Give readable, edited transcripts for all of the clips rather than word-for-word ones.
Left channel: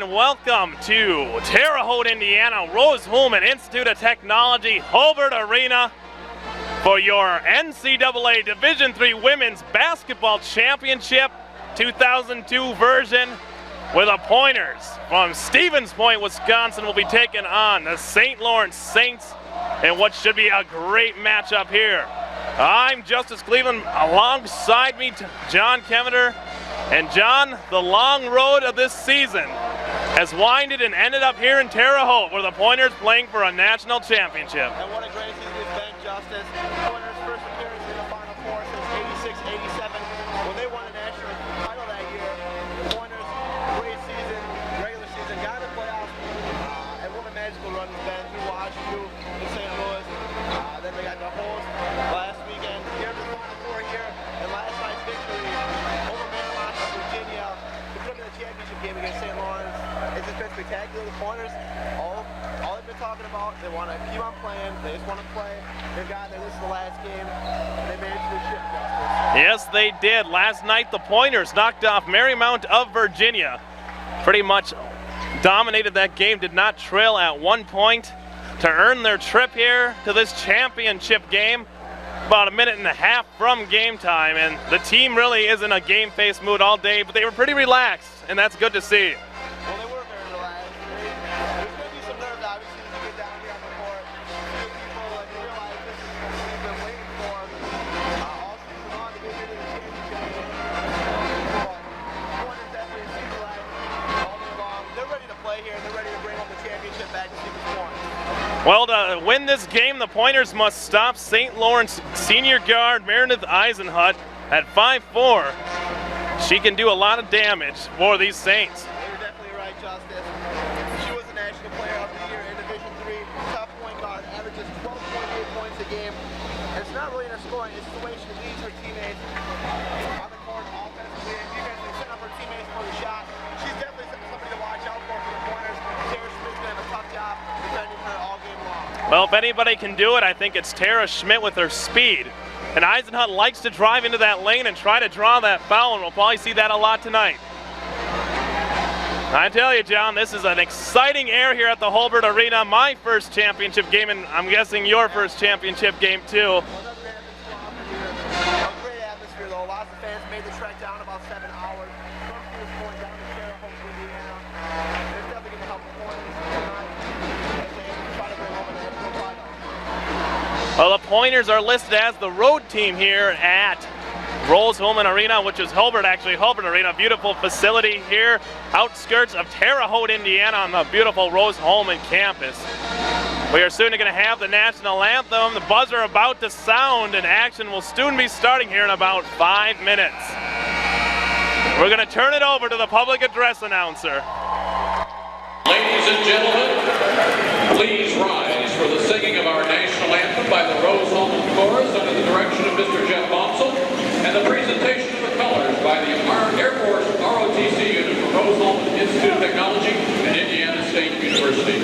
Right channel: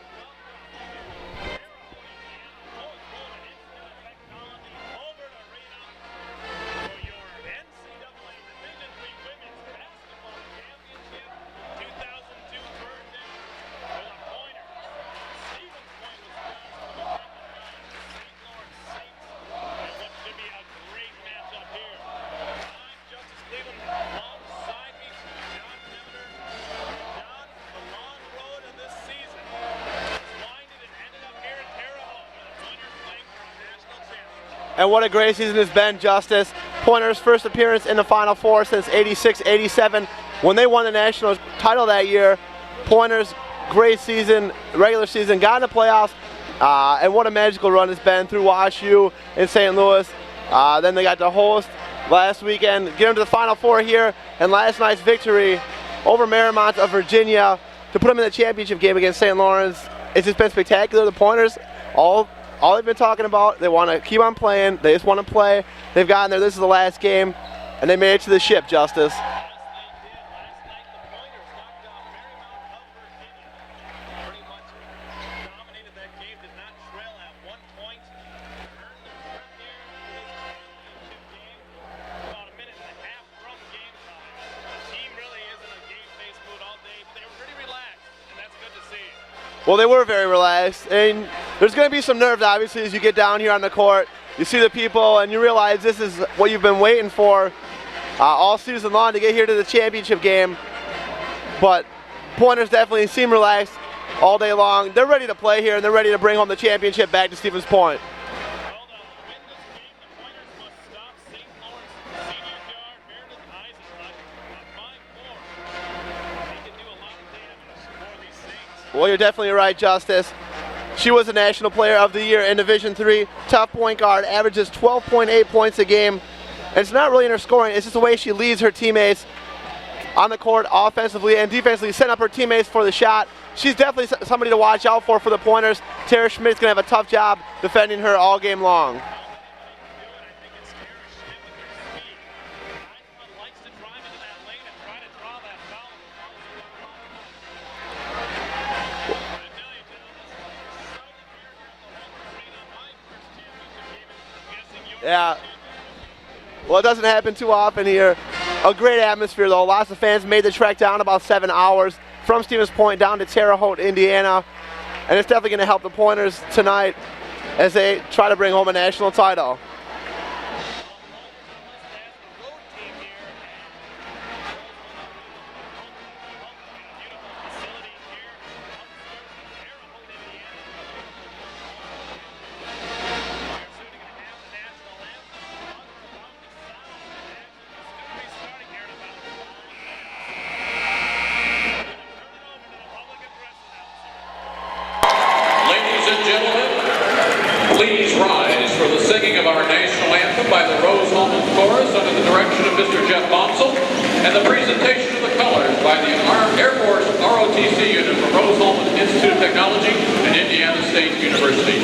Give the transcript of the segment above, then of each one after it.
and welcome to Terre, Haute, Indiana, Rose-Hulman Institute of Technology, Hobart Arena for your NCAA Division III Women's Basketball Championship 2002 version, where the Pointers from Stevens Point, Wisconsin will be taking on the St. Lawrence Saints in what should be a great matchup here. I'm Justice Cleveland, alongside me John Kevender. And John, the long road of this season has winded and ended up here in Terre Haute, where the Pointers playing for a national championship. And what a great season it's been, Justice. Pointers' first appearance in the Final Four since '86-'87 when they won the national title that year. Pointers, great season, regular season, got in the playoffs, and what a magical run it's been through WashU in St. Louis. Then they got to host last weekend, get them to the Final Four here, and last night's victory over Marymount of Virginia to put them in the championship game against St. Lawrence. It's just been spectacular. The Pointers, all they've been talking about, they want to keep on playing. They just want to play. They've gotten there. This is the last game, and they made it to the ship, Justice. Yes, they did. Last night, the Pointers knocked off Marymount of Virginia. Pretty much dominated that game, did not trail at one point to earn their trip here to this championship game. About a minute and a half from game time, and the team really is in a game-face mood all day, but they were pretty relaxed, and that's good to see. Well, they were very relaxed, and there's going to be some nerves, obviously, as you get down here on the court. You see the people, and you realize this is what you've been waiting for all season long to get here to the championship game. But Pointers definitely seem relaxed all day long. They're ready to play here, and they're ready to bring home the championship back to Stevens Point. Well, to win this game, the Pointers must stop St. Lawrence senior guard Meredith Eisenhut at 5'4". She can do a lot of damage for these Saints. Well, you're definitely right, Justice. She was the National Player of the Year in Division III. Tough point guard, averages 12.8 points a game. And it's not really in her scoring, it's just the way she leads her teammates on the court offensively and defensively, setting up her teammates for the shot. She's definitely somebody to watch out for the Pointers. Terre Schmidt's going to have a tough job defending her all game long. Well, if anybody can do it, I think it's Terre Schmidt with her speed. And Eisenhut likes to drive into that lane and try to draw that foul, and we'll probably see that a lot tonight. I tell you, John, this is an exciting air here at the Hobart Arena. My first championship game, and I'm guessing your first championship game too. Well, it doesn't happen too often here. A great atmosphere, though. Lots of fans made the trek down about 7 hours from Stevens Point down to Terre Haute, Indiana. And it's definitely going to help the Pointers tonight as they try to bring home a national title. Well, the Pointers are listed as the road team here at Rose-Hulman Arena, which is Hobart Arena, beautiful facility here, outskirts of Terre Haute, Indiana, on the beautiful Rose-Hulman campus. We are soon going to have the national anthem. The buzzer about to sound, and action will soon be starting here in about 5 minutes. We're going to turn it over to the public address announcer. Ladies and gentlemen, please rise for the singing of our national anthem by the Rose-Hulman Chorus under the direction of Mr. Jeff Bonsall, and the presentation of the colors by the Air Force ROTC unit from Rose-Hulman Institute of Technology and Indiana State University.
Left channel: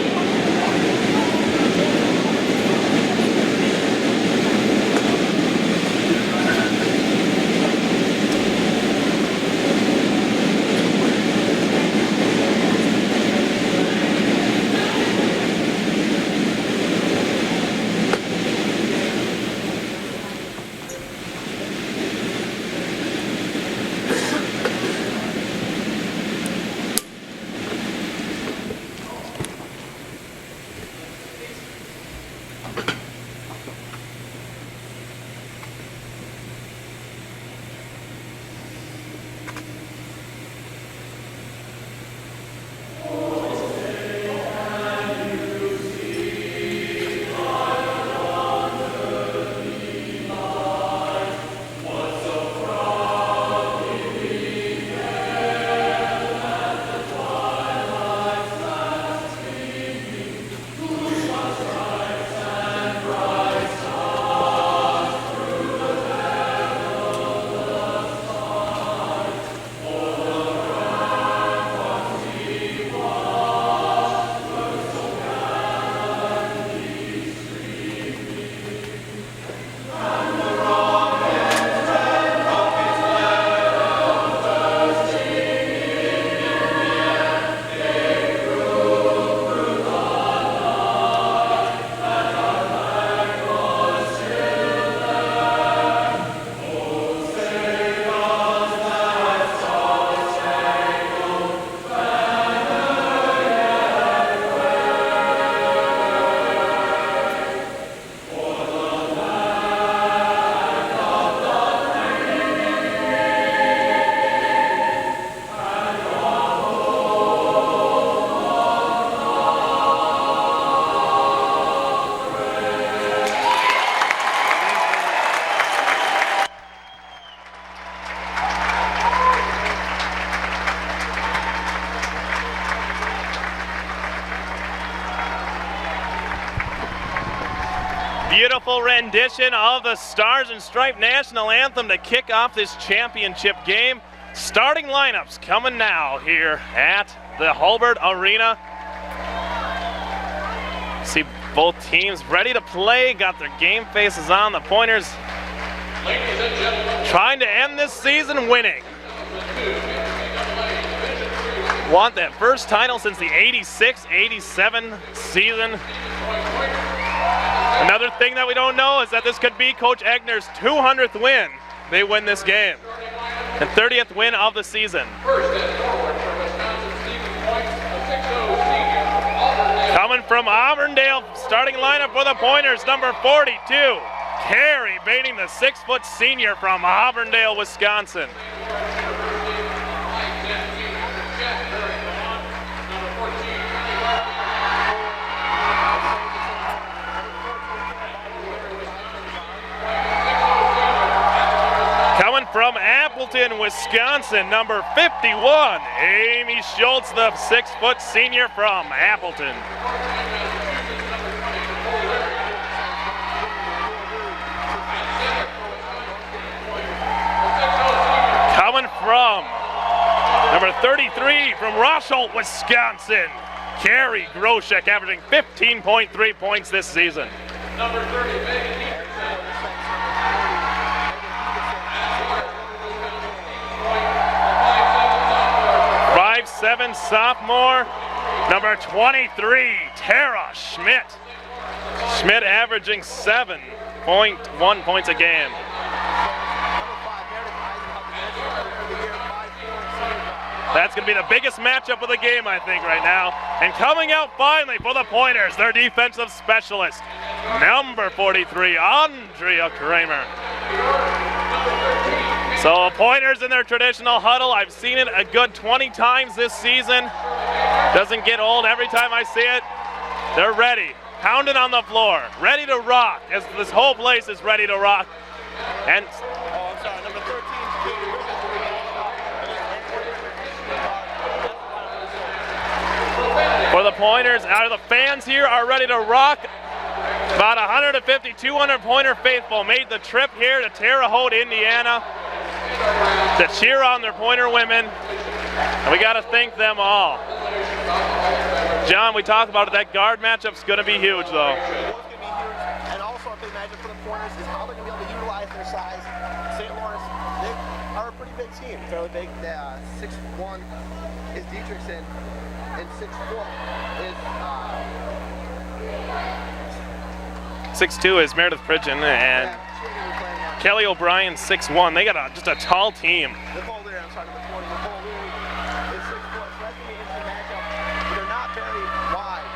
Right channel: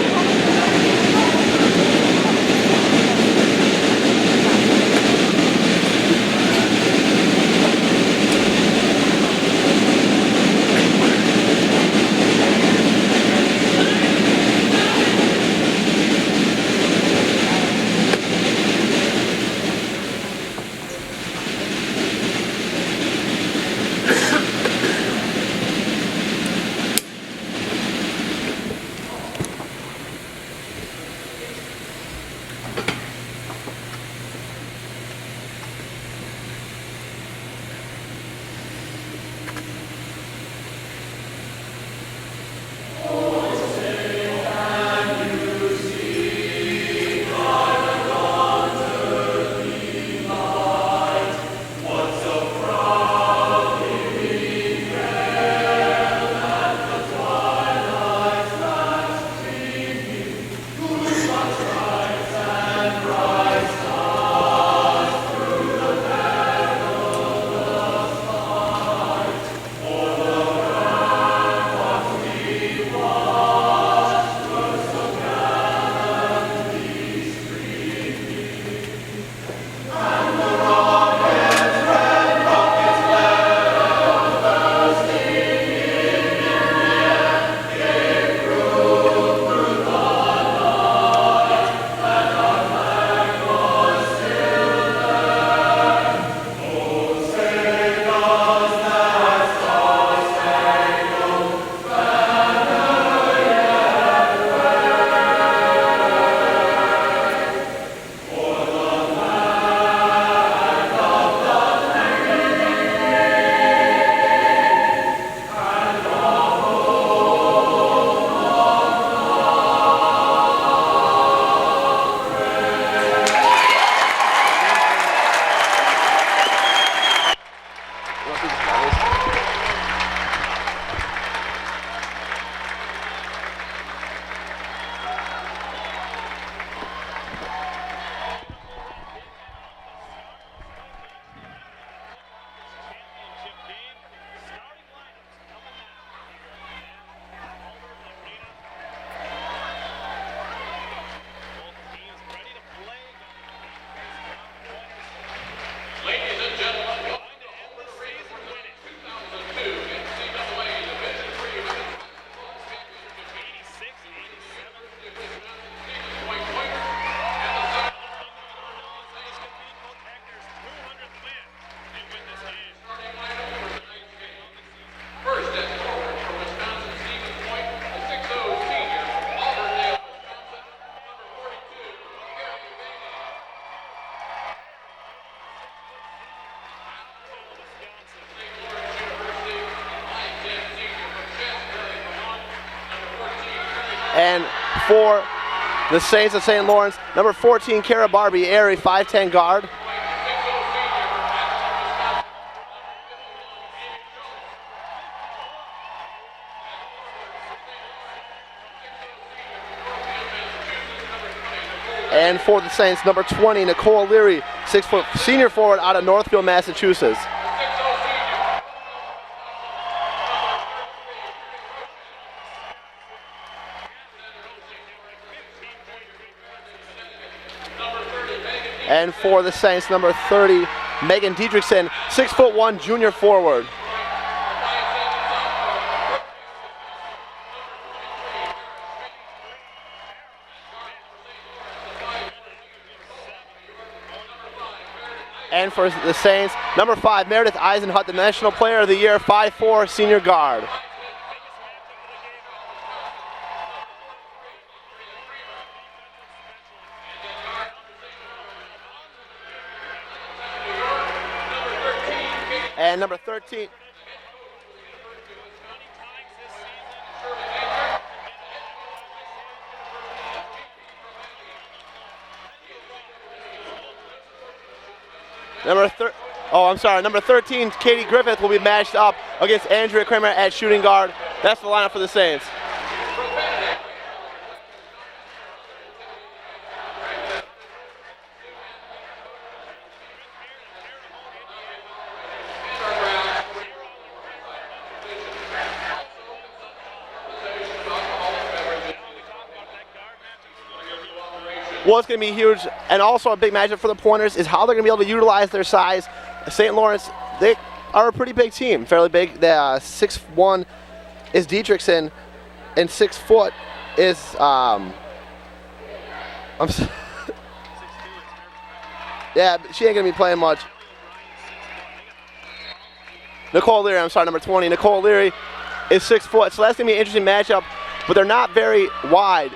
Beautiful rendition of the Stars and Stripe National Anthem to kick off this championship game. Starting lineups coming now here at the Haute Arena. See both teams ready to play, got their game faces on. The Pointers trying to end this season winning. Want that first title since the 86-87 season. Another thing that we don't know is that this could be Coach Egner's 200th win. They win this game. And 30th win of the season. Coming from Auburndale, starting lineup for the Pointers, number 42, Terre, baiting the 6-foot senior from Auburndale, Wisconsin. And for the Saints of St. Lawrence, number 14, Cara Barbieri, 5'10" guard. Coming from Appleton, Wisconsin, number 51, Amy Schultz, the 6-foot senior from Appleton. And for the Saints, number 20, Nicole Leary, 6-foot senior forward out of Northfield, Massachusetts. Coming from number 33 from Haute, Wisconsin, Carrie Groshek, averaging 15.3 points this season. And for the Saints, number 30, Megan Dietrichson, 6'1" junior forward. 5'7" sophomore, number 23, Terre Schmidt. Schmidt averaging 7.1 points a game. And for the Saints, number 5, Meredith Eisenhut, the National Player of the Year, 5'4" senior guard. That's going to be the biggest matchup of the game, I think, right now. And coming out finally for the Pointers, their defensive specialist, number 43, Andrea Kramer. So Pointers in their traditional huddle. I've seen it a good 20 times this season. Doesn't get old every time I see it. They're ready. Pounding on the floor, ready to rock, as this whole place is ready to rock. Number 13, Katie Griffith will be matched up against Andrea Kramer at shooting guard. That's the lineup for the Saints. For the Pointers, the fans here are ready to rock. About 150, 200 Pointer faithful made the trip here to Terre Haute, Indiana to cheer on their Pointer women. And we got to thank them all. John, we talked about it. That guard matchup's going to be huge, though. Well, it's going to be huge. And also a big matchup for the Pointers is how they're going to be able to utilize their size. St. Lawrence, they are a pretty big team, fairly big. 6'1" is Dietrichson, and 6 foot is 6'2" is Meredith Pridgeon. And yeah, but she ain't going to be playing much. Kelly O'Brien, 6'1". They got just a tall team. Nicole Leary, number 20. Nicole Leary is 6 foot, so that's going to be an interesting matchup, but they're not very wide.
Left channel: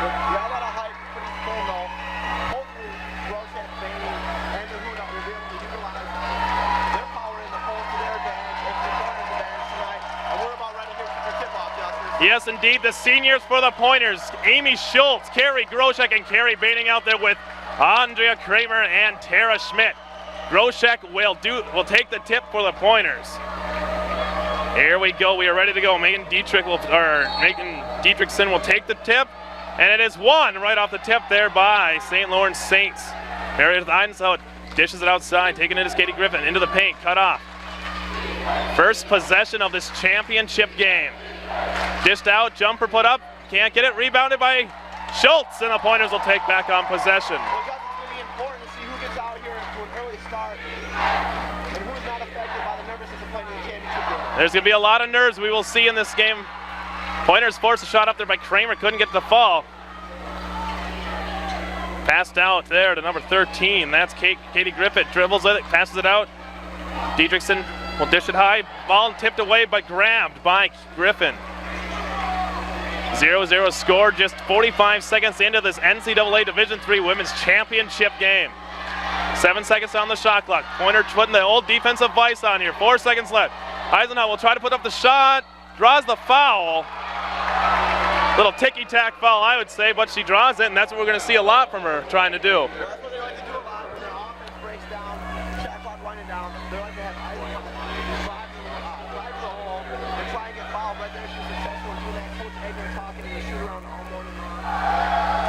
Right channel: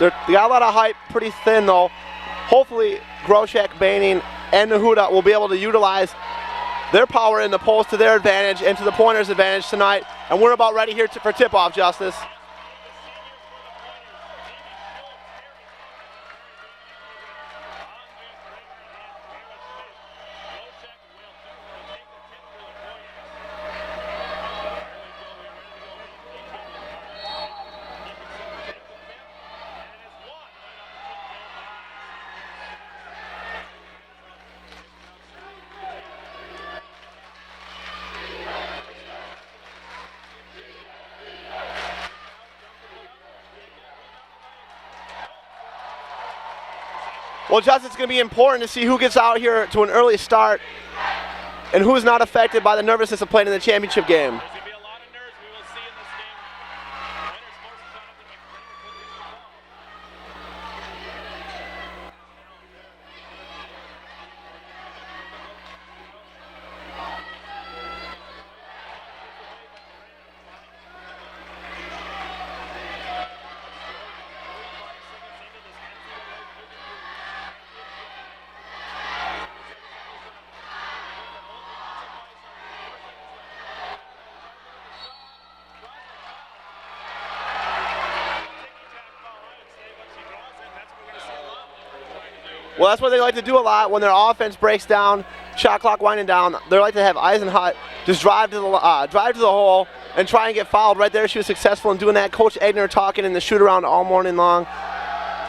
They got a lot of height, pretty thin, though. Hopefully, Groshek, Baining, and Nahuda will be able to utilize their power in the post to their advantage and to the Pointers' advantage tonight. And we're about ready here for tip-off, Justice. Yes, indeed. The seniors for the Pointers, Amy Schultz, Carrie Groshek, and Carrie Baining out there with Andrea Kramer and Terre Schmidt. Groshek will take the tip for the Pointers. Here we go. We are ready to go. Megan Dietrichson will take the tip, and it is won right off the tip there by St. Lawrence Saints. Meredith Eisenhut dishes it outside, taking it is Katie Griffin into the paint, cut off. First possession of this championship game. Dished out, jumper put up, can't get it, rebounded by Schultz, and the Pointers will take back on possession. Well, Justice, it's going to be important to see who gets out here to an early start and who's not affected by the nervousness of playing in the championship game. There's going to be a lot of nerves we will see in this game. Pointers forced a shot up there by Kramer, couldn't get the fall. Passed out there to number 13. That's Katie Griffith, dribbles it, passes it out. Dietrichson will dish it high. Ball tipped away but grabbed by Griffin. 0-0 score just 45 seconds into this NCAA Division III Women's Championship game. 7 seconds on the shot clock. Pointer putting the old defensive vice on here. 4 seconds left. Eisenhut will try to put up the shot. Draws the foul. Little ticky-tack foul, I would say, but she draws it, and that's what we're going to see a lot from her trying to do. Well, that's what they like to do a lot when their offense breaks down, shot clock winding down. They like to have Eisenhut just drive to the hole and try and get fouled. Right there, she was successful in doing that. Coach Egner talking in the shoot-around all morning long.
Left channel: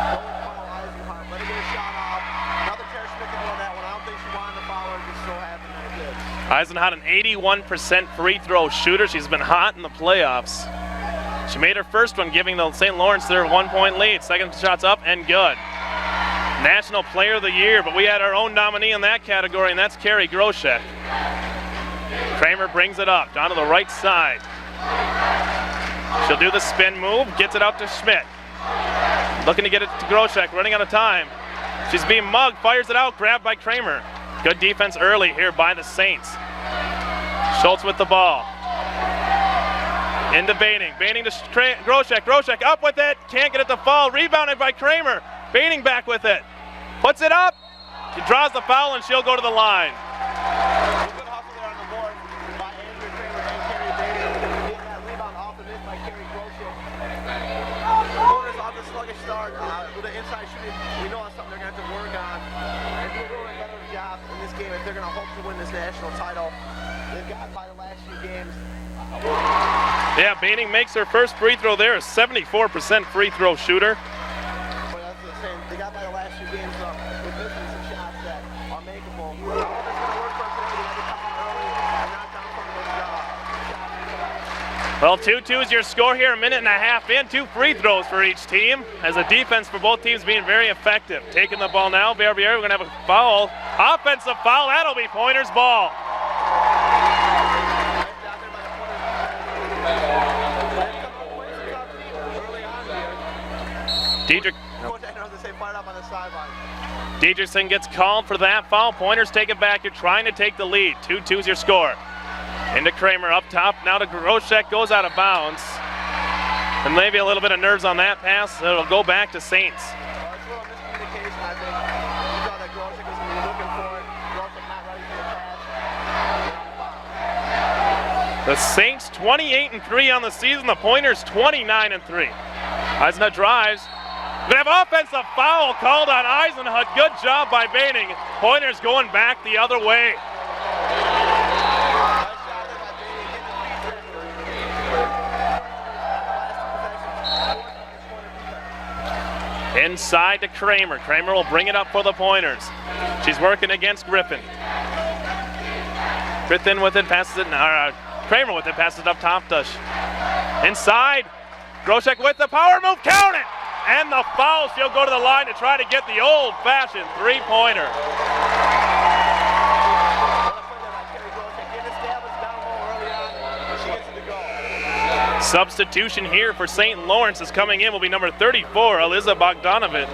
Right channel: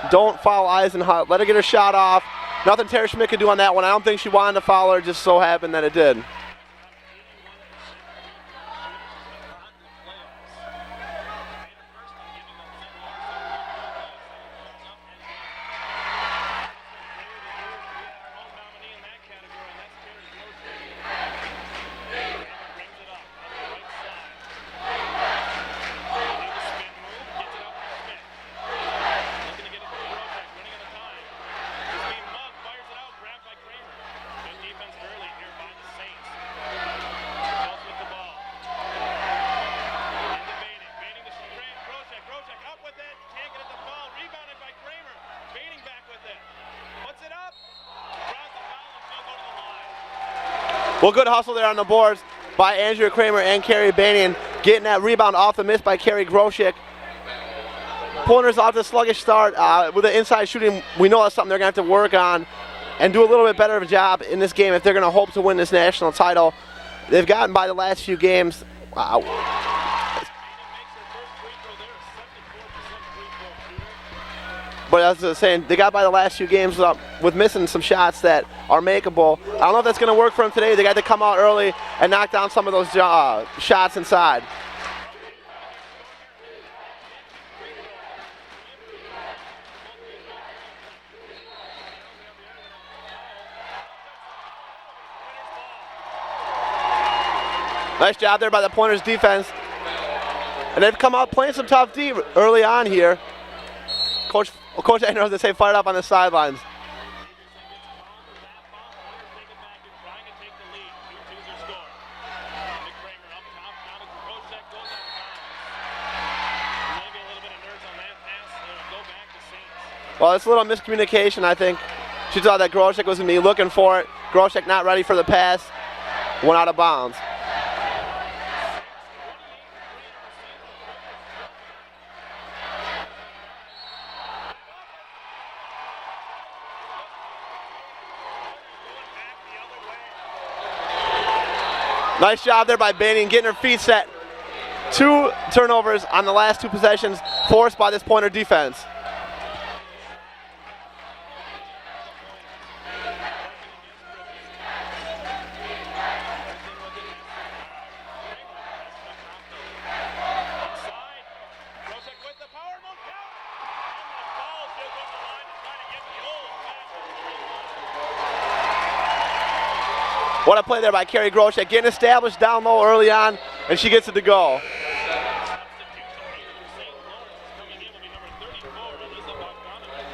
Don't foul Eisenhut. Let her get her shot off. nothing Terre Schmidt could do on that one. I don't think she wanted to foul her, just so happened that it did. Eisenhut, an 81% free throw shooter. She's been hot in the playoffs. She made her first one, giving the St. Lawrence their 1-point lead. Second shot's up and good. National Player of the Year, but we had our own nominee in that category, and that's Carrie Groshek. Kramer brings it up, down to the right side. She'll do the spin move, gets it out to Schmidt. Looking to get it to Groshek, running out of time. She's being mugged, fires it out, grabbed by Kramer. Good defense early here by the Saints. Schultz with the ball. Into Baining. Baining to Groshek. Groshek up with it. Can't get it to fall. Rebounded by Kramer. Baining back with it. Puts it up. She draws the foul and she'll go to the line. Well, good hustle there on the boards by Andrea Kramer and Carrie Baining. Getting that rebound off the miss by Carrie Groshek. Pointers off to a sluggish start. With the inside shooting, we know that's something they're going to have to work on and do a little bit better of a job in this game if they're going to hope to win this national title. They've gotten by the last few games. Wow. Yeah, Baining makes her first free throw there, a 74% free throw shooter. But as I was saying, they got by the last few games with missing some shots that are makeable. I don't know if that's going to work for them today. They got to come out early and knock down some of those shots inside. Well, 2-2 is your score here, a minute and a half in. 2 free throws for each team, as the defense for both teams being very effective. Taking the ball now, Barbieri, we're going to have a foul. Offensive foul, that'll be Pointers' ball. Nice job there by the Pointers defense. And they've come out playing some tough D early on here. Coach Agner has to say fired up on the sidelines. Dietrichson gets called for that foul. Pointers take it back. You're trying to take the lead. 2-2 is your score. Into Kramer up top. Now to Groshek, goes out of bounds. And maybe a little bit of nerves on that pass. It'll go back to Saints. Well, it's a little miscommunication, I think. She thought that Groshek was going to be looking for it. Groshek not ready for the pass. Went out of bounds. The Saints 28-3 on the season. The Pointers 29-3. Eisenhut drives. We have offensive foul called on Eisenhut. Good job by Baining. Pointers going back the other way. Nice job there by Baining, getting her feet set. 2 turnovers on the last 2 possessions forced by this Pointer defense. Inside to Kramer. Kramer will bring it up for the Pointers. She's working against Griffin. Griffin with it, passes it. Kramer with it, passes it up top. Inside. Groshek with the power move. Count it! And the foul. She'll go to the line to try to get the old-fashioned 3-pointer. What a play there by Carrie Groshek, getting established down low early on, and she gets it to go. Substitution here for St. Lawrence is coming in will be number 34, Eliza Bogdanich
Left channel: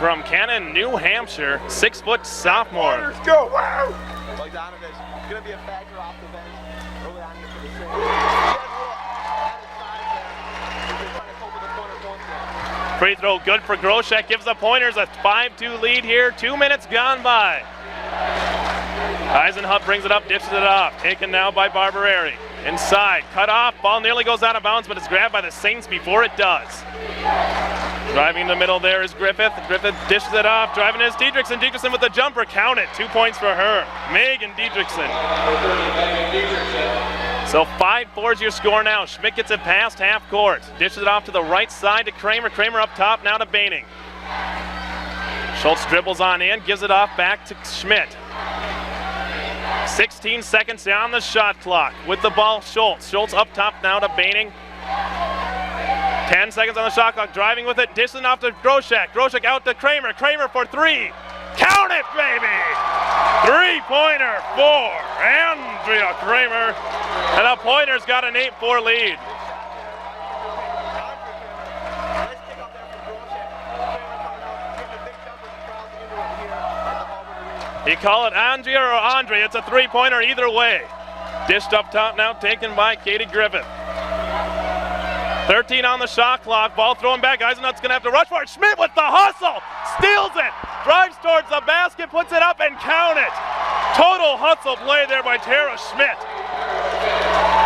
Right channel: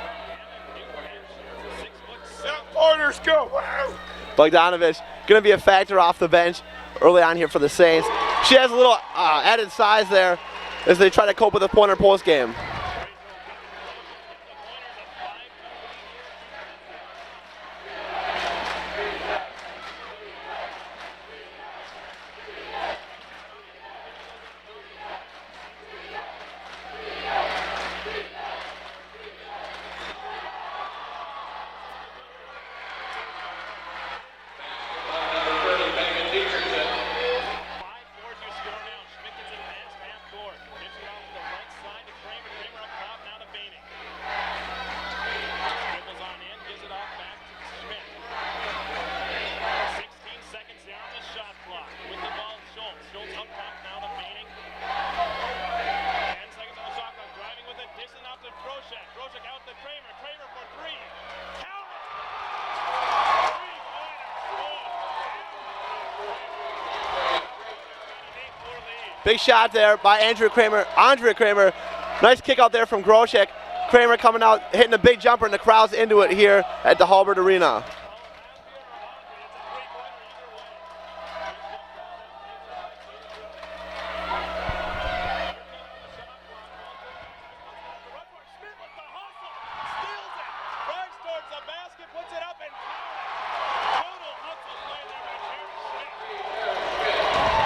from Cannon, New Hampshire, 6-foot sophomore. Let's go! Bogdanich going to be a factor off the bench early on here for the Saints. She has a little added size there as they try to cope with the Pointer post game. Free throw good for Groshek, gives the Pointers a 5-2 lead here. 2 minutes gone by. Eisenhut brings it up, dishes it off. Taken now by Barbieri. Inside, cut off, ball nearly goes out of bounds, but it's grabbed by the Saints before it does. Driving in the middle there is Griffith. Griffith dishes it off, driving is Dietrichson. Dietrichson with the jumper, count it. 2 points for her. Megan Dietrichson. So 5-4 is your score now. Schmidt gets it past half court. Dishes it off to the right side to Kramer. Kramer up top now to Baining. Schultz dribbles on in, gives it off back to Schmidt. 16 seconds on the shot clock. With the ball, Schultz. Schultz up top now to Baining. 10 seconds on the shot clock, driving with it, dishing off to Groshek. Groshek out to Kramer. Kramer for 3. Count it, baby! 3-pointer for Andrea Kramer. And the Pointers got an 8-4 lead. Big shot there by Andrea Kramer. Nice kick out there from Groshek. Kramer coming out, hitting a big jumper, and the crowd's into it here at the Halbert Arena. You call it Andrea or Andre, it's a 3-pointer either way. Dished up top now, taken by Katie Griffith. 13 on the shot clock, ball thrown back. Eisenhut's gonna have to rush for it. Schmidt with the hustle, steals it, drives towards the basket, puts it up and count it. Total hustle play there by Terre Schmidt.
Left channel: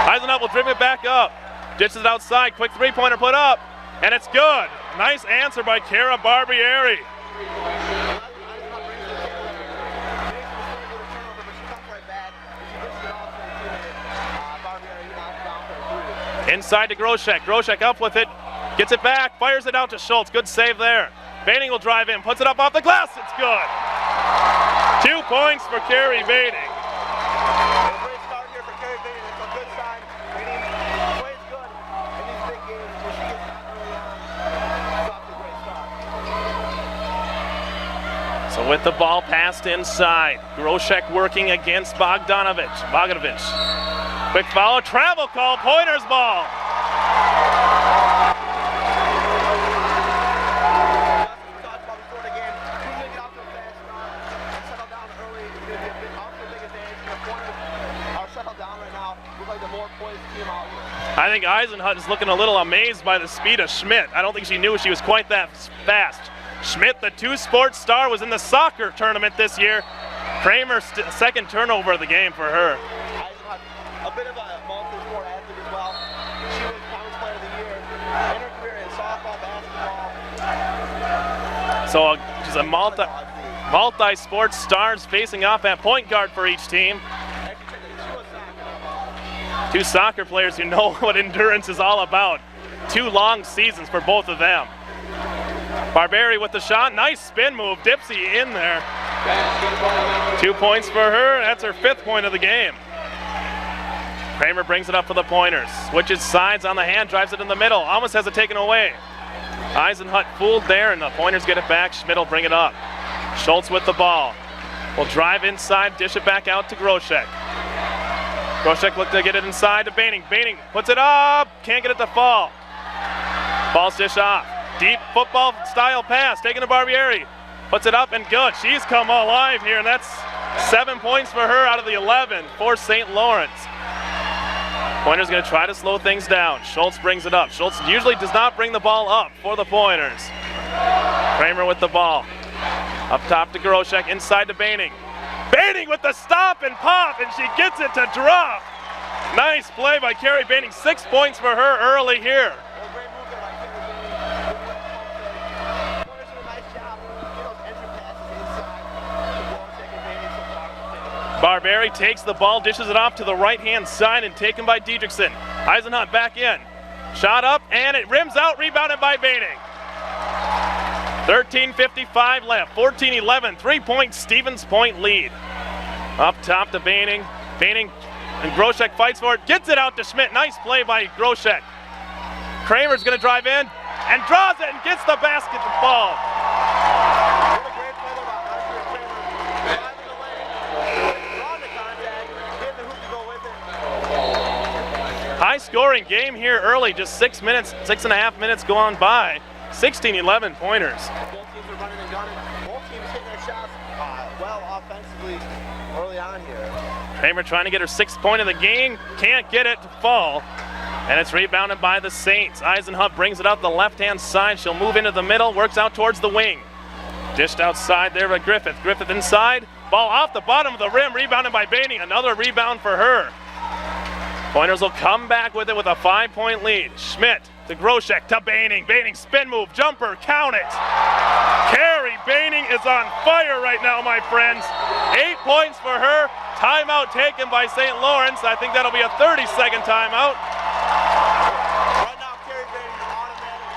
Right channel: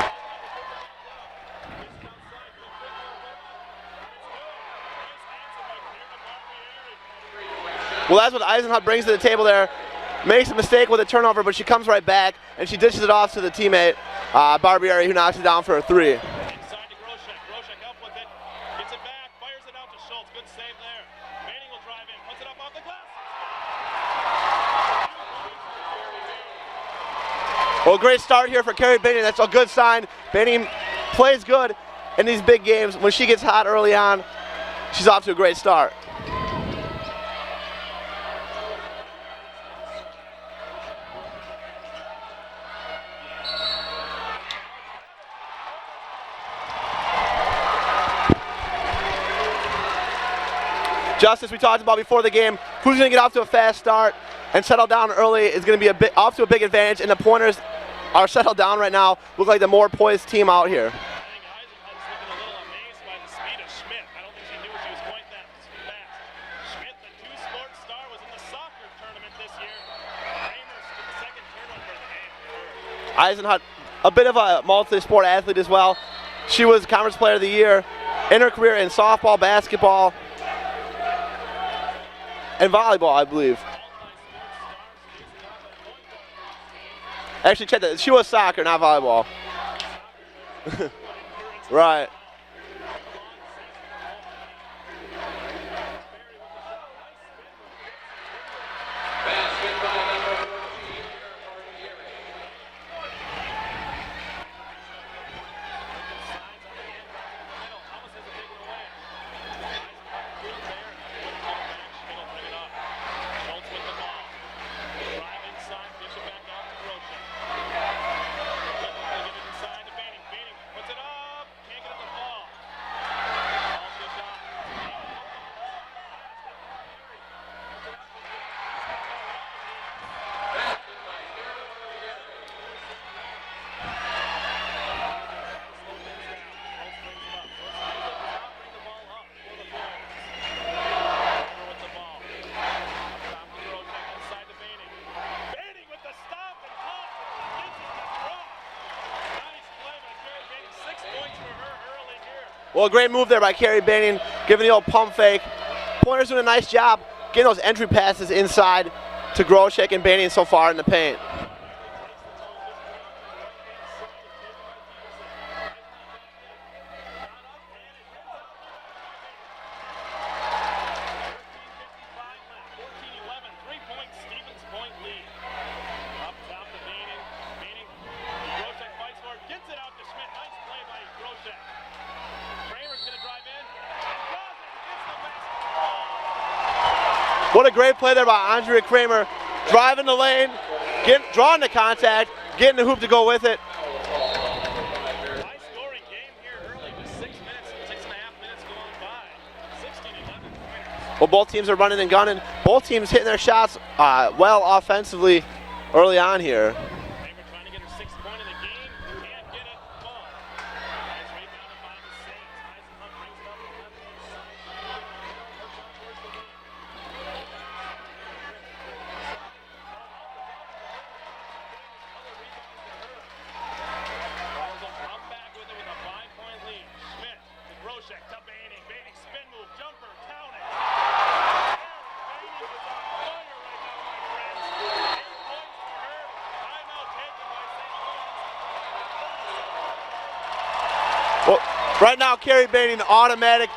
Eisenhut will dribble it back up, dishes it outside, quick 3-pointer put up, and it's good. Nice answer by Cara Barbieri. Well, that's what Eisenhut brings to the table there. Makes a mistake with a turnover, but she comes right back, and she dishes it off to the teammate, Barbieri, who knocks it down for a 3. Inside to Groshek. Groshek up with it, gets it back, fires it out to Schultz. Good save there. Baining will drive in, puts it up off the glass, it's good. 2 points for Carrie Baining. Well, great start here for Carrie Baining. That's a good sign. Baining plays good in these big games. When she gets hot early on, she's off to a great start. So with the ball passed inside, Groshek working against Bogdanovich. Quick foul, travel call, Pointers ball. Just as we talked about before the game, who's going to get off to a fast start and settle down early is going to be off to a big advantage, and the Pointers are settled down right now. Look like the more poised team out here. I think Eisenhut is looking a little amazed by the speed of Schmidt. I don't think she knew she was quite that fast. Schmidt, the two-sport star, was in the soccer tournament this year. Kramer, second turnover of the game for her. Eisenhut, a bit of a multi-sport athlete as well. She was Conference Player of the Year in her career in softball, basketball, so she's a and volleyball, I believe. Multi-sport stars facing off at point guard for each team. Actually, check that. She was soccer, not volleyball. Two soccer players who know what endurance is all about. 2 long seasons for both of them. Barberi with the shot, nice spin move, Dipsy in there. 2 points for her, that's her 5th point of the game. Kramer brings it up for the Pointers, switches sides on the hand, drives it in the middle, almost has it taken away. Eisenhut fooled there, and the Pointers get it back. Schmidt will bring it up. Schultz with the ball. Will drive inside, dish it back out to Groshek. Groshek looked to get it inside to Baining. Baining puts it up, can't get it to fall. Ball's dish off. Deep football style pass, taken to Barbieri. Puts it up and good. She's come alive here, and that's 7 points for her out of the 11 for St. Lawrence. Pointers going to try to slow things down. Schultz brings it up. Schultz usually does not bring the ball up for the Pointers. Kramer with the ball. Up top to Groshek, inside to Baining. Baining with the stop and pop, and she gets it to drop. Nice play by Carrie Baining. 6 points for her early here. Well, a great move there by Carrie Baining, giving the old pump fake. Pointers doing a nice job getting those entry passes inside to Groshek and Baining so far in the paint. Barberi takes the ball, dishes it off to the right-hand side, and taken by Diedrichsen. Eisenhut back in. Shot up, and it rims out, rebounded by Baining. 13:55 left, 14-11, 3-point Stevens Point lead. Up top to Baining. Baining and Groshek fights for it, gets it out to Schmidt. Nice play by Groshek. Kramer's gonna drive in and draws it and gets the basket to fall. What a great play there by Andrea Kramer. Driving the lane, drawing the contact, getting the hoop to go with it. High scoring game here early, just 6 minutes, 6.5 minutes gone by. 16-11 Pointers. Well, both teams are running and gunning. Both teams hitting their shots well offensively early on here. Kramer trying to get her 6th point of the game, can't get it to fall. And it's rebounded by the Saints. Eisenhut brings it up the left-hand side. She'll move into the middle, works out towards the wing. Dished outside there by Griffith. Griffith inside, ball off the bottom of the rim, rebounded by Baining. Another rebound for her. Pointers will come back with it with a 5-point lead. Schmidt to Groshek to Baining. Baining spin move, jumper, count it. Carrie Baining is on fire right now, my friends. 8 points for her. Timeout taken by St. Lawrence. I think that'll be a 30-second timeout. Well, right now, Carrie Baining automatic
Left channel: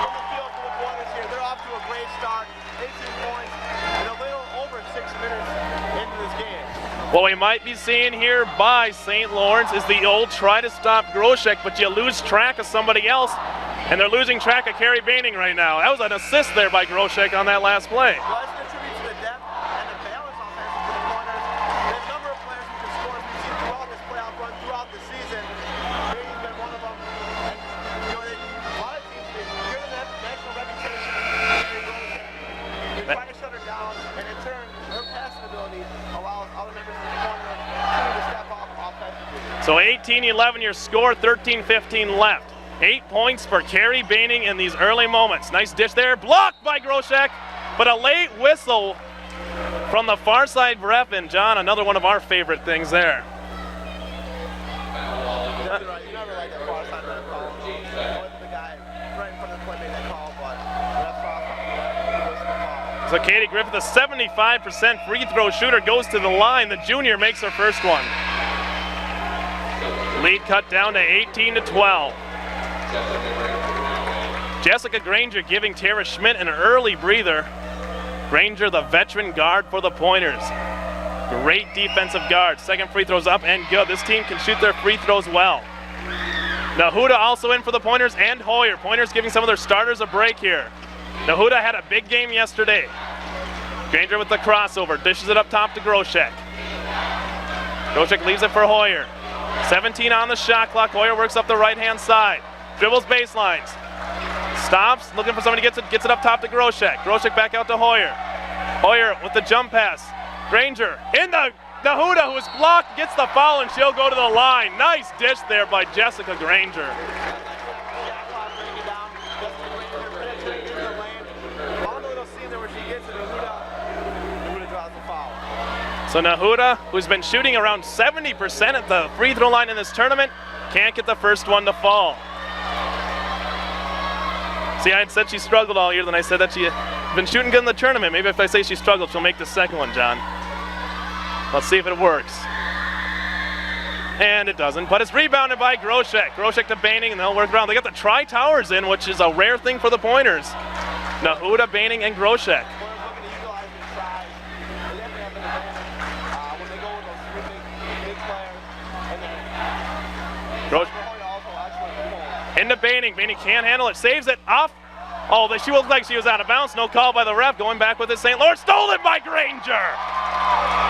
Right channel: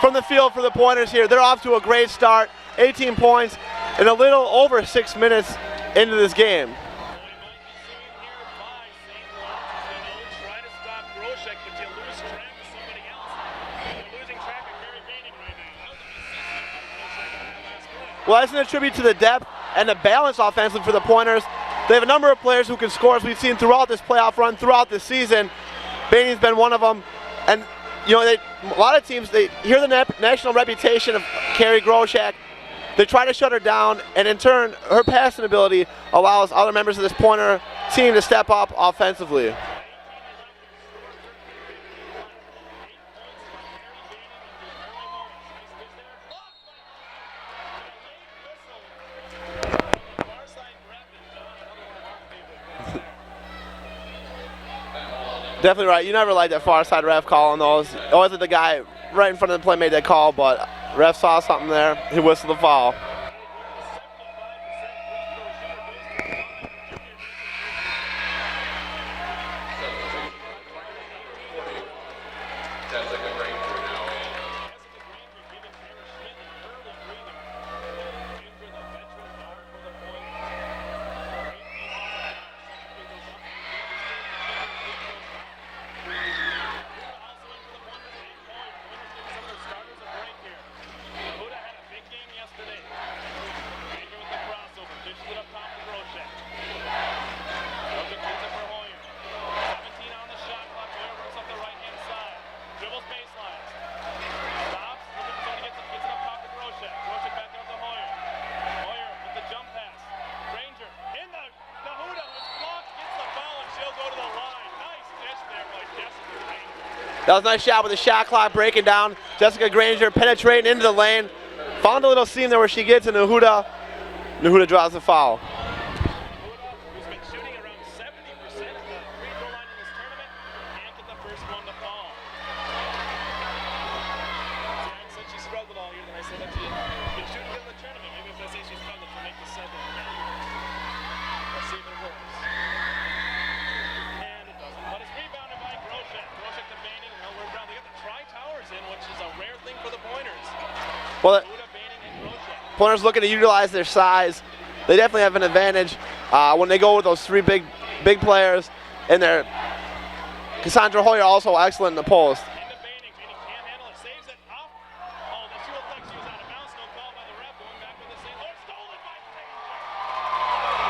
from the field for the Pointers here. They're off to a great start. 18 points in a little over 6 minutes into this game. What we might be seeing here by St. Lawrence is the old try to stop Groshek, but you lose track of somebody else, and they're losing track of Carrie Baining right now. That was an assist there by Groshek on that last play. Well, that's an attribute to the depth and the balance offensively for the Pointers. They have a number of players who can score, as we've seen throughout this playoff run, throughout the season. Baining's been one of them, and you know, a lot of teams, they hear the national reputation of Carrie Groshek. They try to shut her down, and in turn, her passing ability allows other members of this Pointer team to step up offensively. So 18-11 your score, 13-15 left. 8 points for Carrie Baining in these early moments. Nice dish there, blocked by Groshek, but a late whistle from the far side ref, and John, another one of our favorite things there. Definitely right. You never like that far side ref calling those. It wasn't the guy right in front of the play made that call, but ref saw something there. He whistled the foul. So Katie Griffith, a 75% free throw shooter, goes to the line. The junior makes her first one. Lead cut down to 18-12. Jessica Granger giving Terre Schmidt an early breather. Granger, the veteran guard for the Pointers. Great defensive guard. Second free throw's up and good. This team can shoot their free throws well. Nahuda also in for the Pointers and Hoyer. Pointers giving some of their starters a break here. Nahuda had a big game yesterday. Granger with the crossover, dishes it up top to Groshek. Groshek leaves it for Hoyer. 17 on the shot clock. Hoyer works up the right-hand side. Dribbles baselines. Stops, looking for somebody, gets it up top to Groshek. Groshek back out to Hoyer. Hoyer with the jump pass. Granger in the Nahuda, who is blocked, gets the foul, and she'll go to the line. Nice dish there by Jessica Granger. That was a nice shot with the shot clock breaking down. Jessica Granger penetrating into the lane. Found a little seam there where she gets, and Nahuda draws the foul. So Nahuda, who's been shooting around 70% at the free throw line in this tournament, can't get the first one to fall. See, I had said she struggled all year, then I said that she had been shooting good in the tournament. Maybe if I say she struggled, she'll make the second one, John. Let's see if it works. And it doesn't, but it's rebounded by Groshek. Groshek to Baining, and they'll work around. They got the tri-towers in, which is a rare thing for the Pointers. Nahuda, Baining, and Groshek. Pointers looking to utilize their size. They definitely have an advantage when they go with those three big players. And Cassandra Hoyer also excellent in the post. Into Baining. Baining can't handle it. Saves it off. Oh, she looked like she was out of bounds. No call by the ref. Going back with it. St. Lawrence stolen by Granger.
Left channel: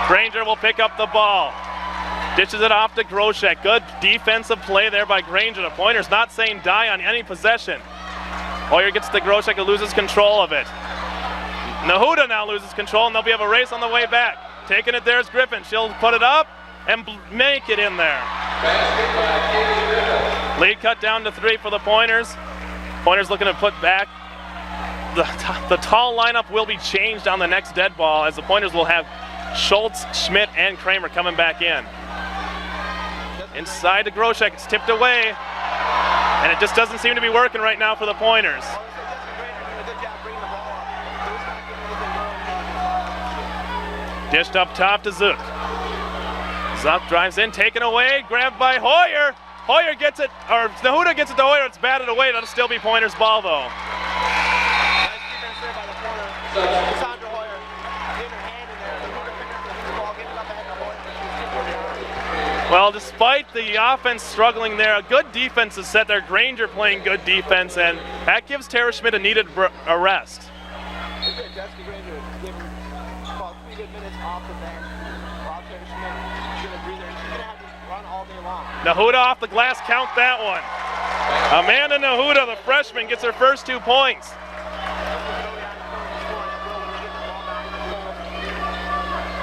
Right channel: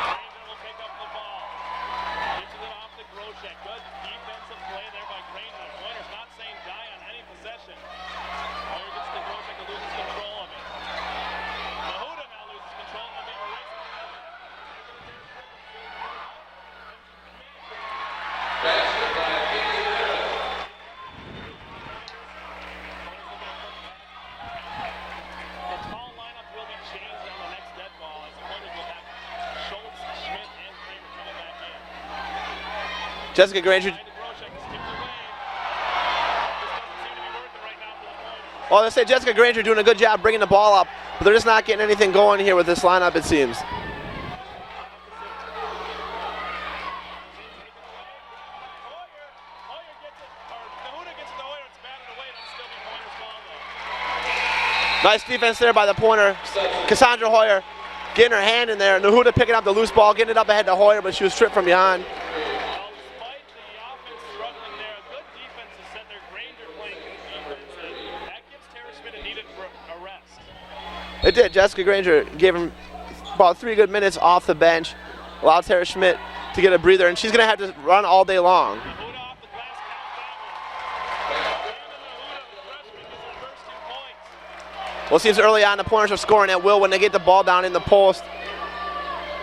Granger will pick up the ball. Ditches it off to Groshek. Good defensive play there by Granger. The Pointers not saying die on any possession. Hoyer gets to Groshek, who loses control of it. Nahuda now loses control, and they'll be have a race on the way back. Taking it there is Griffin. She'll put it up and make it in there. Lead cut down to 3 for the Pointers. Pointers looking to put back. The tall lineup will be changed on the next dead ball, as the Pointers will have Schultz, Schmidt, and Kramer coming back in. Jessica Granger. Side to Groshek, it's tipped away. And it just doesn't seem to be working right now for the Pointers. Well, they say Jessica Granger doing a good job bringing the ball up, but they're just not getting anything going here with this lineup, it seems. Dished up top to Zook. Zook drives in, taken away, grabbed by Hoyer. Hoyer gets it, or Nahuda gets it to Hoyer, it's batted away. That'll still be Pointers' ball, though. Nice defense there by the Pointer. Cassandra Hoyer getting her hand in there. Nahuda picking up the loose ball, getting it up ahead to Hoyer, but she was tripped from behind. Well, despite the offense struggling there, a good defense is set there. Granger playing good defense, and that gives Terre Schmidt a needed rest. It did. Jessica Granger gave him about 3 good minutes off the bench, allowed Terre Schmidt to get a breather, and she's going to have to run all day long. Nahuda off the glass, count that one. Amanda Nahuda, the freshman, gets her first 2 points. Well, it seems early on the Pointers are scoring at will when they get the ball down in the post.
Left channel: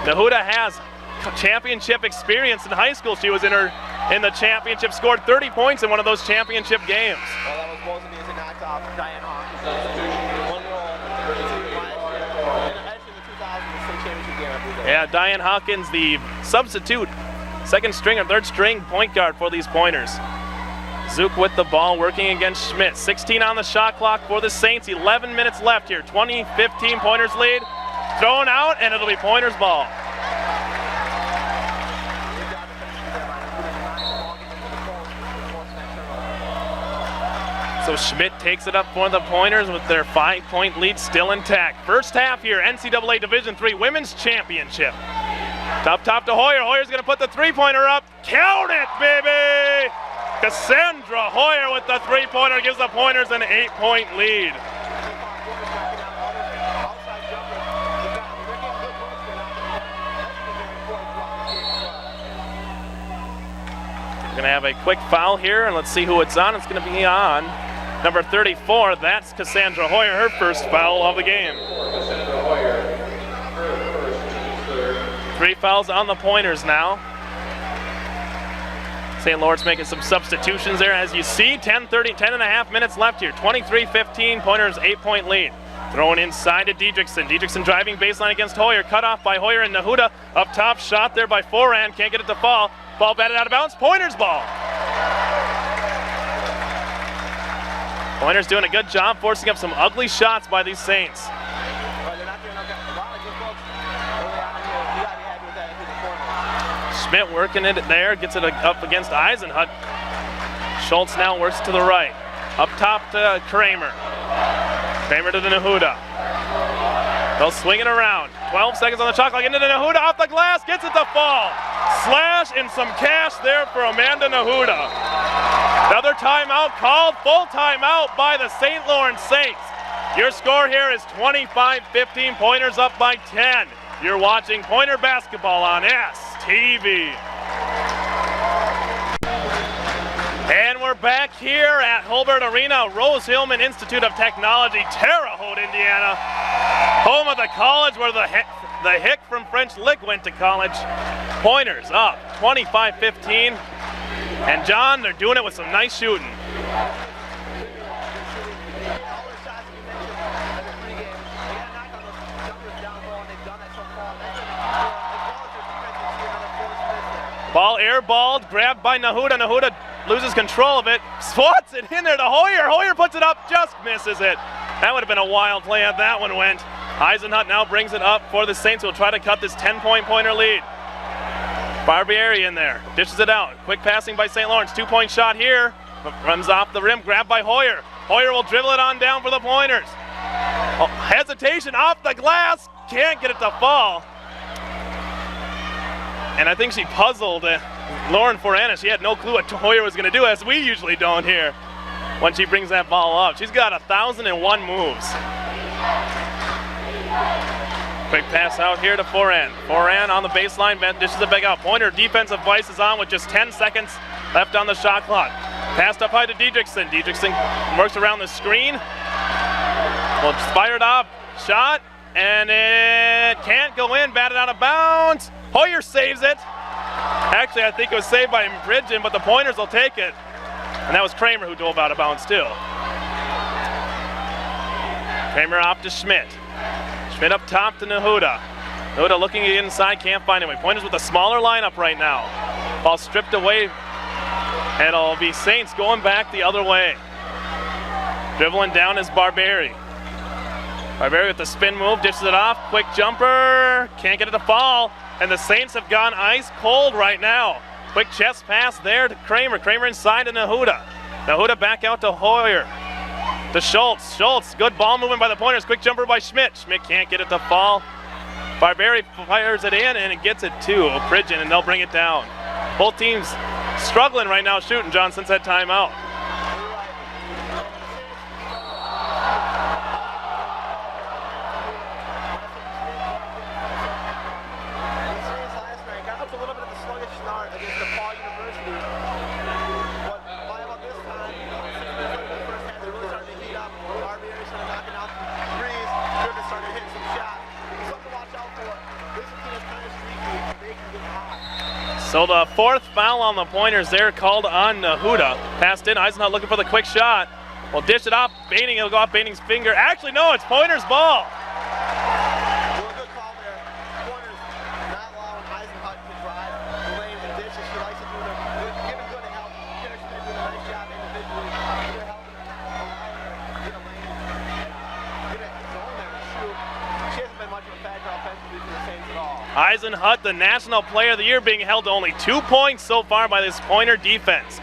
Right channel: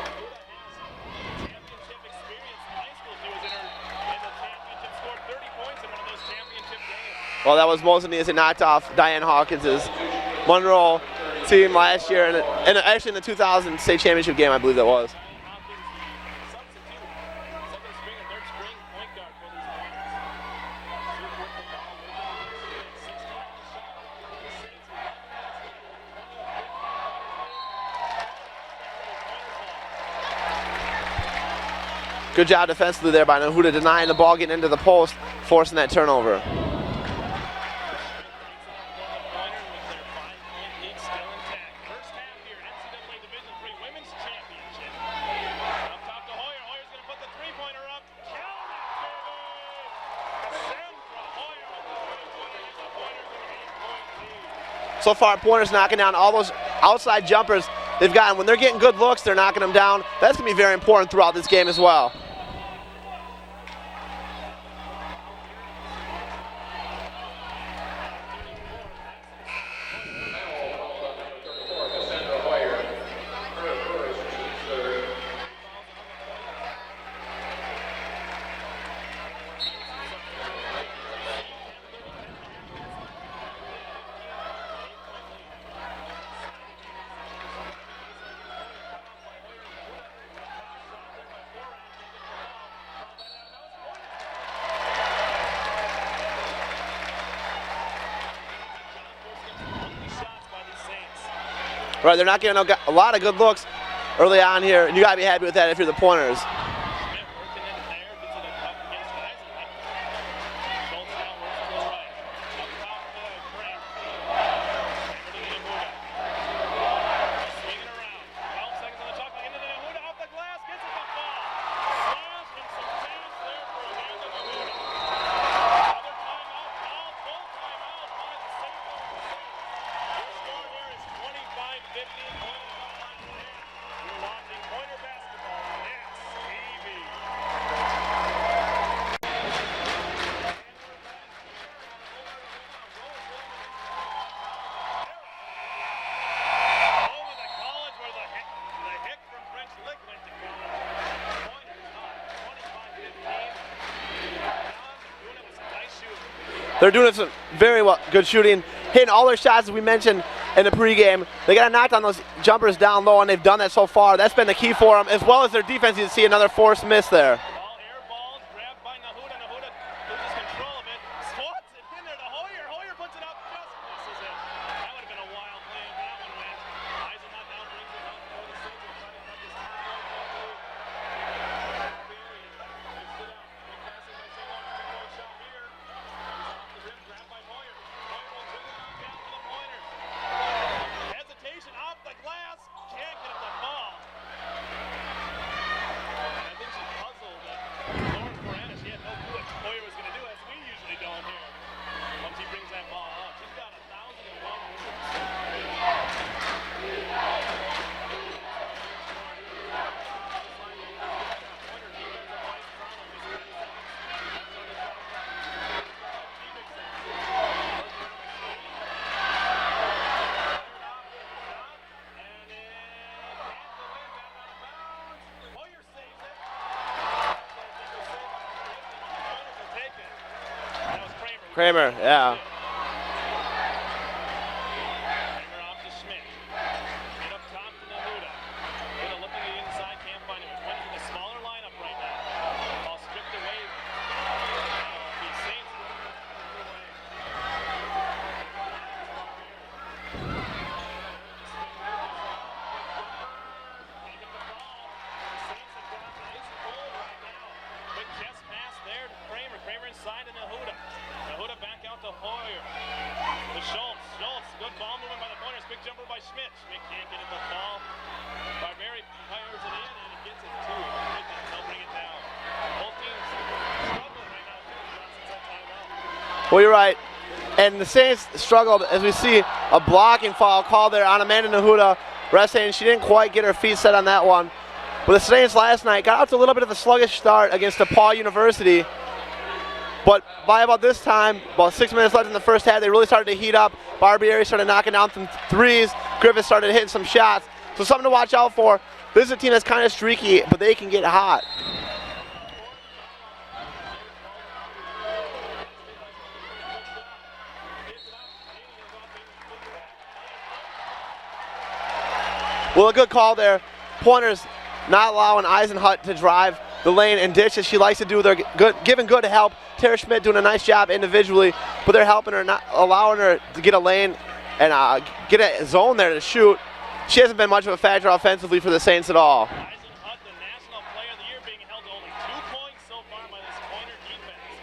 Nahuda has championship experience in high school. She was in the championship, scored 30 points in one of those championship games. Well, that was mostly as it knocked off Diane Hawkins' Monroe team last year, and actually in the 2000 state championship game, I believe that was. Yeah, Diane Hawkins, the substitute, second string or third string point guard for these Pointers. Zook with the ball, working against Schmidt. 16 on the shot clock for the Saints. 11 minutes left here. 20-15 Pointers lead. Thrown out, and it'll be Pointers' ball. Good job defensively there by Nahuda, denying the ball, getting into the post, forcing that turnover. So Schmidt takes it up for the Pointers with their 5-point lead still intact. First half here, NCAA Division III Women's Championship. Top to Hoyer. Hoyer's going to put the three-pointer up. Count it, baby! Cassandra Hoyer with the three-pointer gives the Pointers an 8-point lead. So far, Pointers knocking down all those outside jumpers they've gotten. When they're getting good looks, they're knocking them down. That's going to be very important throughout this game as well. We're going to have a quick foul here, and let's see who it's on. It's going to be on number 34. That's Cassandra Hoyer, her first foul of the game. 3 fouls on the Pointers now. St. Lawrence making some substitutions there. As you see, 10 and a half minutes left here. 23-15, Pointers 8-point lead. Thrown inside to Diedrichsen. Diedrichsen driving baseline against Hoyer. Cut off by Hoyer and Nahuda. Up top, shot there by Foran. Can't get it to fall. Ball batted out of bounds. Pointers ball. Pointers doing a good job forcing up some ugly shots by these Saints. Right, they're not getting a lot of good looks early on here. You got to be happy with that if you're the Pointers. Schmidt working it there, gets it up against Eisenhut. Schultz now works to the right. Up top to Kramer. Kramer to the Nahuda. They'll swing it around. 12 seconds on the shot clock. Into the Nahuda, off the glass, gets it to fall. Slash and some cash there for Amanda Nahuda. Another timeout called, full timeout by the St. Lawrence Saints. Your score here is 25-15, Pointers up by 10. You're watching Pointer basketball on STV. And we're back here at Hobart Arena, Rose-Hillman Institute of Technology, Terre Haute, Indiana. Home of the college where the Hick from French Lick went to college. Pointers up 25-15. And John, they're doing it with some nice shooting. They're doing it with very good shooting, hitting all their shots as we mentioned in the pregame. They got to knock down those jumpers down low, and they've done that so far. That's been the key for them, as well as their defense. You can see another forced miss there. Ball airballed, grabbed by Nahuda. Nahuda loses control of it, swats it in there to Hoyer. Hoyer puts it up, just misses it. That would have been a wild play if that one went. Eisenhut now brings it up for the Saints, who will try to cut this 10-point Pointer lead. Barbieri in there, dishes it out. Quick passing by St. Lawrence, 2-point shot here. Runs off the rim, grabbed by Hoyer. Hoyer will dribble it on down for the Pointers. Oh, hesitation off the glass, can't get it to fall. And I think she puzzled Lauren Forana. She had no clue what Hoyer was going to do, as we usually don't here when she brings that ball up. She's got 1,001 moves. Quick pass out here to Foran. Foran on the baseline, dishes it back out. Pointer defensive vice is on with just 10 seconds left on the shot clock. Passed up high to Diedrichsen. Diedrichsen works around the screen. Well, fired up, shot, and it can't go in, batted out of bounds. Hoyer saves it. Actually, I think it was saved by Bridgen, but the Pointers will take it. And that was Kramer who drove out of bounds too. Kramer off to Schmidt. Schmidt up top to Nahuda. Nahuda looking inside, can't find him. Pointers with a smaller lineup right now. Ball stripped away. And it'll be Saints going back the other way. Dribbling down is Barbieri. Barbieri with the spin move, dishes it off. Quick jumper, can't get it to fall. And the Saints have gone ice cold right now. Quick chest pass there to Kramer. Kramer inside to Nahuda. Nahuda back out to Hoyer. To Schultz. Schultz, good ball movement by the Pointers. Quick jumper by Schmidt. Schmidt can't get it to fall. Barbieri fires it in and it gets it to Bridgen, and they'll bring it down. Both teams struggling right now shooting, John, since that timeout. Well, you're right. And the Saints struggled as we see a blocking foul called there on Amanda Nahuda. Resting, she didn't quite get her feet set on that one. But the Saints last night got out to a little bit of a sluggish start against DePaul University. But by about this time, about 6 minutes left in the first half, they really started to heat up. Barbieri started knocking down some threes. Griffith started hitting some shots. So something to watch out for. This is a team that's kind of streaky, but they can get hot. So the fourth foul on the Pointers there called on Nahuda. Passed in, Eisenhut looking for the quick shot. Well, dish it off, Baining, it'll go off Baining's finger. Actually, no, it's Pointers' ball. Well, a good call there. Pointers not allowing Eisenhut to drive the lane and dish as she likes to do. They're giving good help. Terre Schmidt doing a nice job individually, but they're helping her, not allowing her to get a lane and get a zone there to shoot. She hasn't been much of a factor offensively for the Saints at all. Eisenhut, the National Player of the Year, being held to only 2 points so far by this Pointer defense.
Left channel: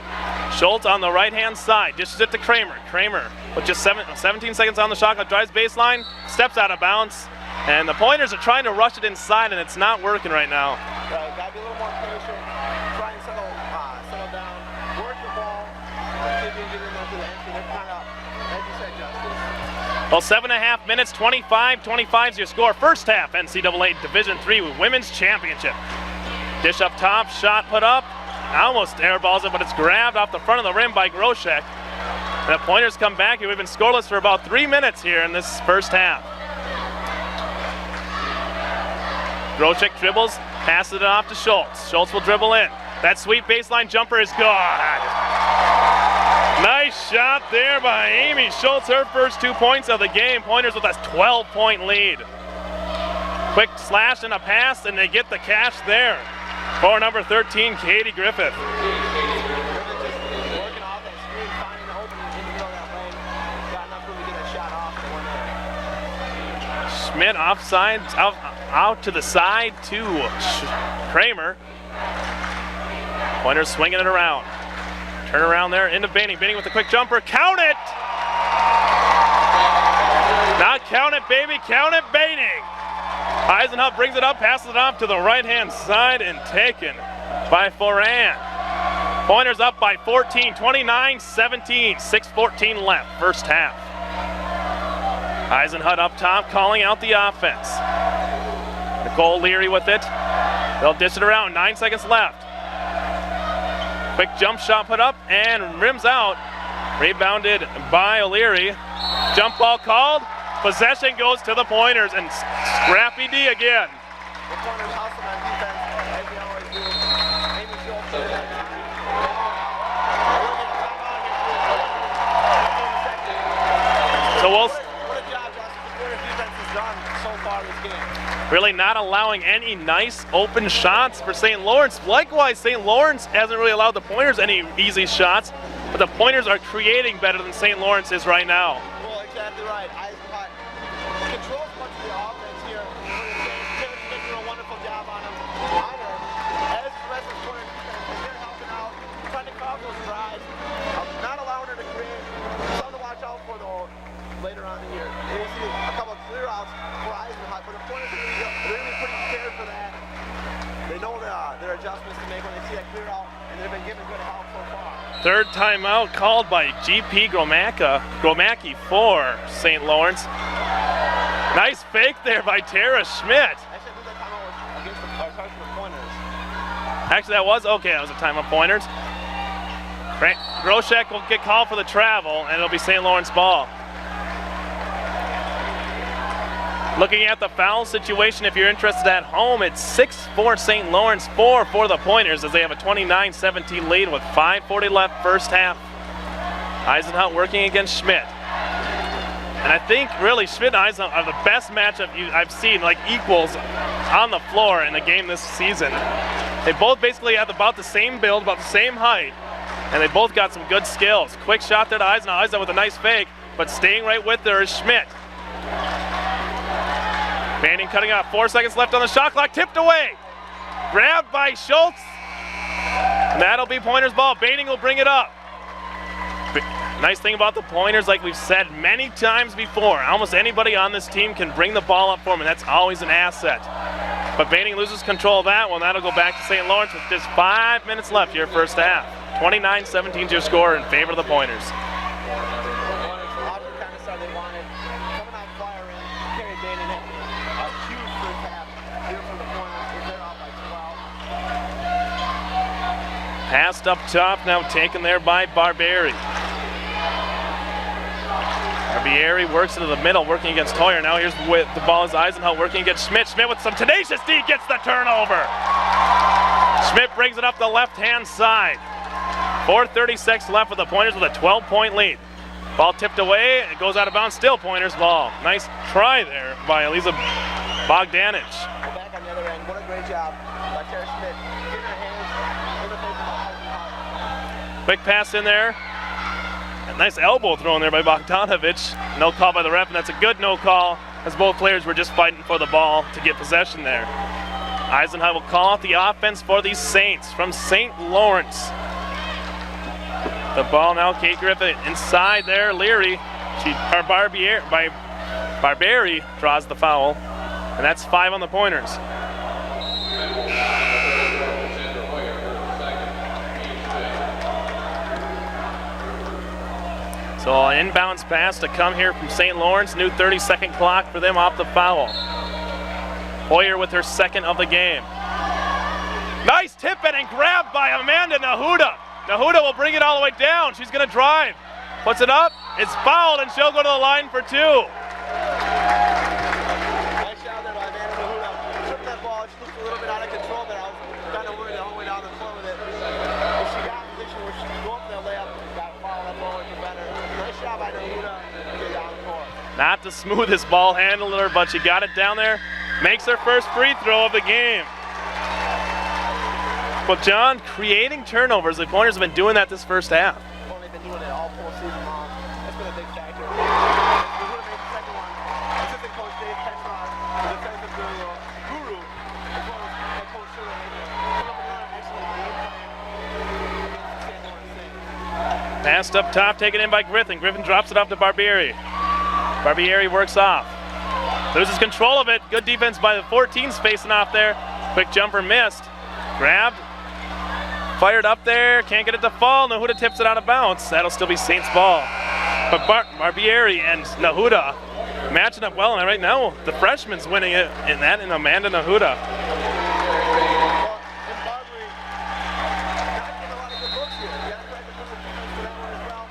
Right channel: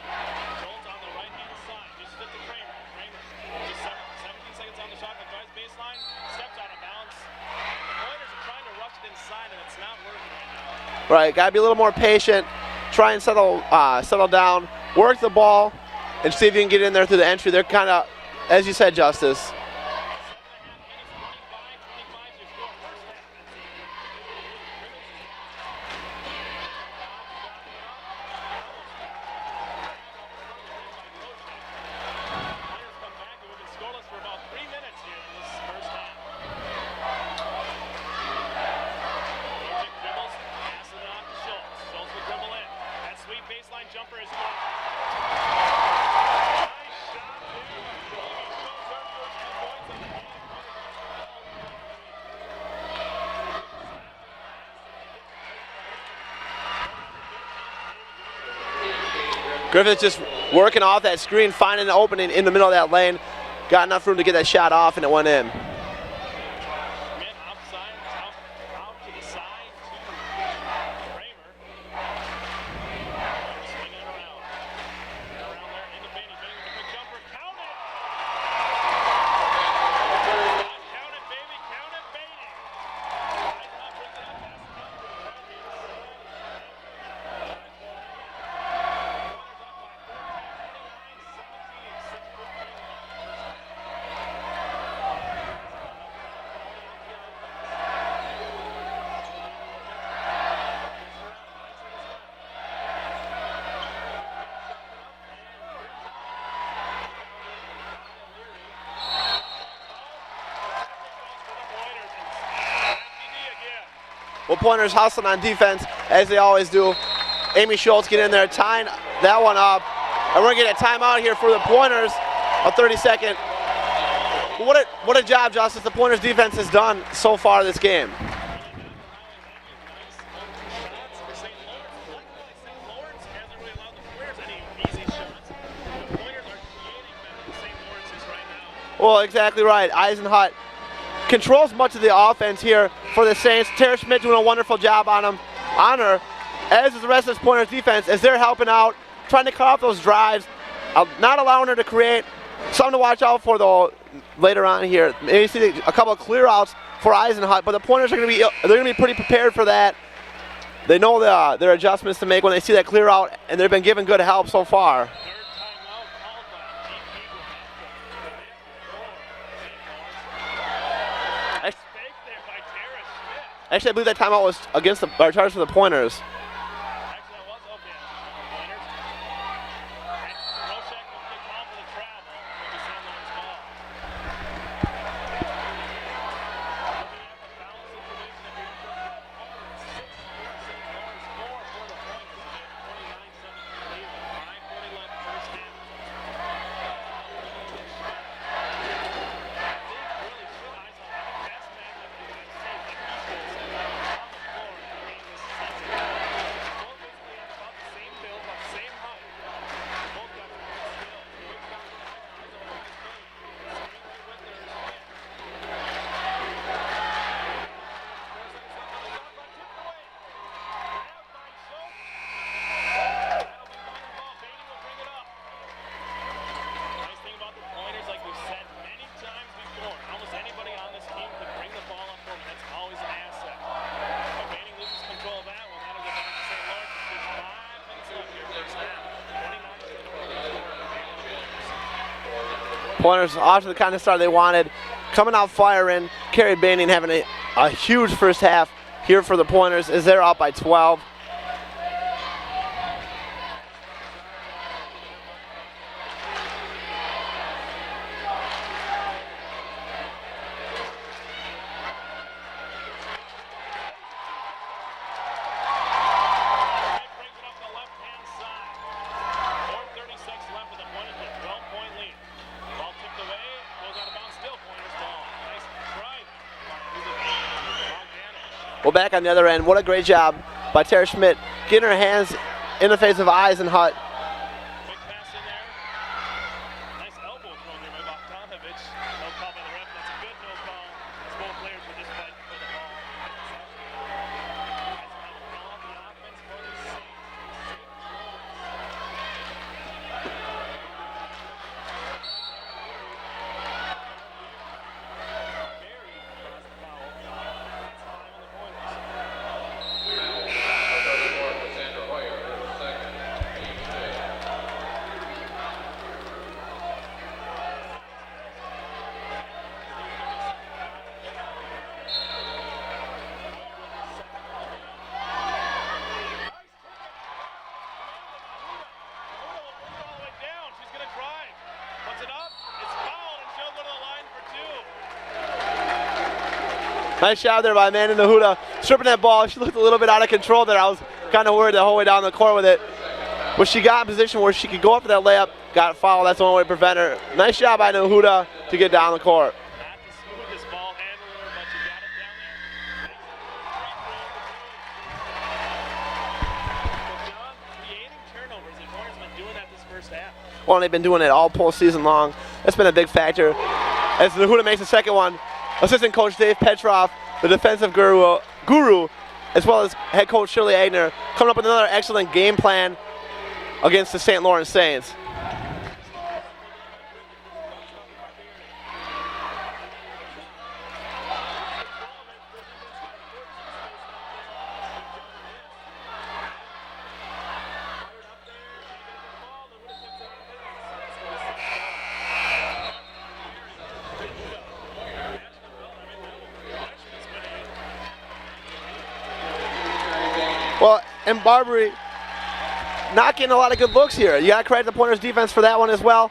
Schultz on the right-hand side, dishes it to Kramer. Kramer with just 17 seconds on the shot clock, drives baseline, steps out of bounds, and the Pointers are trying to rush it inside, and it's not working right now. Right, got to be a little more patient, try and settle down, work the ball, and see if you can get in there through the entry. They're kind of, as you said, Justice. Well, 7.5 minutes, 25-25 is your score. First half, NCAA Division III Women's Championship. Dish up top, shot put up, almost airballs it, but it's grabbed off the front of the rim by Groshek. The Pointers come back. We've been scoreless for about 3 minutes here in this first half. Groshek dribbles, passes it off to Schultz. Schultz will dribble in. That sweet baseline jumper is good. Nice shot there by Amy Schultz, her first 2 points of the game. Pointers with a 12-point lead. Quick slash and a pass, and they get the cash there for number 13, Katie Griffith. Griffith just working off that screen, finding an opening in the middle of that lane. Got enough room to get that shot off, and it went in. Schmidt offside, out to the side to Kramer. Pointers swinging it around. Turn around there into Baining. Baining with a quick jumper. Count it! Not count it, baby. Count it, Baining. Eisenhut brings it up, passes it off to the right-hand side, and taken by Foran. Pointers up by 14, 29-17, 6:14 left, first half. Eisenhut up top, calling out the offense. Nicole Leary with it. They'll dish it around, 9 seconds left. Quick jump shot put up and rims out. Rebounded by O'Leary. Jump ball called. Possession goes to the Pointers, and Scrappy D again. Well, Pointers hustling on defense, as they always do. Amy Schultz get in there, tying that one up. And we're going to get a timeout here for the Pointers, a 30-second. So what a job, Justice, the Pointers defense has done so far this game. Really not allowing any nice open shots for St. Lawrence. Likewise, St. Lawrence hasn't really allowed the Pointers any easy shots, but the Pointers are creating better than St. Lawrence is right now. Well, exactly right. Eisenhut controls much of the offense here for the Saints. Terre Schmidt doing a wonderful job on her, as is the rest of this Pointers defense, as they're helping out, trying to cut off those drives, not allowing her to create. Something to watch out for, though, later on here. Maybe see a couple of clear outs for Eisenhut, but the Pointers are going to be pretty prepared for that. They know their adjustments to make when they see that clear out, and they've been given good help so far. Third timeout called by GP Gromacki for St. Lawrence. Nice fake there by Terre Schmidt. Actually, I believe that timeout was against charged for the Pointers. Actually, that was a timeout Pointers. Groshek will get called for the travel, and it'll be St. Lawrence ball. Looking at the foul situation, if you're interested at home, it's 6 for St. Lawrence, 4 for the Pointers, as they have a 29-17 lead with 5:40 left first half. Eisenhut working against Schmidt. And I think really Schmidt and Eisenhut are the best matchup I've seen, like equals on the floor in the game this season. They both basically have about the same build, about the same height, and they both got some good skills. Quick shot there to Eisenhut. Eisenhut with a nice fake, but staying right with her is Schmidt. Banning cutting out, 4 seconds left on the shot clock, tipped away. Grabbed by Schultz. And that'll be Pointers ball. Banning will bring it up. Nice thing about the Pointers, like we've said many times before, almost anybody on this team can bring the ball up for them, and that's always an asset. But Banning loses control of that one. That'll go back to St. Lawrence with just 5 minutes left here first half. 29-17 to your score in favor of the Pointers. Pointers off to the kind of start they wanted. Coming out firing, Carrie Banning having a huge first half here for the Pointers as they're up by 12. Passed up top, now taken there by Barbieri. Barbieri works into the middle, working against Hoyer. Now here's with the ball is Eisenhut working against Schmidt. Schmidt with some tenacious D gets the turnover. Schmidt brings it up the left-hand side. 4:36 left for the Pointers with a 12-point lead. Ball tipped away, it goes out of bounds, still Pointers ball. Nice try there by Eliza Bogdanich. Well, back on the other end, what a great job by Terre Schmidt, getting her hands in the face of Eisenhut. Quick pass in there. A nice elbow thrown there by Bogdanovich. No call by the ref, and that's a good no call, as both players were just fighting for the ball to get possession there. Eisenhut will call out the offense for the Saints from St. Lawrence. The ball now, Kate Griffith inside there. Leary, Barbieri draws the foul, and that's 5 on the Pointers. So an inbounds pass to come here from St. Lawrence. New 30-second clock for them off the foul. Hoyer with her second of the game. Nice tip in and grabbed by Amanda Nahuda. Nahuda will bring it all the way down. She's going to drive. Puts it up. It's fouled, and she'll go to the line for 2. Nice shot there by Amanda Nahuda. Stripping that ball. She looked a little bit out of control there. I was kind of worried the whole way down the court with it. But she got in a position where she could go up for that layup, got fouled. That's the only way to prevent her. Nice job by Nahuda to get down the court. Not the smoothest ball handler, but she got it down there. Makes her first free throw of the game. But John, creating turnovers, the Pointers have been doing that this first half. Well, they've been doing it all postseason long. That's been a big factor. As Nahuda makes the second one, assistant coach Dave Petrov, the defensive guru, as well as head coach Shirley Agner, coming up with another excellent game plan against the St. Lawrence Saints. Passed up top, taken in by Griffin. Griffin drops it off to Barbieri. Barbieri works off. Loses control of it. Good defense by the 14s facing off there. Quick jumper missed. Grabbed. Fired up there. Can't get it to fall. Nahuda tips it out of bounds. That'll still be Saints ball. But Barbieri and Nahuda matching up well. And right now, the freshman's winning it in that, and Amanda Nahuda. Well, and Barbieri not getting a lot of good looks here. You got to credit the Pointers defense for that one as well.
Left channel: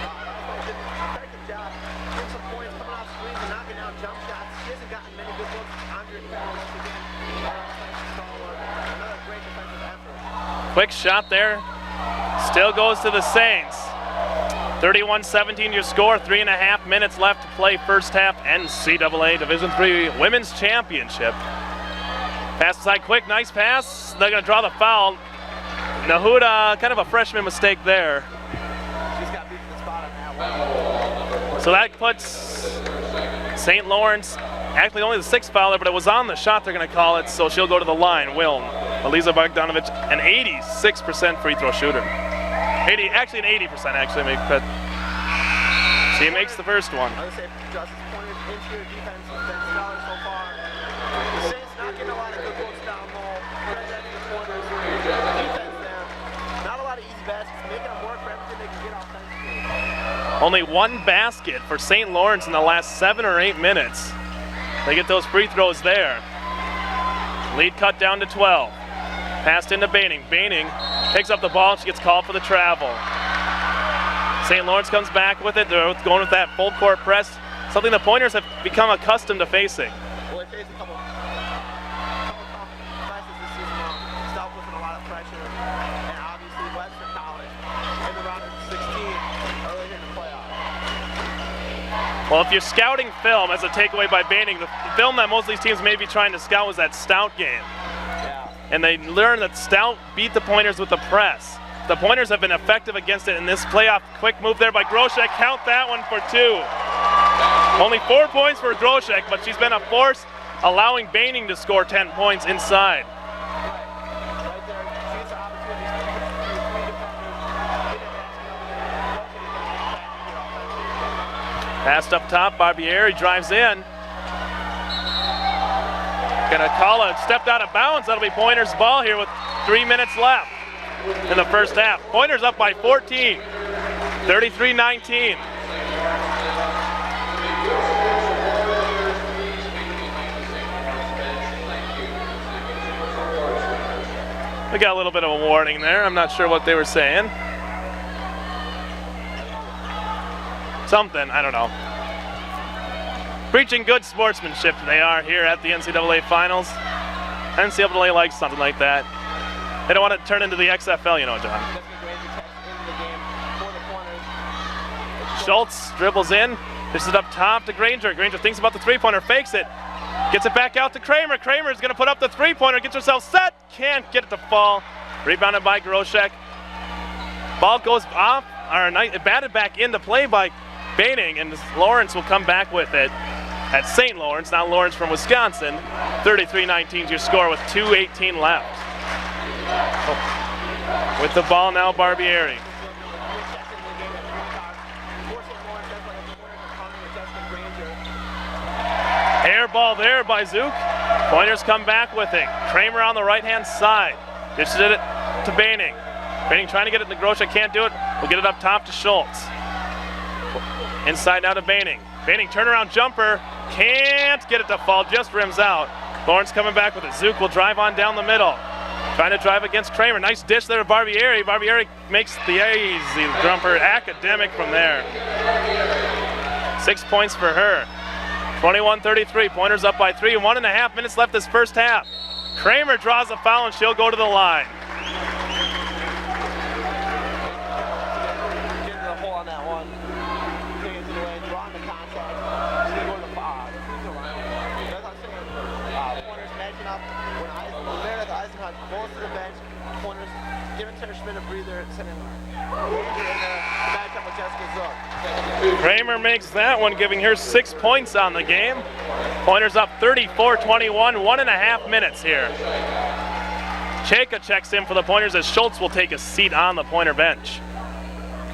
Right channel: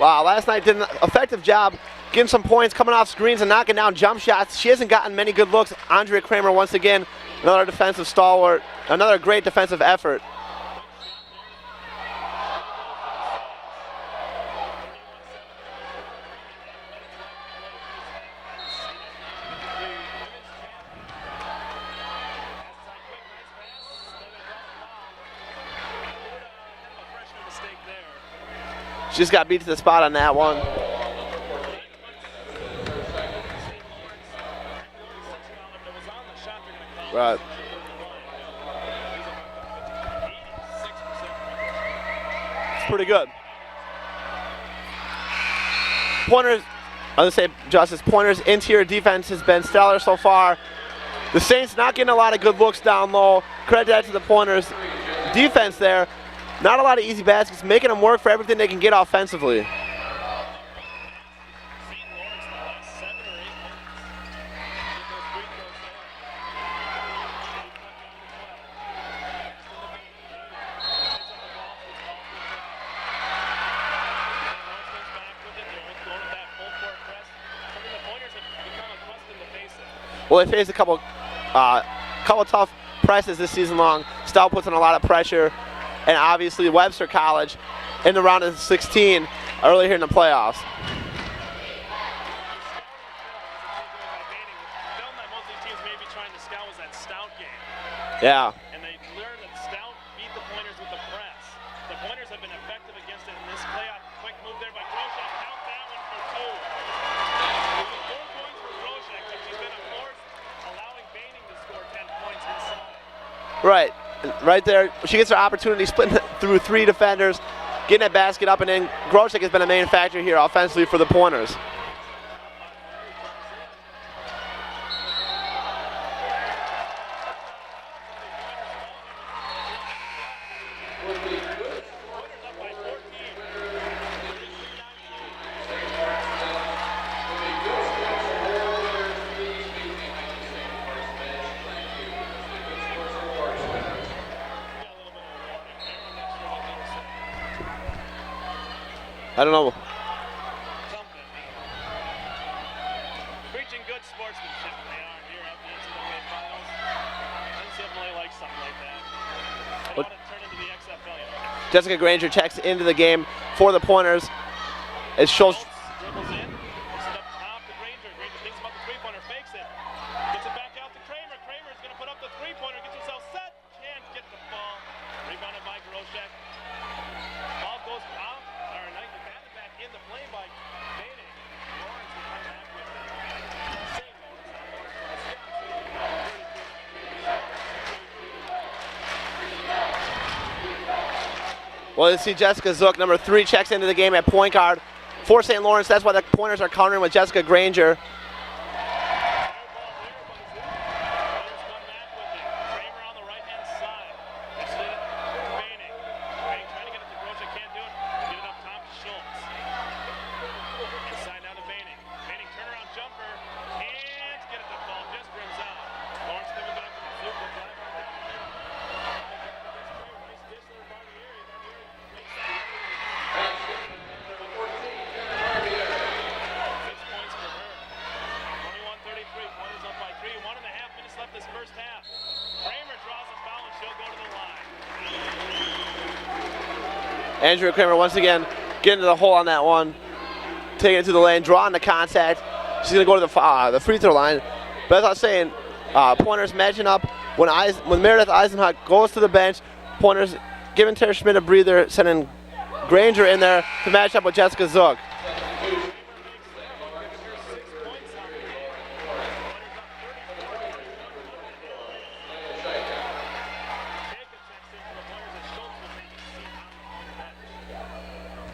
Wow, last night did an effective job getting some points, coming off screens and knocking down jump shots. She hasn't gotten many good looks. Andrea Kramer once again, another defensive stalwart, another great defensive effort. Quick shot there. Still goes to the Saints. 31-17 your score, 3.5 minutes left to play first half NCAA Division III Women's Championship. Pass aside quick, nice pass. They're gonna draw the foul. Nahuda, kind of a freshman mistake there. She's got beat to the spot on that one. So that puts St. Lawrence, actually only the 6th foul there, but it was on the shot they're gonna call it, so she'll go to the line. Eliza Bogdanovich, an 86% free throw shooter. Actually an 80% actually, but she makes the first one. I was gonna say, Justice, Pointers' interior defense has been stellar so far. The Saints not getting a lot of good looks down low. Credit that to the Pointers' defense there. Not a lot of easy baskets, making them work for everything they can get offensively. Only one basket for St. Lawrence in the last 7 or 8 minutes. They get those free throws there. Lead cut down to 12. Passed into Baining. Baining picks up the ball. She gets called for the travel. St. Lawrence comes back with it. They're going with that full court press, something the Pointers have become accustomed to facing. Well, they faced a couple tough presses this season long. Stout puts in a lot of pressure. And obviously Webster College in the round of 16 early here in the playoffs. Well, if you're scouting film as a takeaway by Baining, the film that most of these teams may be trying to scout was that Stout game. Yeah. And they learned that Stout beat the Pointers with the press. The Pointers have been effective against it in this playoff. Quick move there by Groshek. Count that one for 2. Only 4 points for Groshek, but she's been a force, allowing Baining to score 10 points inside. Right there. She gets her opportunity splitting through 3 defenders, getting that basket up, and then Groshek has been a main factor here offensively for the Pointers. Passed up top, Barbieri drives in. Gonna call it, stepped out of bounds. That'll be Pointers' ball here with 3 minutes left in the first half. Pointers up by 14, 33-19. We got a little bit of a warning there. I'm not sure what they were saying. I don't know. Something, I don't know. Preaching good sportsmanship they are here at the NCAA Finals. NCAA likes something like that. They don't want to turn into the XFL, you know, John. Jessica Granger checks into the game for the Pointers. As Schultz dribbles in, dishes it up top to Granger. Granger thinks about the three-pointer, fakes it. Gets it back out to Kramer. Kramer's going to put up the three-pointer, gets herself set. Can't get it to fall. Rebounded by Groshek. Ball goes off, or batted back into play by Baining, and Lawrence will come back with it at St. Lawrence. Now Lawrence from Wisconsin. 33-19 is your score with 2:18 left. With the ball now, Barbieri. Well, see Jessica Zook, number 3, checks into the game at point guard for St. Lawrence. That's why the Pointers are countering with Jessica Granger. Air ball there by Zook. Pointers come back with it. Kramer on the right-hand side. Dishes it to Baining. Baining trying to get it to Groshek, can't do it. We'll get it up top to Schultz. Inside now to Baining. Baining turnaround jumper. Can't get it to fall, just rims out. Lawrence coming back with it. Zook will drive on down the middle. Trying to drive against Kramer. Nice dish there to Barbieri. Barbieri makes the easy jumper academic from there. 6 points for her. 21-33, Pointers up by 3, 1.5 minutes left this first half. Kramer draws a foul and she'll go to the line. Andrea Kramer once again getting to the hole on that one. Taking it to the lane, drawing the contact. She's gonna go to the free throw line. But as I was saying, Pointers matching up when Meredith Eisenhut goes to the bench. Pointers giving Terre Schmidt a breather, sending Granger in there to match up with Jessica Zook. Kramer makes that one, giving her 6 points on the game. Pointers up 34-21, 1.5 minutes here. Chayka checks in for the Pointers as Schultz will take a seat on the Pointer bench.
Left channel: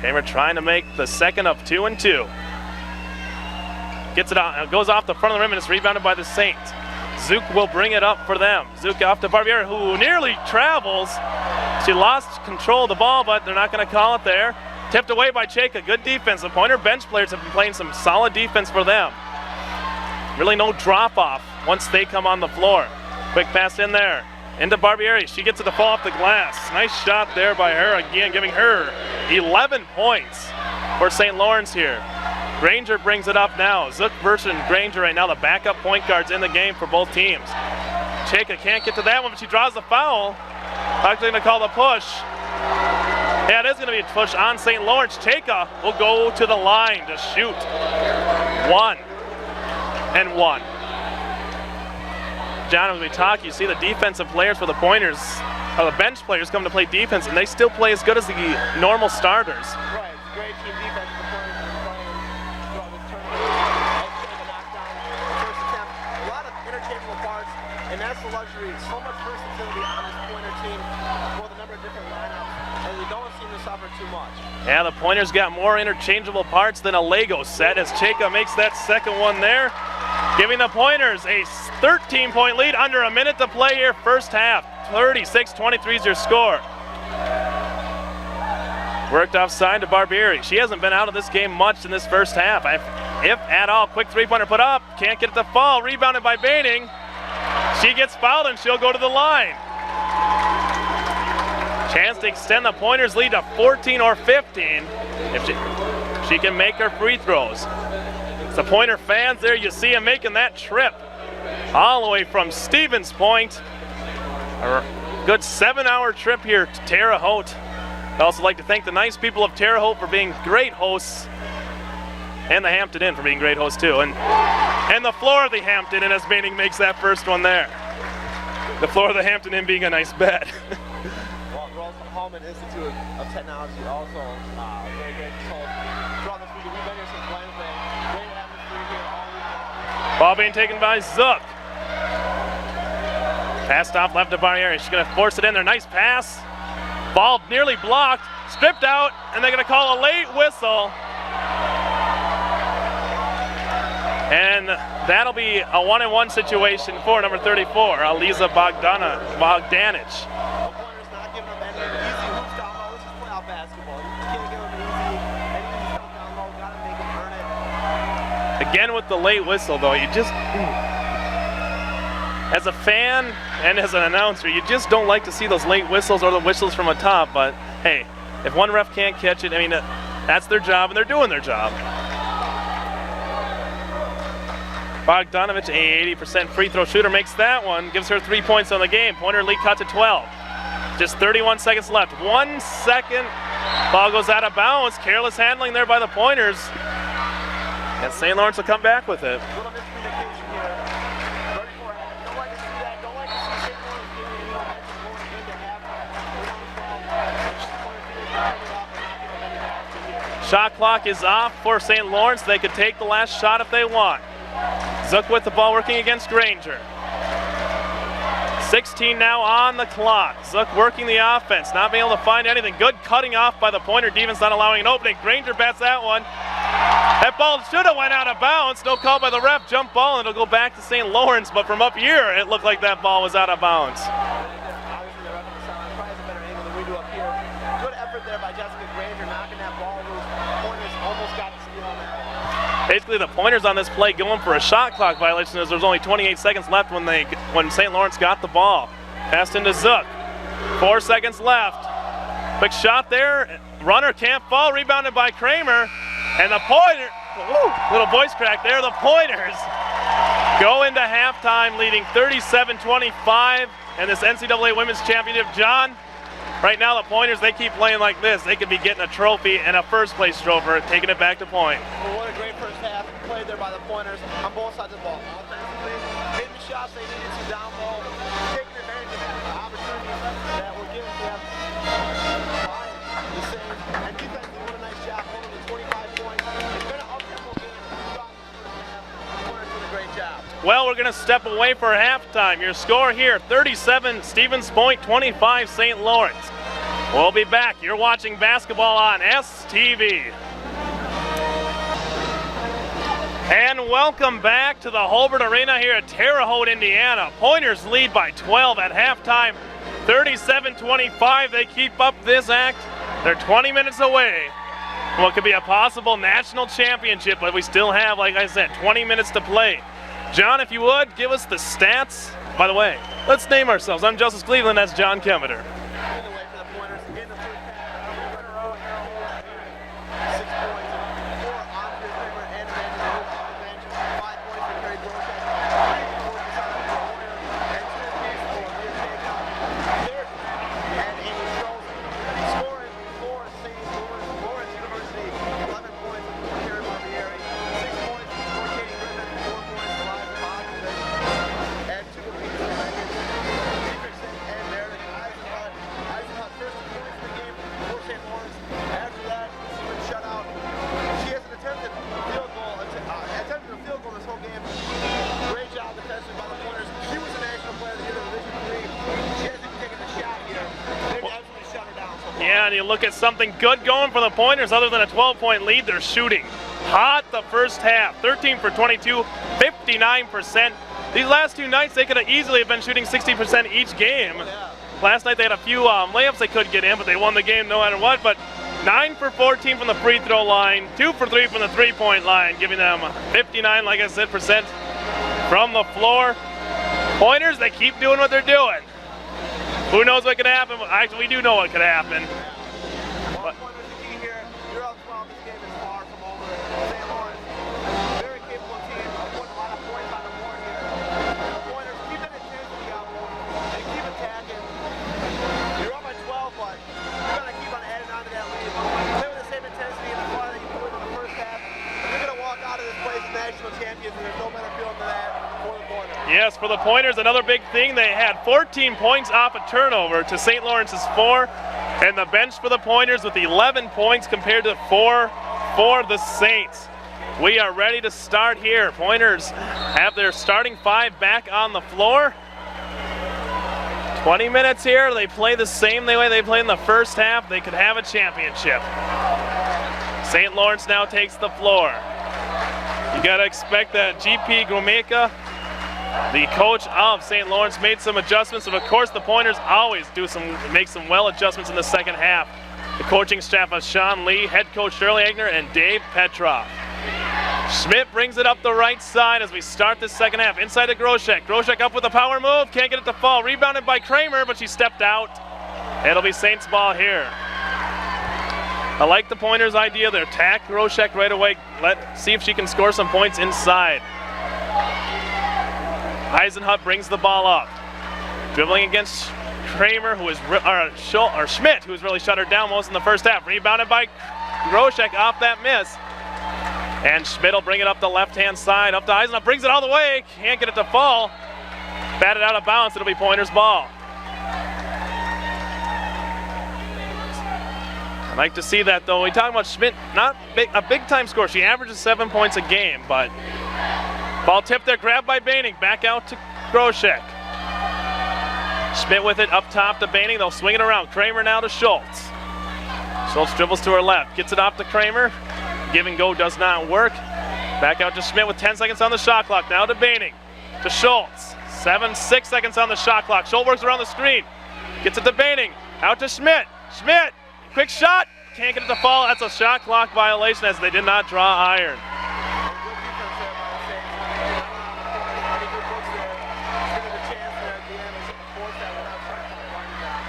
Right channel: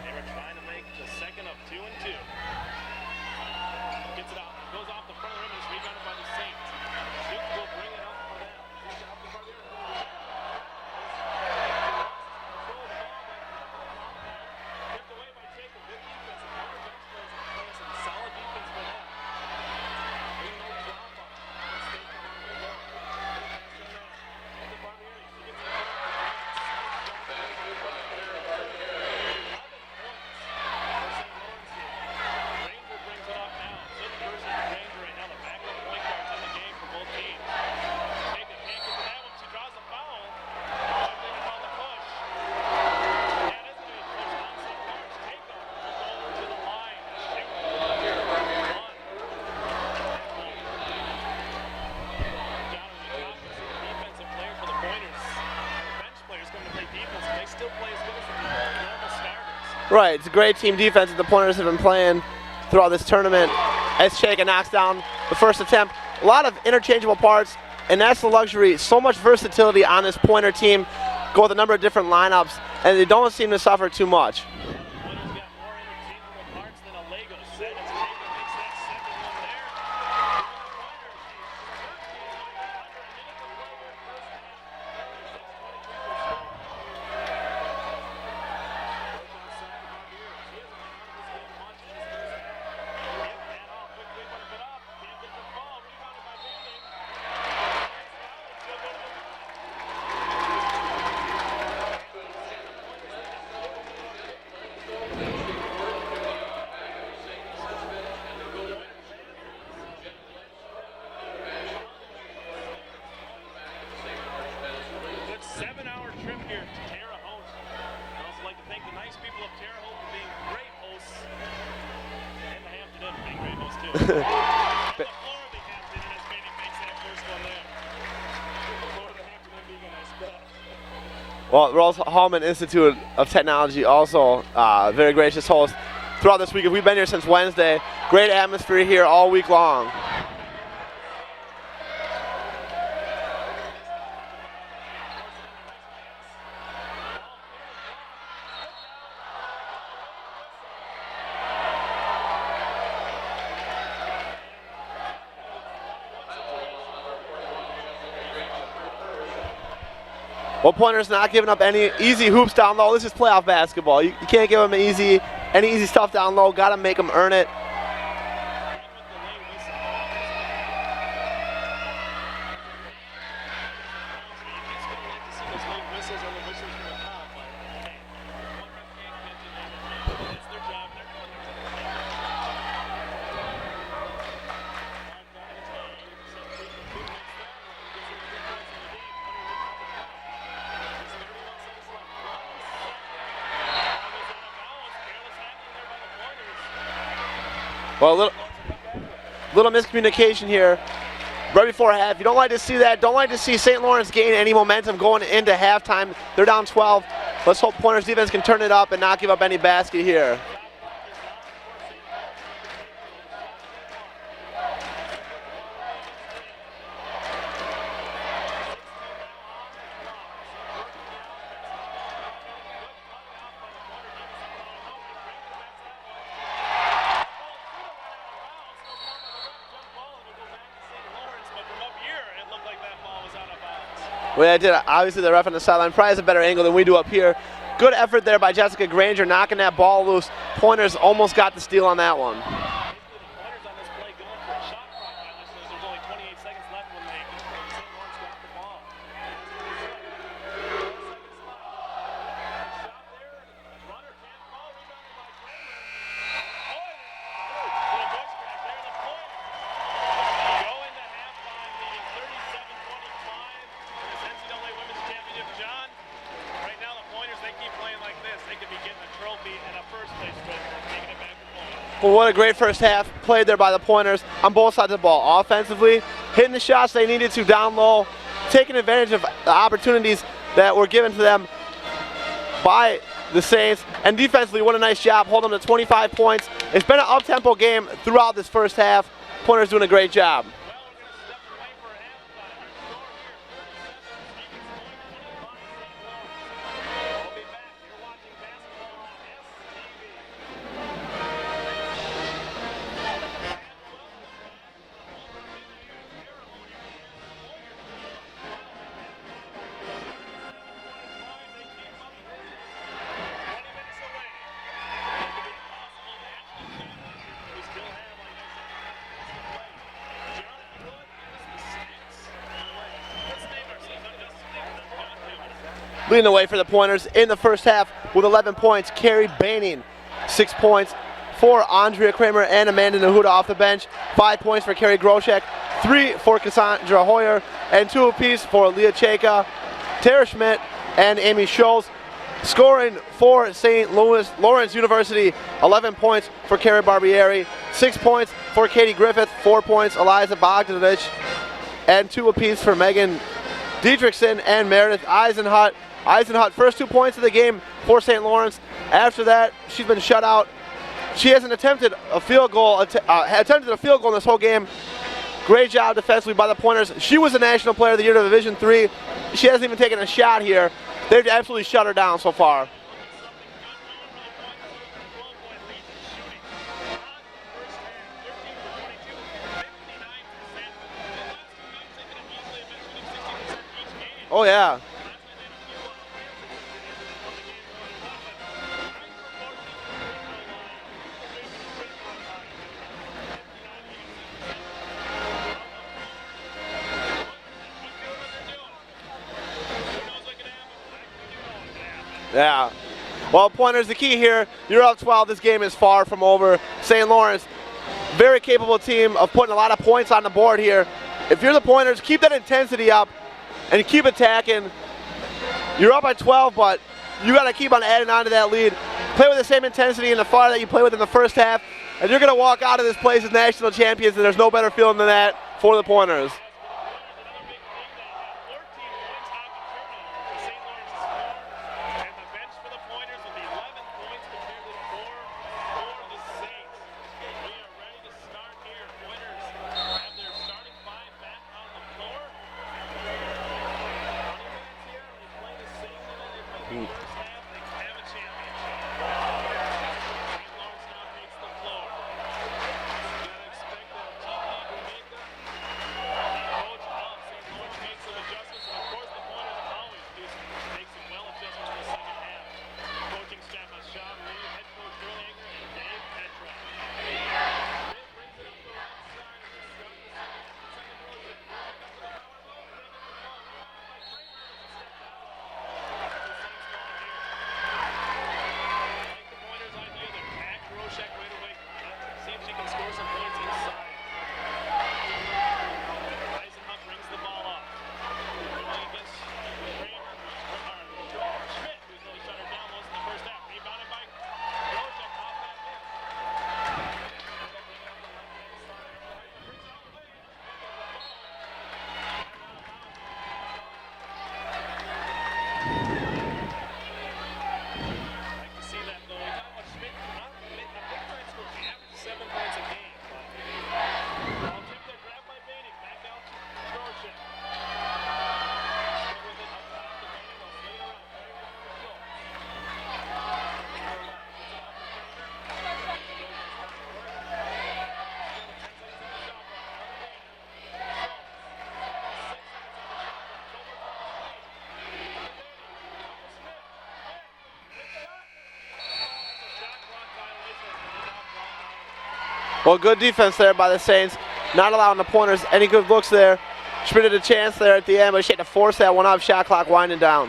Kramer trying to make the second of 2 and 2. Gets it out, goes off the front of the rim, and it's rebounded by the Saints. Zook will bring it up for them. Zook off to Barbieri, who nearly travels. She lost control of the ball, but they're not going to call it there. Tipped away by Cheka. Good defense. The Pointer bench players have been playing some solid defense for them. Really no drop-off once they come on the floor. Quick pass in there. Into Barbieri. She gets it to fall off the glass. Nice shot there by her again, giving her 11 points for St. Lawrence here. Granger brings it up now. Zook versus Granger right now, the backup point guards in the game for both teams. Cheka can't get to that one, but she draws the foul. Actually going to call the push. Yeah, it is going to be a push on St. Lawrence. Cheka will go to the line to shoot. 1 and 1. John, as we talk, you see the defensive players for the Pointers, or the bench players come to play defense, and they still play as good as the normal starters. Right, it's a great team defense that the Pointers have been playing throughout this tournament. As Cheka knocks down the first attempt. A lot of interchangeable parts, and that's the luxury. So much versatility on this Pointer team. Go with a number of different lineups, and they don't seem to suffer too much. Yeah, the Pointers got more interchangeable parts than a Lego set as Cheka makes that second one there, giving the Pointers a 13-point lead under a minute to play here first half. 36-23 is your score. Worked offside to Barbieri. She hasn't been out of this game much in this first half, if at all. Quick three-pointer put up. Can't get it to fall. Rebounded by Baining. She gets fouled and she'll go to the line. Chance to extend the Pointers' lead to 14 or 15 if she can make her free throws. The Pointer fans there, you see them making that trip all the way from Stevens Point. A good 7-hour trip here to Terre Haute. I'd also like to thank the nice people of Terre Haute for being great hosts, and the Hampton Inn for being great hosts too. And the floor of the Hampton Inn as Baining makes that first one there. The floor of the Hampton Inn being a nice bed. Well, Rose-Hulman Institute of Technology also very gracious host throughout this week. We've been here since Wednesday. Great atmosphere here all week long. Ball being taken by Zook. Passed off left to Barbieri. She's going to force it in there. Nice pass. Ball nearly blocked. Stripped out, and they're going to call a late whistle. And that'll be a 1-and-1 situation for number 34, Aliza Bogdanich. Well, Pointers not giving up any easy hoops down low. This is playoff basketball. You can't give them any easy stuff down low. Got to make them earn it. Again with the late whistle, though, you just, as a fan and as an announcer, you just don't like to see those late whistles or the whistles from atop. But hey, if one ref can't catch it, I mean, that's their job, and they're doing their job. Bogdanovich, a 80% free throw shooter, makes that one, gives her 3 points on the game. Pointer lead cut to 12. Just 31 seconds left. 1 second. Ball goes out of bounds. Careless handling there by the Pointers. Well, St. Lawrence will come back with it. Little miscommunication here right before half. You don't like to see that. Don't like to see St. Lawrence gain any momentum going into halftime. They're down 12. Let's hope Pointers defense can turn it up and not give up any basket here. Shot clock is off for St. Lawrence. They could take the last shot if they want. Zook with the ball working against Granger. 16 now on the clock. Zook working the offense, not being able to find anything. Good cutting off by the Pointer defense, not allowing an opening. Granger bats that one. That ball should have went out of bounds. No call by the ref. Jump ball, and it'll go back to St. Lawrence. But from up here, it looked like that ball was out of bounds. Well, it did. Obviously, the ref on the sideline probably has a better angle than we do up here. Good effort there by Jessica Granger, knocking that ball loose. Pointers almost got the steal on that one. Basically, the Pointers on this play going for a shot clock violation as there's only 28 seconds left when St. Lawrence got the ball. Passed into Zook. 4 seconds left. Quick shot there. Runner can't fall. Rebounded by Kramer. And the Pointers, little voice crack there. The Pointers go into halftime leading 37-25 in this NCAA Women's Championship. John, right now the Pointers, they keep playing like this. They could be getting a trophy and a first place trophy, taking it back to point. Well, what a great first half played there by the Pointers on both sides of the ball. Offensively, hitting the shots they needed to down low, taking advantage of the opportunities that were given to them by the Saints, and defensively, what a nice job, holding them to 25 points. It's been an up-tempo game throughout this first half. Pointers doing a great job. Well, we're going to step away for halftime. Your score here, 37 Stevens Point, 25 St. Lawrence. We'll be back. You're watching basketball on STV. And welcome back to the Hobart Arena here at Terre Haute, Indiana. Pointers lead by 12 at halftime, 37-25. They keep up this act. They're 20 minutes away from what could be a possible national championship, but we still have, like I said, 20 minutes to play. John, if you would, give us the stats. By the way, let's name ourselves. I'm Justice Cleveland, that's John Kemeter. Leading the way for the Pointers in the first half with 11 points, Carrie Baining. 6 points for Andrea Kramer and Amanda Nahuda off the bench. 5 points for Carrie Groshek, 3 for Cassandra Hoyer, and 2 apiece for Leah Cheka, Tara Schmidt, and Amy Schultz. Scoring for St. Lawrence University, 11 points for Carrie Barbieri, 6 points for Katie Griffith, 4 points Eliza Bogdanovich, and 2 apiece for Megan Dietrichson and Meredith Eisenhut. Eisenhut, first 2 points of the game for St. Lawrence. After that, she's been shut out. She hasn't attempted a field goal, attempted a field goal in this whole game. Great job defensively by the Pointers. She was the National Player of the Year of Division III. She hasn't even taken a shot here. They've absolutely shut her down so far. Yeah, and you look at something good going for the Pointers. Other than a 12-point lead, they're shooting hot the first half. 13 for 22, 59%. These last 2 nights, they could have easily been shooting 60% each game. Oh, yeah. Last night, they had a few layups they couldn't get in, but they won the game no matter what. But 9 for 14 from the free throw line, 2 for 3 from the three-point line, giving them 59, like I said, percent from the floor. Pointers, they keep doing what they're doing. Who knows what could happen? Actually, we do know what could happen. Yeah. Well, Pointers, the key here, you're up 12. This game is far from over. St. Lawrence, very capable team of putting a lot of points on the board here. If you're the Pointers, keep that intensity up and keep attacking. You're up by 12, but you got to keep on adding on to that lead. Play with the same intensity and the fire that you played with in the first half, and you're going to walk out of this place as national champions, and there's no better feeling than that for the Pointers. Yes, for the Pointers, another big thing, they had 14 points off a turnover to St. Lawrence's 4, and the bench for the Pointers with 11 points compared to 4 for the Saints. We are ready to start here. Pointers have their starting 5 back on the floor. 20 minutes here. They play the same way they played in the first half. They could have a championship. St. Lawrence now takes the floor. You got to expect that GP Gromeka, the coach of St. Lawrence, made some adjustments. And of course, the Pointers always make some well adjustments in the second half. The coaching staff of Sean Lee, head coach Shirley Egner, and Dave Petroff. Schmidt brings it up the right side as we start the second half. Inside to Groshek. Groshek up with a power move. Can't get it to fall. Rebounded by Kramer, but she stepped out. It'll be Saints ball here. I like the Pointers' idea. They attack Groshek right away. Let's see if she can score some points inside. Eisenhut brings the ball up. Dribbling against Kramer, Schmidt, who's really shut her down most in the first half. Rebounded by Groshek off that miss. And Schmidt will bring it up the left-hand side, up to Eisenhut, brings it all the way, can't get it to fall. Batted out of bounds, it'll be Pointers ball. I like to see that though. We talk about Schmidt, not a big-time scorer. She averages 7 points a game, but ball tipped there, grabbed by Baining, back out to Groshek. Schmidt with it up top to Baining, they'll swing it around. Kramer now to Schultz. Schultz dribbles to her left, gets it off to Kramer. Give and go does not work. Back out to Schmidt with 10 seconds on the shot clock. Now to Baining, to Schultz. 6 seconds on the shot clock. Schultz works around the screen. Gets it to Baining. Out to Schmidt. Schmidt, quick shot. Can't get it to fall. That's a shot clock violation as they did not draw iron. Well, good defense there by the Saints. Not allowing the Pointers any good looks there. Schmidt had a chance there at the end, but she had to force that one off. Shot clock winding down.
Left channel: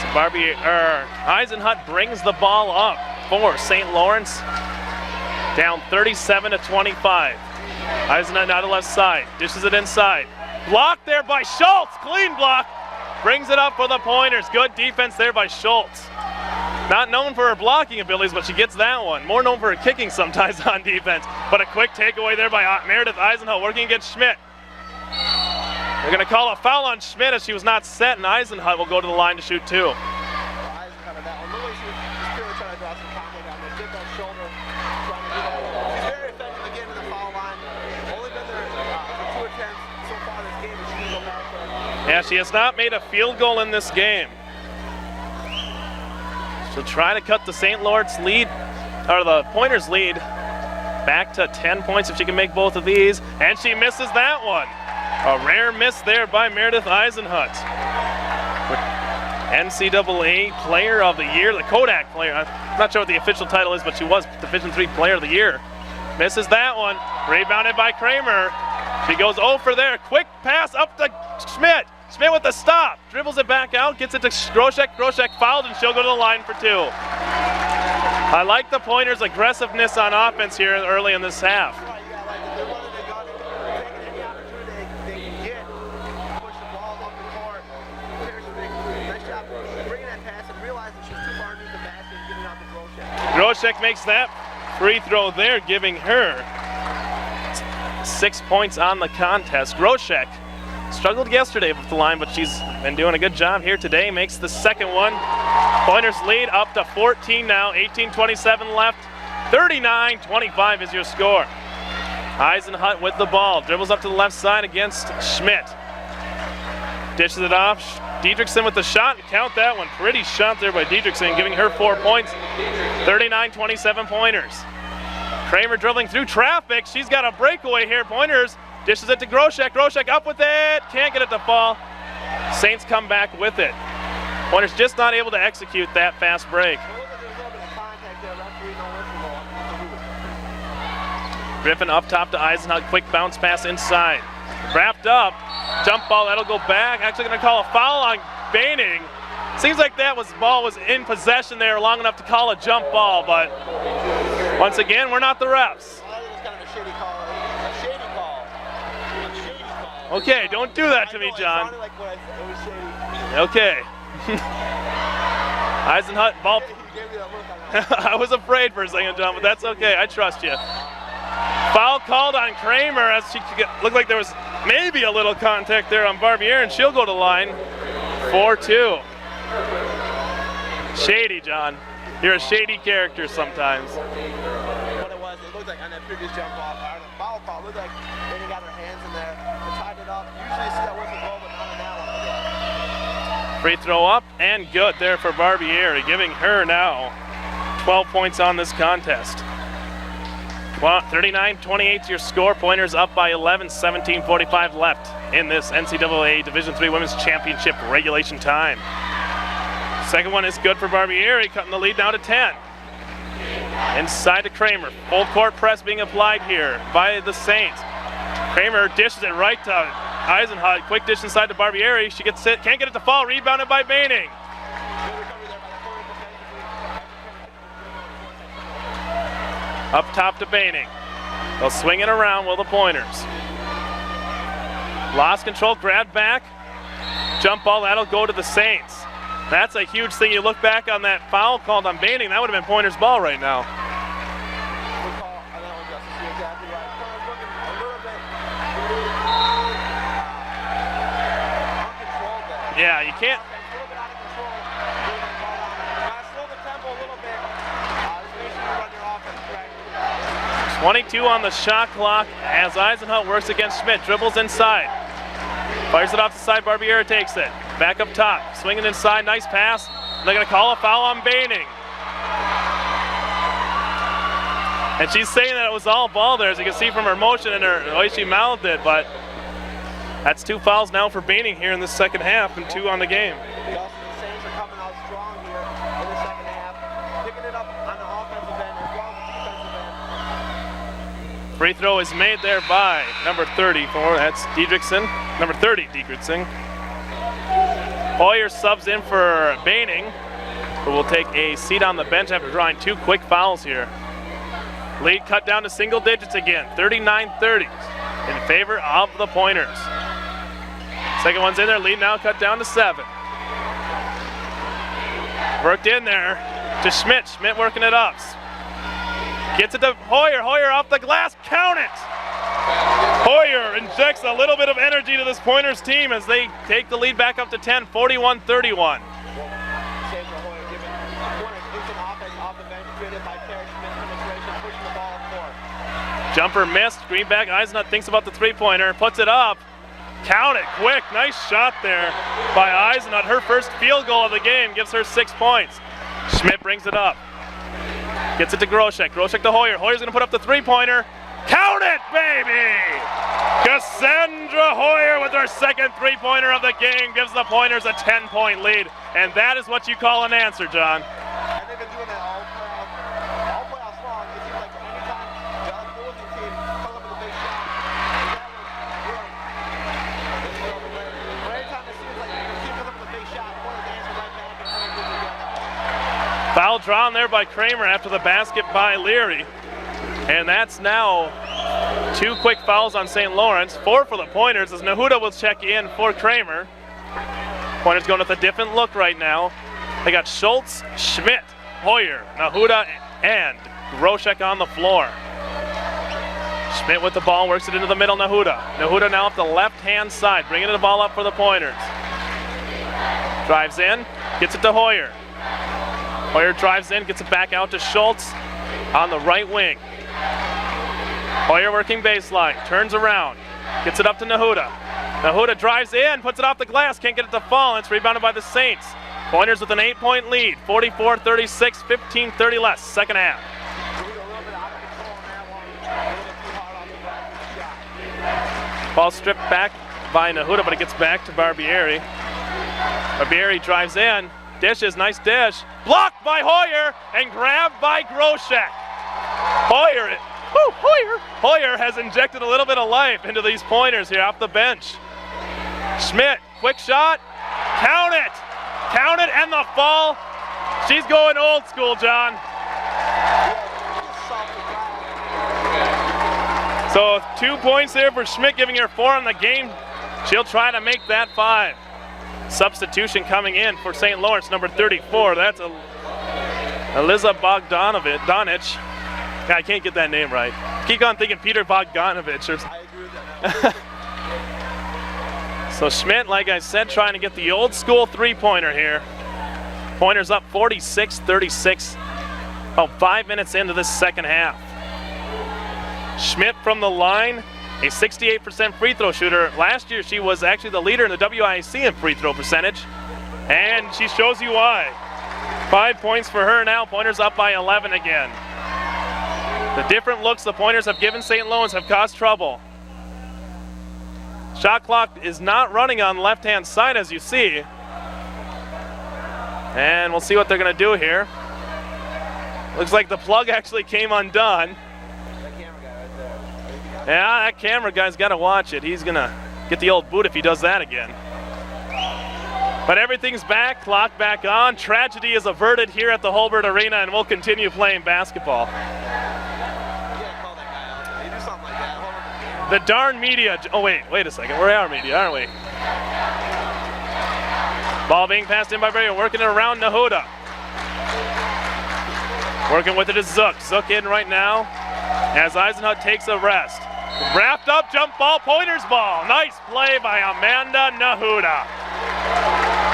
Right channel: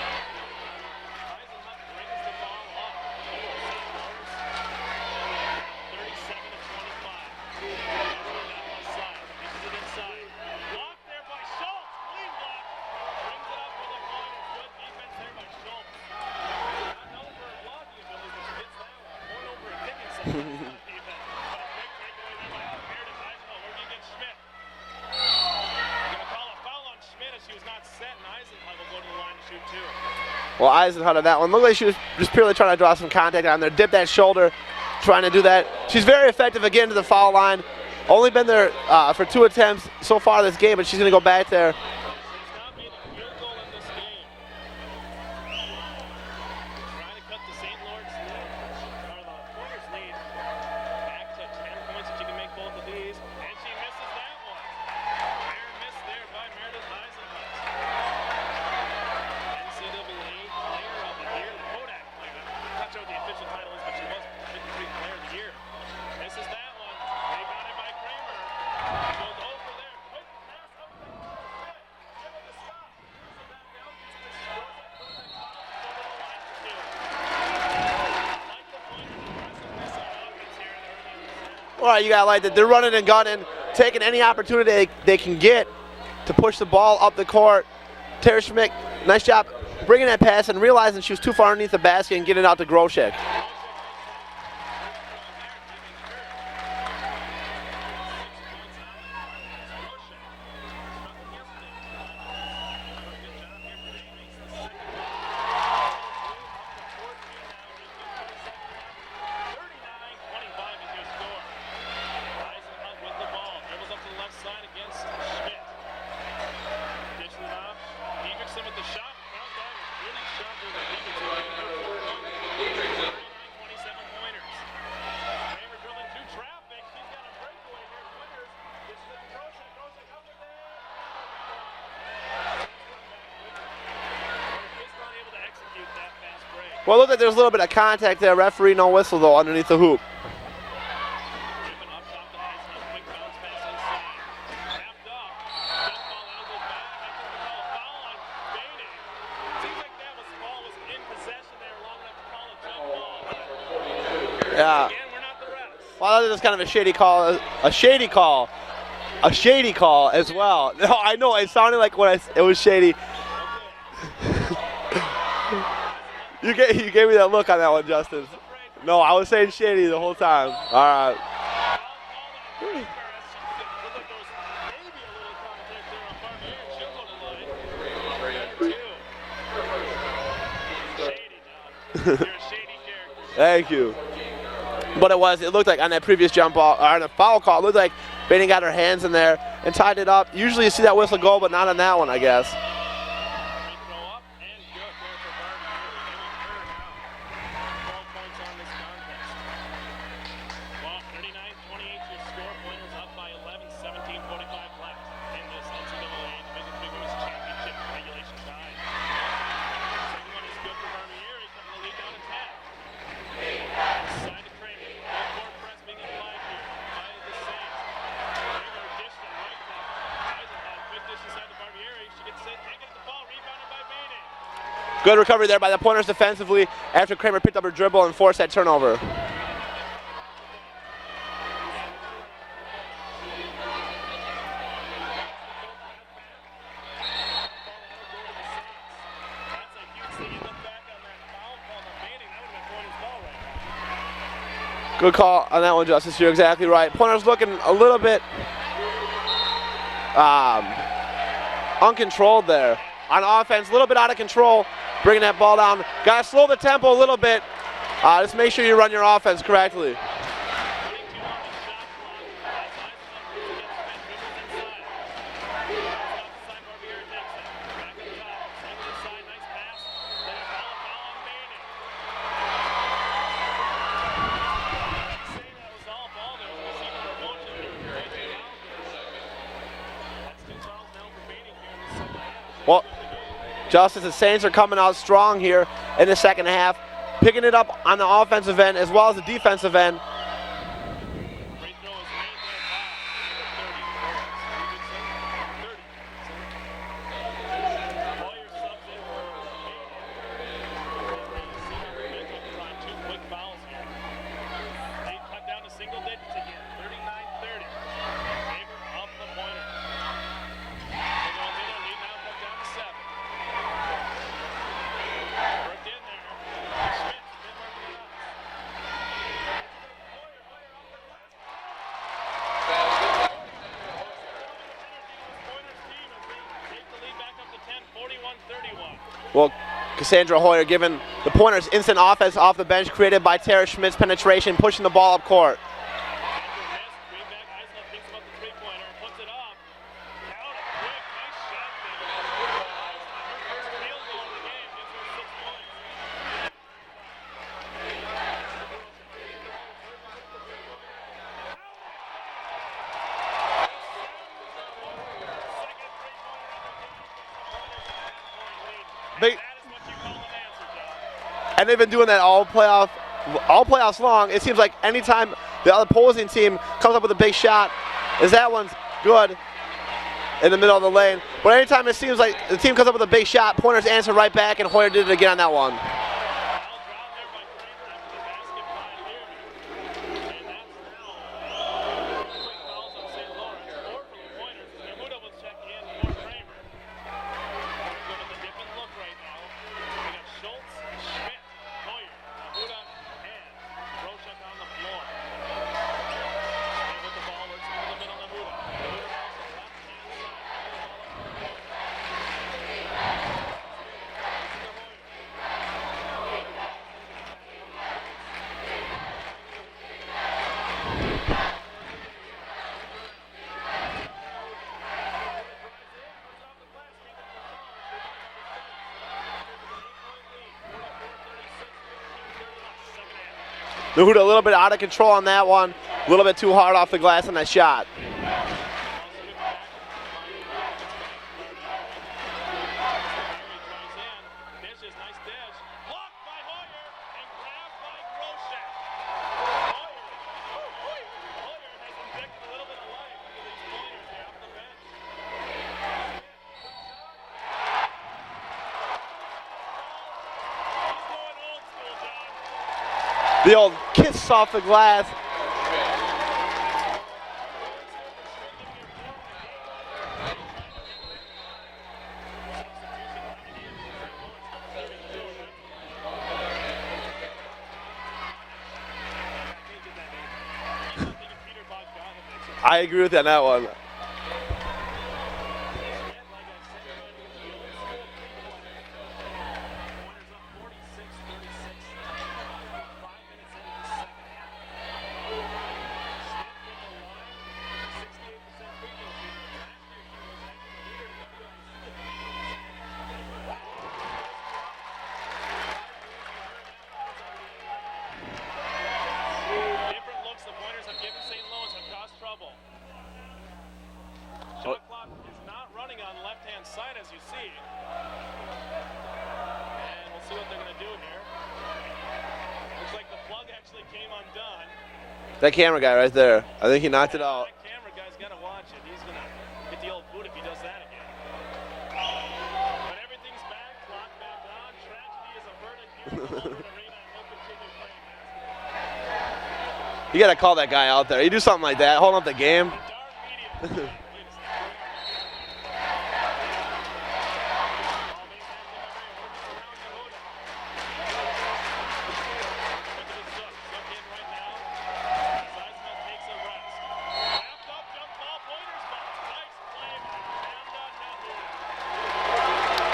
So Eisenhut brings the ball up for St. Lawrence, down 37-25. Eisenhut now to left side, dishes it inside. Blocked there by Schultz, clean block. Brings it up for the Pointers. Good defense there by Schultz. Not known for her blocking abilities, but she gets that one. More known for her kicking sometimes on defense. But a quick takeaway there by Meredith Eisenhut working against Schmidt. They're going to call a foul on Schmidt as she was not set, and Eisenhut will go to the line to shoot 2. Well, Eisenhut on that one. Looked like she was just purely trying to draw some contact on there. Dip that shoulder, trying to do that. She's very effective again to the foul line. Only been there for 2 attempts so far this game, but she's going to go back there. Yeah, she has not made a field goal in this game. So try to cut the St. Lawrence lead, or the Pointers lead, back to 10 points if she can make both of these. And she misses that one. A rare miss there by Meredith Eisenhut. NCAA Player of the Year, the Kodak Player. I'm not sure what the official title is, but she was Division III Player of the Year. Misses that one. Rebounded by Kramer. She goes 0 for there. Quick pass up to Schmidt. Schmidt with the stop. Dribbles it back out, gets it to Groshek. Groshek fouled, and she'll go to the line for 2. I like the Pointers' aggressiveness on offense here early in this half. All right, you got to like that. They're running and gunning, taking any opportunity they can get to push the ball up the court. Terre Schmidt, nice job bringing that pass and realizing she was too far underneath the basket and getting it out to Groshek. Groshek makes that free throw there, giving her 6 points on the contest. Groshek struggled yesterday with the line, but she's been doing a good job here today. Makes the second one. Pointers lead up to 14 now, 18:27 left. 39-25 is your score. Eisenhut with the ball, dribbles up to the left side against Schmidt. Dishes it off. Diedrichsen with the shot. Count that one. Pretty shot there by Diedrichsen, giving her 4 points. 39-27 Pointers. Kramer dribbling through traffic. She's got a breakaway here. Pointers dishes it to Groshek. Groshek up with it. Can't get it to fall. Saints come back with it. Pointers just not able to execute that fast break. Well, look at there's a little bit of contact there. Referee no whistle though underneath the hoop. Griffin up top to Eisenhut. Quick bounce pass inside. Wrapped up. Jump ball, that'll go back. Actually going to call a foul on Baining. Seems like that ball was in possession there long enough to call a jump ball, but once again, we're not the refs. Well, that was kind of a shady call. A shady call. A shady call as well. Okay, don't do that I to know, me, it John. sounded like it was shady. Okay. Eisenhut. You gave me that look on that one, Justin. I was afraid for a No, second. I was saying That's shady okay, the I whole trust time. you. All right. Foul called on Kramer as she looked like there was maybe a little contact there on Barbier, and she'll go to line 4-2. Shady, John. You're a shady character sometimes. Thank you. But it looked like on that previous jump ball, or on the foul call, it looked like Baining got her hands in there and tied it up. Usually you see that whistle go, but not on that one, I guess. Free throw up and good there for Barbieri, giving her now 12 points on this contest. 39-28 your score. Pointers up by 11, 17:45 left in this NCAA Division III Women's Championship regulation time. Second one is good for Barbieri, cutting the lead now to 10. Inside to Kramer. Full court press being applied here by the Saints. Kramer dishes it right to Eisenhut. Quick dish inside to Barbieri. She gets it, can't get it to fall. Rebounded by Baining. Good recovery there by the Pointers defensively after Kramer picked up her dribble and forced that turnover. Up top to Baining. They'll swing it around with the Pointers. Lost control, grabbed back. Jump ball, that'll go to the Saints. That's a huge thing. You look back on that foul called on Baining, that would have been Pointers' ball right now. Good call on that one, Justice. You're exactly right. Pointers looking a little bit uncontrolled there. Yeah, you on can't. Offense, a little bit out of control, bringing that ball down. Got to slow the tempo a little bit. Just make sure you run your offense correctly. 22 on the shot clock as Eisenhut works against Schmidt. Dribbles inside. Fires it off the side. Barbieri takes it. Back up top. Swinging inside. Nice pass. They're going to call a foul on Baining. And she's saying that it was all ball there, as you can see from her motion and the way she mouthed it. But that's 2 fouls now for Baining here in the second half and 2 on the game. Justice, the Saints are coming out strong here in the second half, picking it up on the offensive end as well as the defensive end. Free throw is made there by number 34, that's Diedrichsen. Number 30, Diedrichsen. Hoyer subs in for Baining, who will take a seat on the bench after drawing 2 quick fouls here. Lead cut down to single digits again, 39-30 in favor of the Pointers. Second one's in there, lead now cut down to 7. Worked in there to Schmidt, Schmidt working it up. Gets it to Hoyer, Hoyer off the glass, count it! Hoyer injects a little bit of energy to this Pointers team as they take the lead back up to 10, 41-31. Well, Cassandra Hoyer giving the Pointers instant offense off the bench created by Terre Schmidt's penetration, pushing the ball up court. Jumper missed, Greenback, Eisenhut thinks about the 3-pointer, puts it up. Count it, quick, nice shot there by Eisenhut. Her first field goal of the game gives her 6 points. Schmidt brings it up. Gets it to Groshek. Groshek to Hoyer. Hoyer's going to put up the three-pointer. Count it, baby! Cassandra Hoyer with her second three-pointer of the game gives the Pointers a 10-point lead. And that is what you call an answer, John. And they've been doing that all playoffs long. It seems like anytime the opposing team comes up with a big shot, is that one's good in the middle of the lane. But anytime it seems like the team comes up with a big shot, Pointers answer right back, and Hoyer did it again on that one. Foul drawn there by Kramer after the basket by Leary. And that's now 2 quick fouls on St. Lawrence. 4 for the Pointers as Nahuda will check in for Kramer. Pointers going with a different look right now. They got Schultz, Schmidt, Hoyer, Nahuda, and Groshek on the floor. Schmidt with the ball, works it into the middle, Nahuda. Nahuda now off the left-hand side, bringing the ball up for the Pointers. Drives in, gets it to Hoyer. Hoyer drives in, gets it back out to Schultz on the right wing. Hoyer working baseline, turns around, gets it up to Nahuda. Nahuda drives in, puts it off the glass, can't get it to fall, and it's rebounded by the Saints. Pointers with an 8-point lead, 44-36, 15-30 less, second half. Nahuda a little bit out of control on that one, a little bit too hard off the glass on that shot. Ball stripped back by Nahuda, but it gets back to Barbieri. Barbieri drives in, dishes, nice dish. Blocked by Hoyer and grabbed by Groshek. Hoyer has injected a little bit of life into these Pointers here off the bench. Schmidt, quick shot, count it, and the fall. She's going old school, John. The old kiss off the glass. So 2 points there for Schmidt, giving her 4 in the game. She'll try to make that 5. Substitution coming in for St. Lawrence, number 34. That's Eliza Bogdanovich. I can't get that name right. Keep on thinking Peter Bogdanovich. I agree with that one. So Schmidt, like I said, trying to get the old school three-pointer here. Pointers up 46-36, about 5 minutes into this second half. Schmidt from the line, a 68% free throw shooter. Last year she was actually the leader in the WIC in free throw percentage, and she shows you why. 5 points for her now. Pointers up by 11 again. The different looks the Pointers have given St. Lawrence have caused trouble. Shot clock is not running on the left-hand side, as you see. And we'll see what they're going to do here. Looks like the plug actually came undone. That camera guy right there, I think he knocked it out. Yeah, that camera guy's got to watch it. He's going to get the old boot if he does that again. But everything's back, clock back on. Tragedy is averted here at the Hulbert Arena, and we'll continue playing basketball. You got to call that guy out there. You do something like that, hold up the game. The darn media. Oh, wait a second. We're our media, aren't we? Ball being passed in by Barrier, working it around Nahuda. Working with it is Zook. Zook in right now as Eisenhut takes a rest. Wrapped up, jump ball, Pointers ball. Nice play by Amanda Nahuda.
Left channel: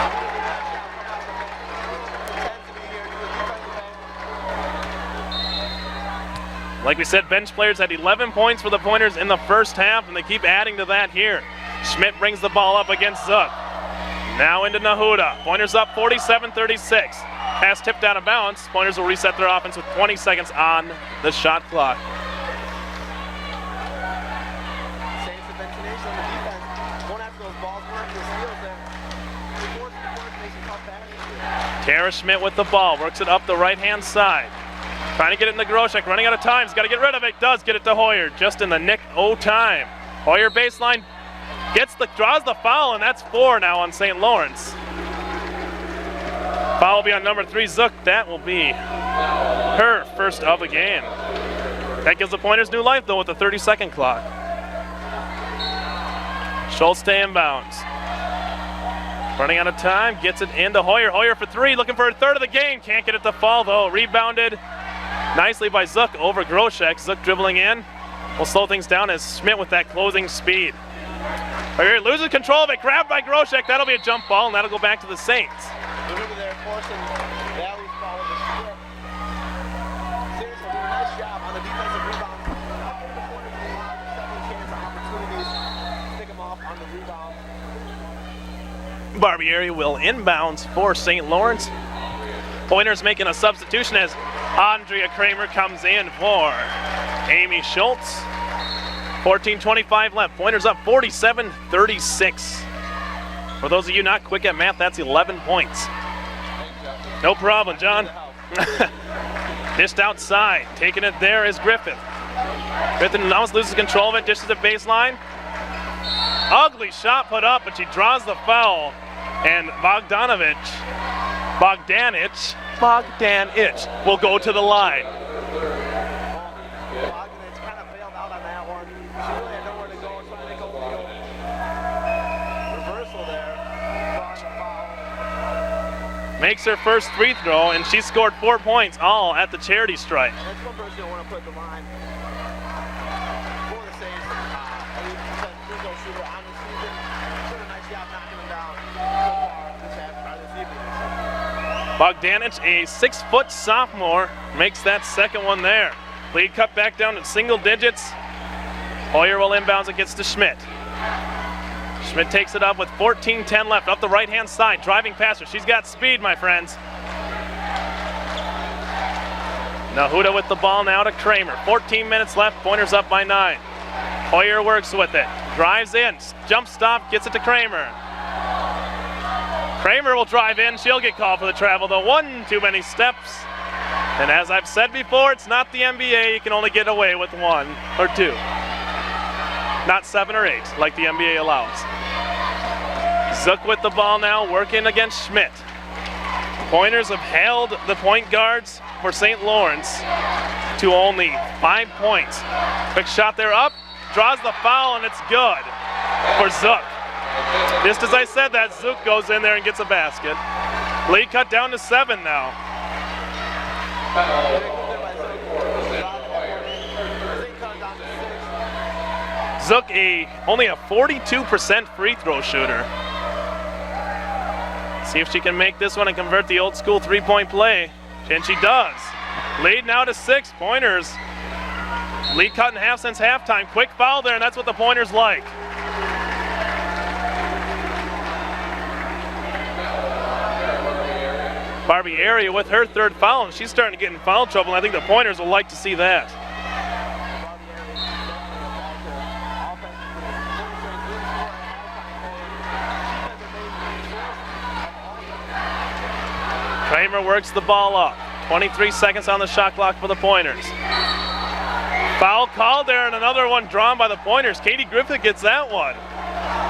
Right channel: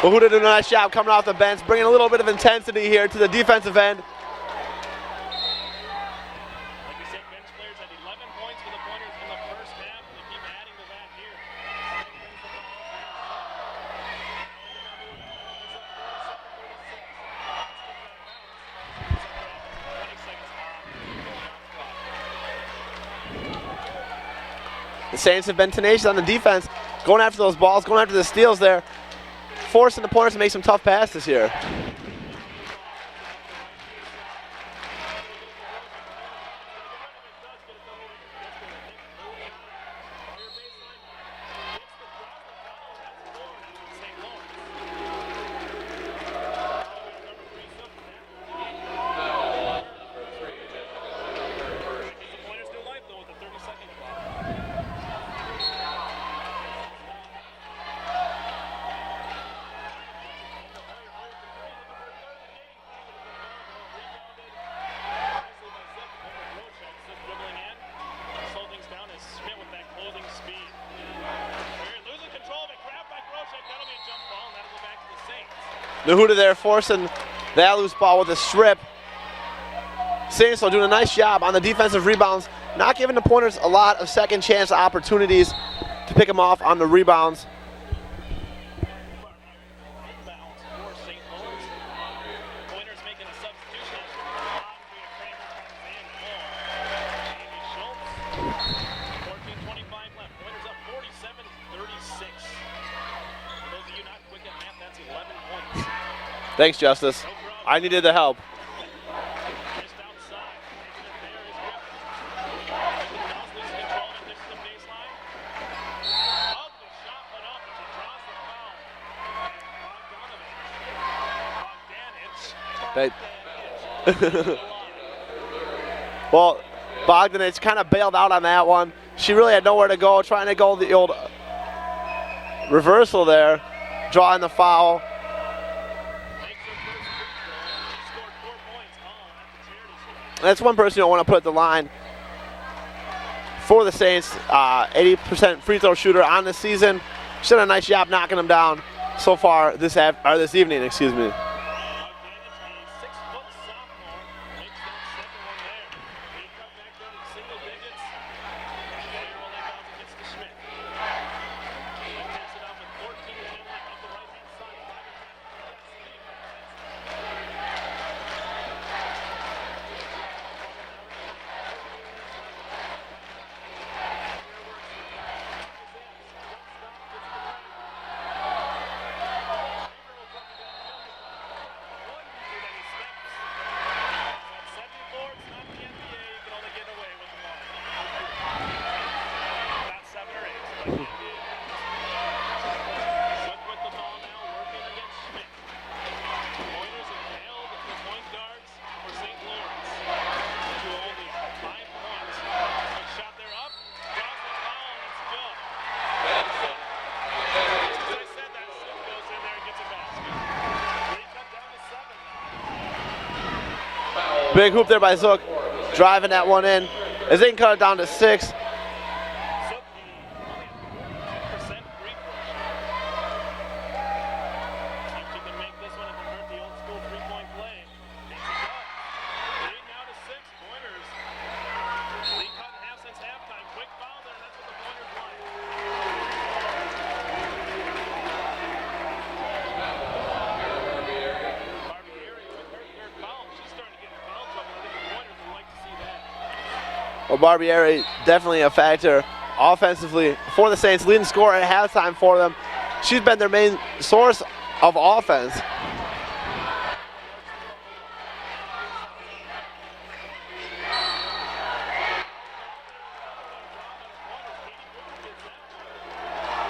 Nahuda did a nice job coming off the bench, bringing a little bit of intensity here to the defensive end. Like we said, bench players had 11 points for the Pointers in the first half, and they keep adding to that here. Schmidt brings the ball up against Zook. Now into Nahuda. Pointers up 47-36. Pass tipped out of bounds. Pointers will reset their offense with 20 seconds on the shot clock. The Saints have been tenacious on the defense, going after those balls, going after the steals there, forcing the Pointers to make some tough passes here. Terre Schmidt with the ball, works it up the right-hand side. Trying to get it in the Groshek, running out of time. He's got to get rid of it. Does get it to Hoyer, just in the nick o' time. Hoyer baseline, draws the foul, and that's 4 now on St. Lawrence. Foul will be on number 3, Zook. That will be her first of the game. That gives the Pointers new life, though, with the 30-second clock. Schultz to inbounds. Running out of time, gets it into Hoyer. Hoyer for 3, looking for a third of the game. Can't get it to fall, though. Rebounded nicely by Zook over Groshek. Zook dribbling in. We'll slow things down as Schmidt with that closing speed. Hoyer loses control of it, grabbed by Groshek. That'll be a jump ball, and that'll go back to the Saints. Nahuda there forcing that loose ball with a strip. Saints are doing a nice job on the defensive rebounds, not giving the Pointers a lot of second chance opportunities to pick them off on the rebounds. Barbieri will inbounds for St. Lawrence. Pointers making a substitution as Andrea Kramer comes in for Amy Schultz. 14:25 left. Pointers up 47-36. For those of you not quick at math, that's 11 points. Thanks, Justice. No problem, John. I needed the help. Dished outside. Taking it there is Griffith. Griffith almost loses control of it. Dishes the baseline. Ugly shot put up, but she draws the foul. And Bogdanich will go to the line. Well, Bogdanich kind of bailed out on that one. She really had nowhere to go, trying to go the old reversal there, drawing the foul. Makes her first free throw, and she scored 4 points, all at the charity stripe. That's one person you don't want to put at the line for the Saints. 80% free throw shooter on the season. She's done a nice job knocking them down so far this evening. Bogdanich, a 6-foot sophomore, makes that second one there. Lead cut back down to single digits. Hoyer will inbounds it, gets to Schmidt. Schmidt takes it up with 14:10 left, up the right-hand side, driving past her. She's got speed, my friends. Nahuda with the ball now to Kramer. 14 minutes left, Pointers up by 9. Hoyer works with it, drives in, jump stop, gets it to Kramer. Kramer will drive in, she'll get called for the travel, though. One too many steps. And as I've said before, it's not the NBA, you can only get away with 1 or 2. Not 7 or 8, like the NBA allows. Zook with the ball now, working against Schmidt. Pointers have held the point guards for St. Lawrence to only 5 points. Quick shot there up, draws the foul, and it's good for Zook. Just as I said that, Zook goes in there and gets a basket. Lead cut down to 7 now. Big hoop there by Zook, driving that one in. As they can cut it down to 6. Zook only a 42% free throw shooter. See if she can make this one and convert the old school 3-point play. And she does. Lead now to 6 Pointers. Lead cut in half since halftime. Quick foul there, and that's what the Pointers like. Barbieri with her 3rd foul, and she's starting to get in foul trouble, and I think the Pointers will like to see that. Well, Barbieri definitely a factor offensively for the Saints, leading scorer at halftime for them. She's been their main source of offense. Kramer works the ball up. 23 seconds on the shot clock for the Pointers. Foul called there, and another one drawn by the Pointers. Katie Griffith gets that one.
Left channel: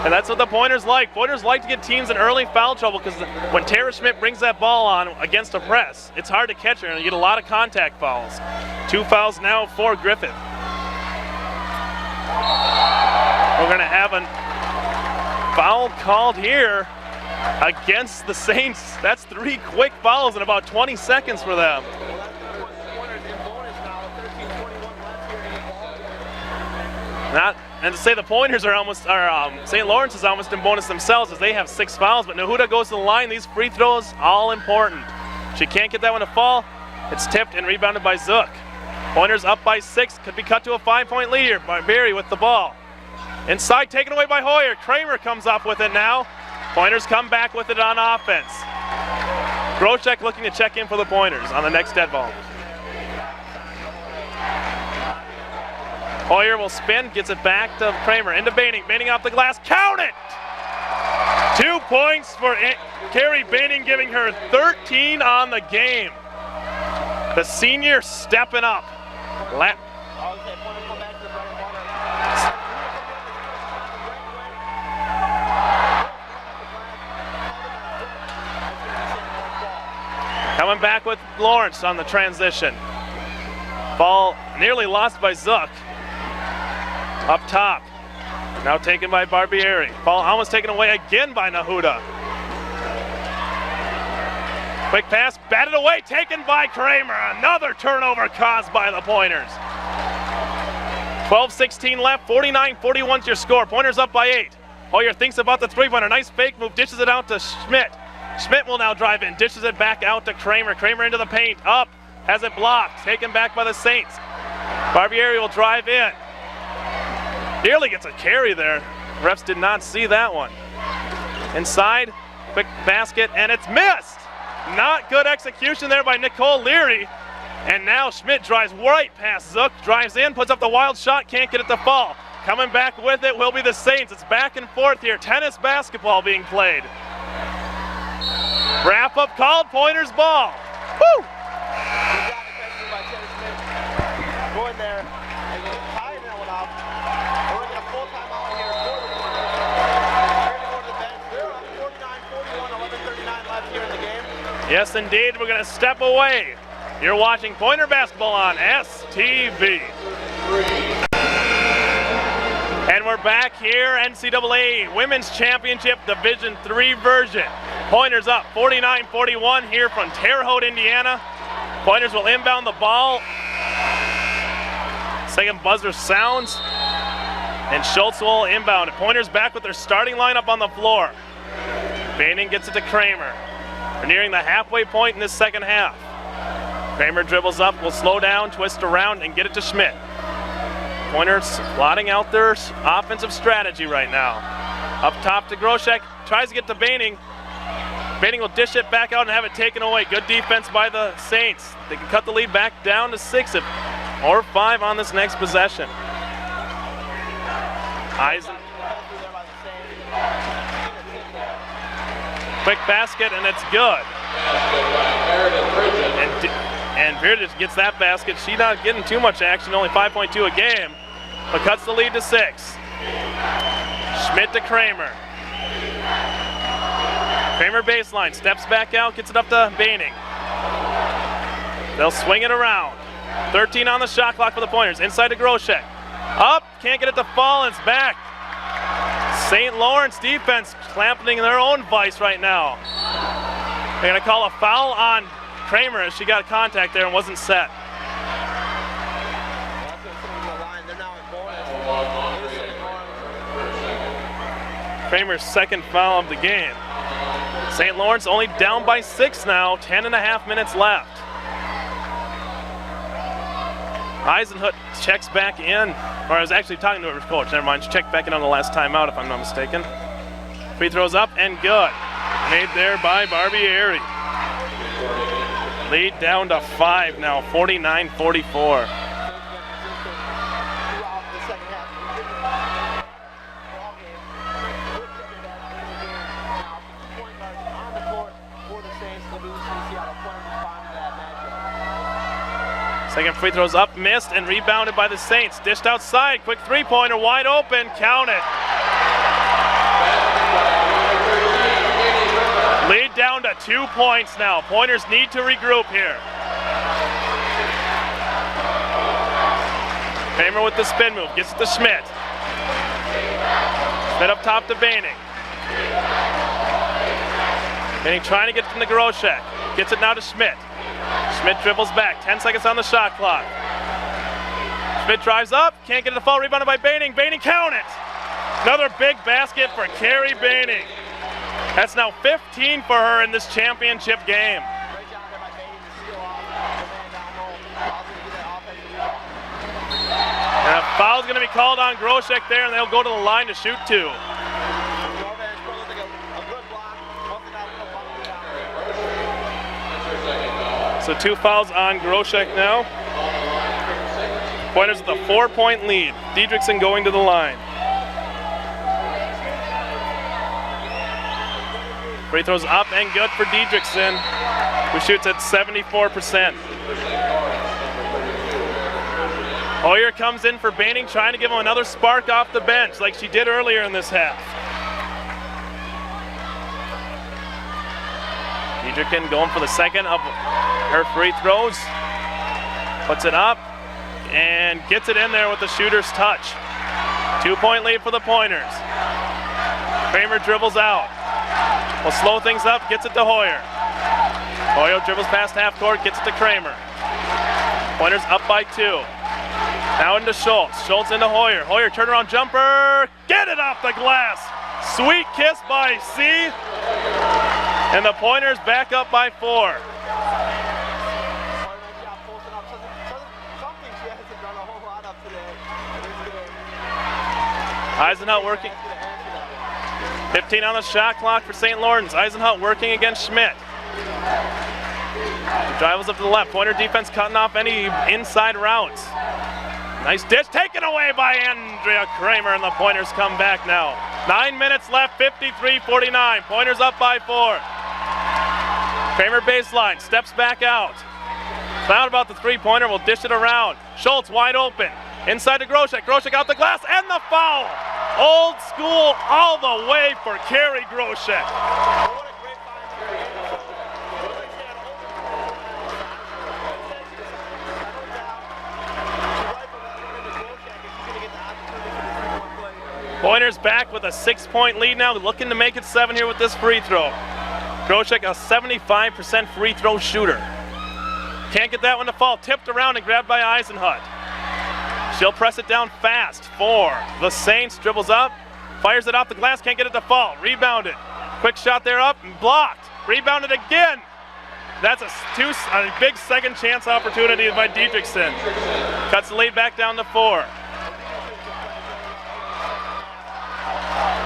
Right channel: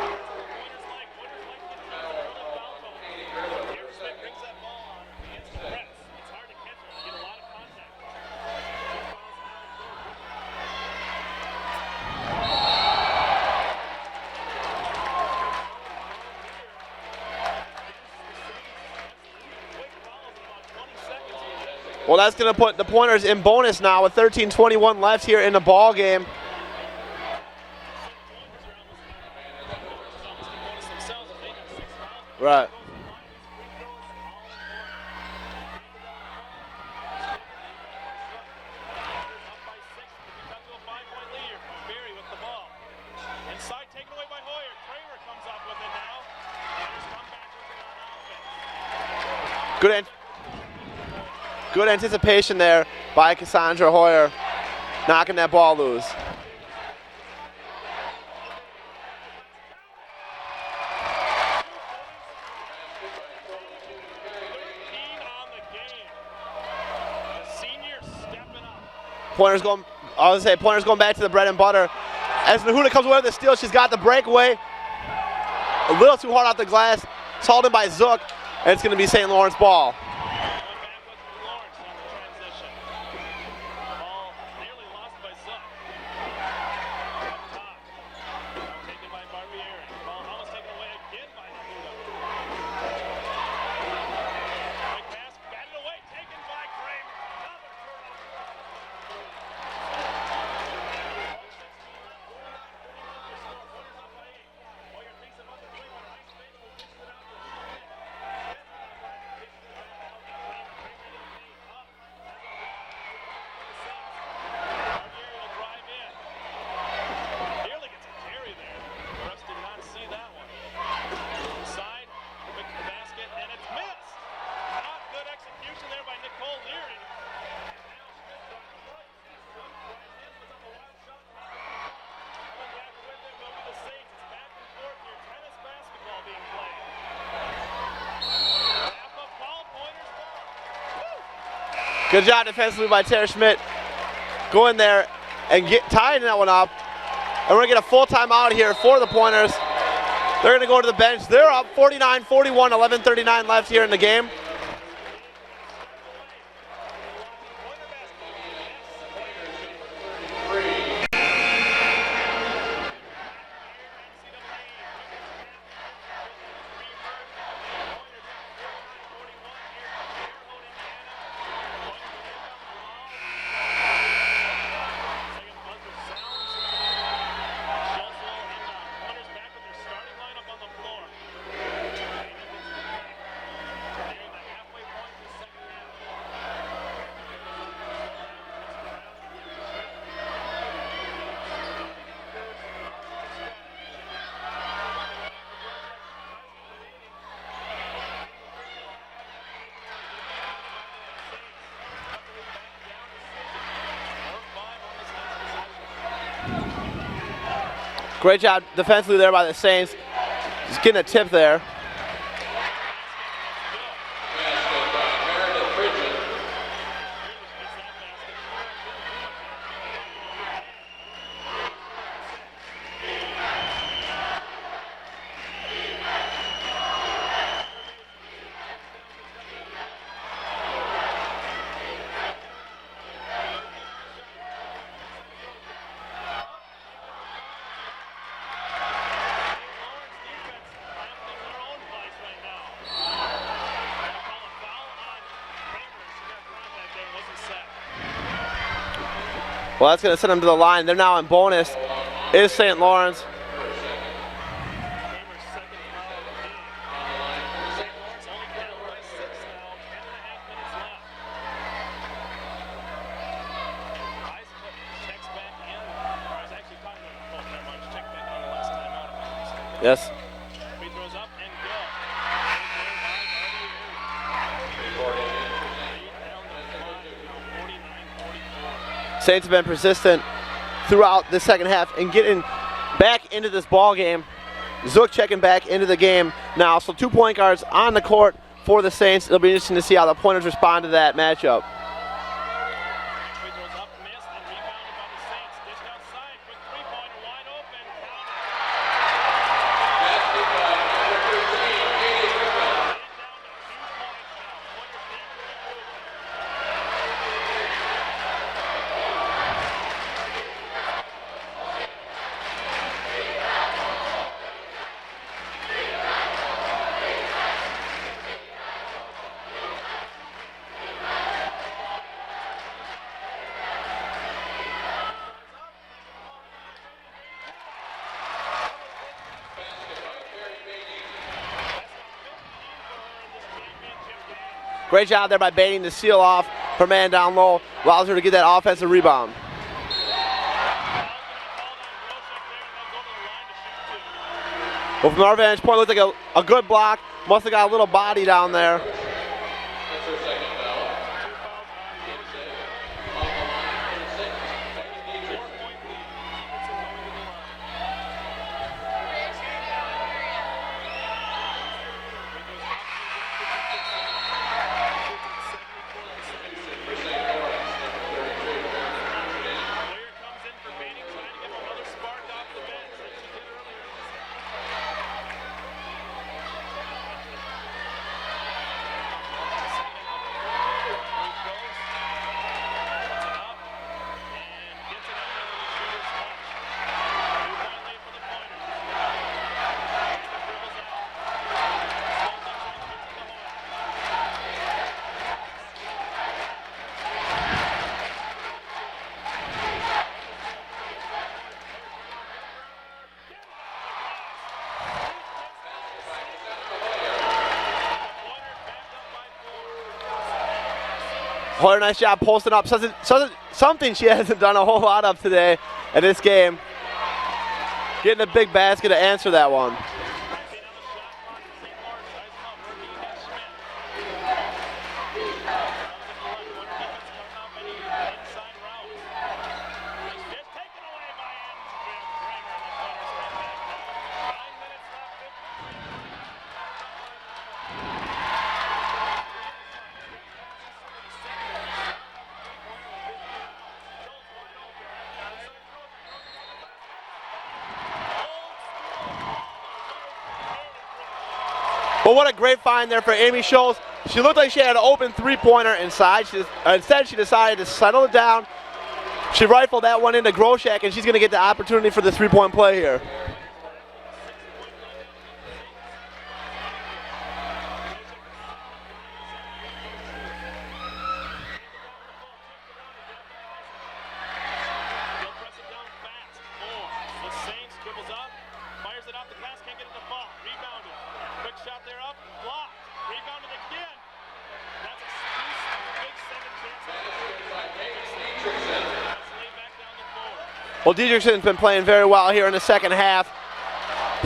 And that's what the Pointers like. Pointers like to get teams in early foul trouble because when Terre Schmidt brings that ball on against a press, it's hard to catch her and you get a lot of contact fouls. 2 fouls now for Griffith. We're going to have a foul called here against the Saints. That's 3 quick fouls in about 20 seconds for them. Well, that's going to put the Pointers in bonus now with 13:21 left here in the ball game. And to say the Pointers are St. Lawrence is almost in bonus themselves as they have 6 fouls, but Nahuda goes to the line. These free throws, all important. She can't get that one to fall. It's tipped and rebounded by Zook. Pointers up by 6, could be cut to a 5-point lead here. Barbieri with the ball. Inside, taken away by Hoyer. Kramer comes up with it now. Pointers come back with it on offense. Grocek looking to check in for the Pointers on the next Good anticipation there by Cassandra Hoyer, knocking that ball loose. Hoyer will spin, gets it back to Kramer, into Baining. Baining off the glass, count it! 2 points for Carrie Baining, giving her 13 on the game. The senior stepping up. Pointers going back to the bread and butter. As Nahuda comes away with the steal, she's got the breakaway. A little too hard off the glass. It's hauled in by Zook, and it's going to be St. Lawrence ball. Coming back with Lawrence on the transition. Ball nearly lost by Zook. Up top. Now taken by Barbieri. Ball almost taken away again by Nahuda. Quick pass, batted away, taken by Kramer. Another turnover caused by the Pointers. 12:16 left, 49-41's your score. Pointers up by 8. Hoyer thinks about the 3-pointer. Nice fake move, dishes it out to Schmidt. Schmidt will now drive in, dishes it back out to Kramer. Kramer into the paint, up, has it blocked, taken back by the Saints. Barbieri will drive in. Nearly gets a carry there. Refs did not see that one. Inside, quick basket, and it's missed. Not good execution there by Nicole Leary. And now Schmidt drives right past Zook, drives in, puts up the wild shot, can't get it to fall. Coming back with it will be the Saints. It's back and forth here. Tennis basketball being played. Wrap up called, Pointers ball. Woo! Good job defensively by Terre Schmidt. Go in there and tying that one up. And we're gonna get a full timeout here for the Pointers. They're gonna go to the bench. They're up 49-41, 11:39 left here in the game. Yes, indeed, we're gonna step away. You're watching Pointer basketball on STV. And we're back here, NCAA Women's Championship Division III version. Pointers up 49-41 here from Terre Haute, Indiana. Pointers will inbound the ball. Second buzzer sounds, and Schultz will inbound it. Pointers back with their starting lineup on the floor. Baining gets it to Kramer. We're nearing the halfway point in this second half. Kramer dribbles up, will slow down, twist around, and get it to Schmidt. Pointers plotting out their offensive strategy right now. Up top to Groshek, tries to get to Baining. Baining will dish it back out and have it taken away. Good defense by the Saints. They can cut the lead back down to 6 or 5 on this next possession. Great job defensively there by the Saints. Just getting a tip there. Quick basket, and it's good. And Virdich gets that basket. She's not getting too much action, only 5.2 a game, but cuts the lead to 6. Schmidt to Kramer. Kramer baseline, steps back out, gets it up to Baining. They'll swing it around. 13 on the shot clock for the Pointers. Inside to Groshek. Up, can't get it to fall, and it's back. St. Lawrence defense clamping their own vice right now. They're gonna call a foul on Kramer as she got contact there and wasn't set. Well, that's gonna send them to the line. They're now in bonus. Is St. Lawrence. Kramer's second foul of the game. St. Lawrence only down by 6 now, 10.5 minutes left. Eisenhut checks back in, or I was actually talking to her coach, never mind, she checked back in on the last timeout if I'm not mistaken. Yes. Free throws up and good. Made there by Barbieri. Lead down to 5 now, 49-44. Saints have been persistent throughout the second half and getting back into this ball game. Zook checking back into the game now, so 2 point guards on the court for the Saints. It'll be interesting to see how the Pointers respond to that matchup. Second free throws up, missed, and rebounded by the Saints. Dished outside, quick three-pointer, wide open, count it. Lead down to 2 points now. Pointers need to regroup here. Kramer with the spin move, gets it to Schmidt. Schmidt up top to Baining. Baining trying to get from the Groshek. Gets it now to Schmidt. Schmidt dribbles back, 10 seconds on the shot clock. Schmidt drives up, can't get it to fall, rebounded by Baining. Baining, count it! Another big basket for Carrie Baining. That's now 15 for her in this championship game. Great job there by Baining to seal off her man down low, allows her to get that offensive rebound. And a foul's going to be called on Groshek there, and they'll go to the line to shoot 2. Well, from our vantage point, it looked like a good block. Must have got a little body down there. So 2 fouls on Groshek now. Pointers with a 4-point lead. Diedrichsen going to the line. Free throws up and good for Diedrichsen, who shoots at 74%. Hoyer comes in for Baining, trying to give him another spark off the bench like she did earlier in this half. Diedrichsen going for the second of her free throws. Puts it up and gets it in there with the shooter's touch. 2-point lead for the Pointers. Kramer dribbles out. Will slow things up, gets it to Hoyer. Hoyer dribbles past half court, gets it to Kramer. Pointers up by 2. Now into Schultz. Schultz into Hoyer. Hoyer turnaround jumper. Get it off the glass. Sweet kiss by C. And the Pointers back up by 4. Hoyer, nice job posting up. Something she hasn't done a whole lot of today in this game. Getting a big basket to answer that one. 15 on the shot clock for St. Lawrence. Eisenhut working against Schmidt. Drivers up to the left. Pointer defense cutting off any inside routes. Nice dish taken away by Andrea Kramer, and the Pointers come back now. 9 minutes left, 53-49. Pointers up by 4. Kramer baseline, steps back out. Found about the three-pointer, will dish it around. Schultz wide open. Inside to Groshek. Groshek out the glass, and the foul. Old school all the way for Carrie Groshek. But what a great find there for Amy Schultz. She looked like she had an open three-pointer inside. Instead, she decided to settle it down. She rifled that one into Groshek, and she's going to get the opportunity for the three-point play here. Pointers back with a 6-point lead now, looking to make it 7 here with this free throw. Groshek, a 75% free throw shooter. Can't get that one to fall. Tipped around and grabbed by Eisenhut. She'll press it down fast for the Saints. Dribbles up, fires it off the glass, can't get it to fall. Rebounded. Quick shot there up and blocked. Rebounded again. That's a big second chance opportunity by Dietrichson. Cuts the lead back down to 4. Well, Dietrichson's been playing very well here in the second half.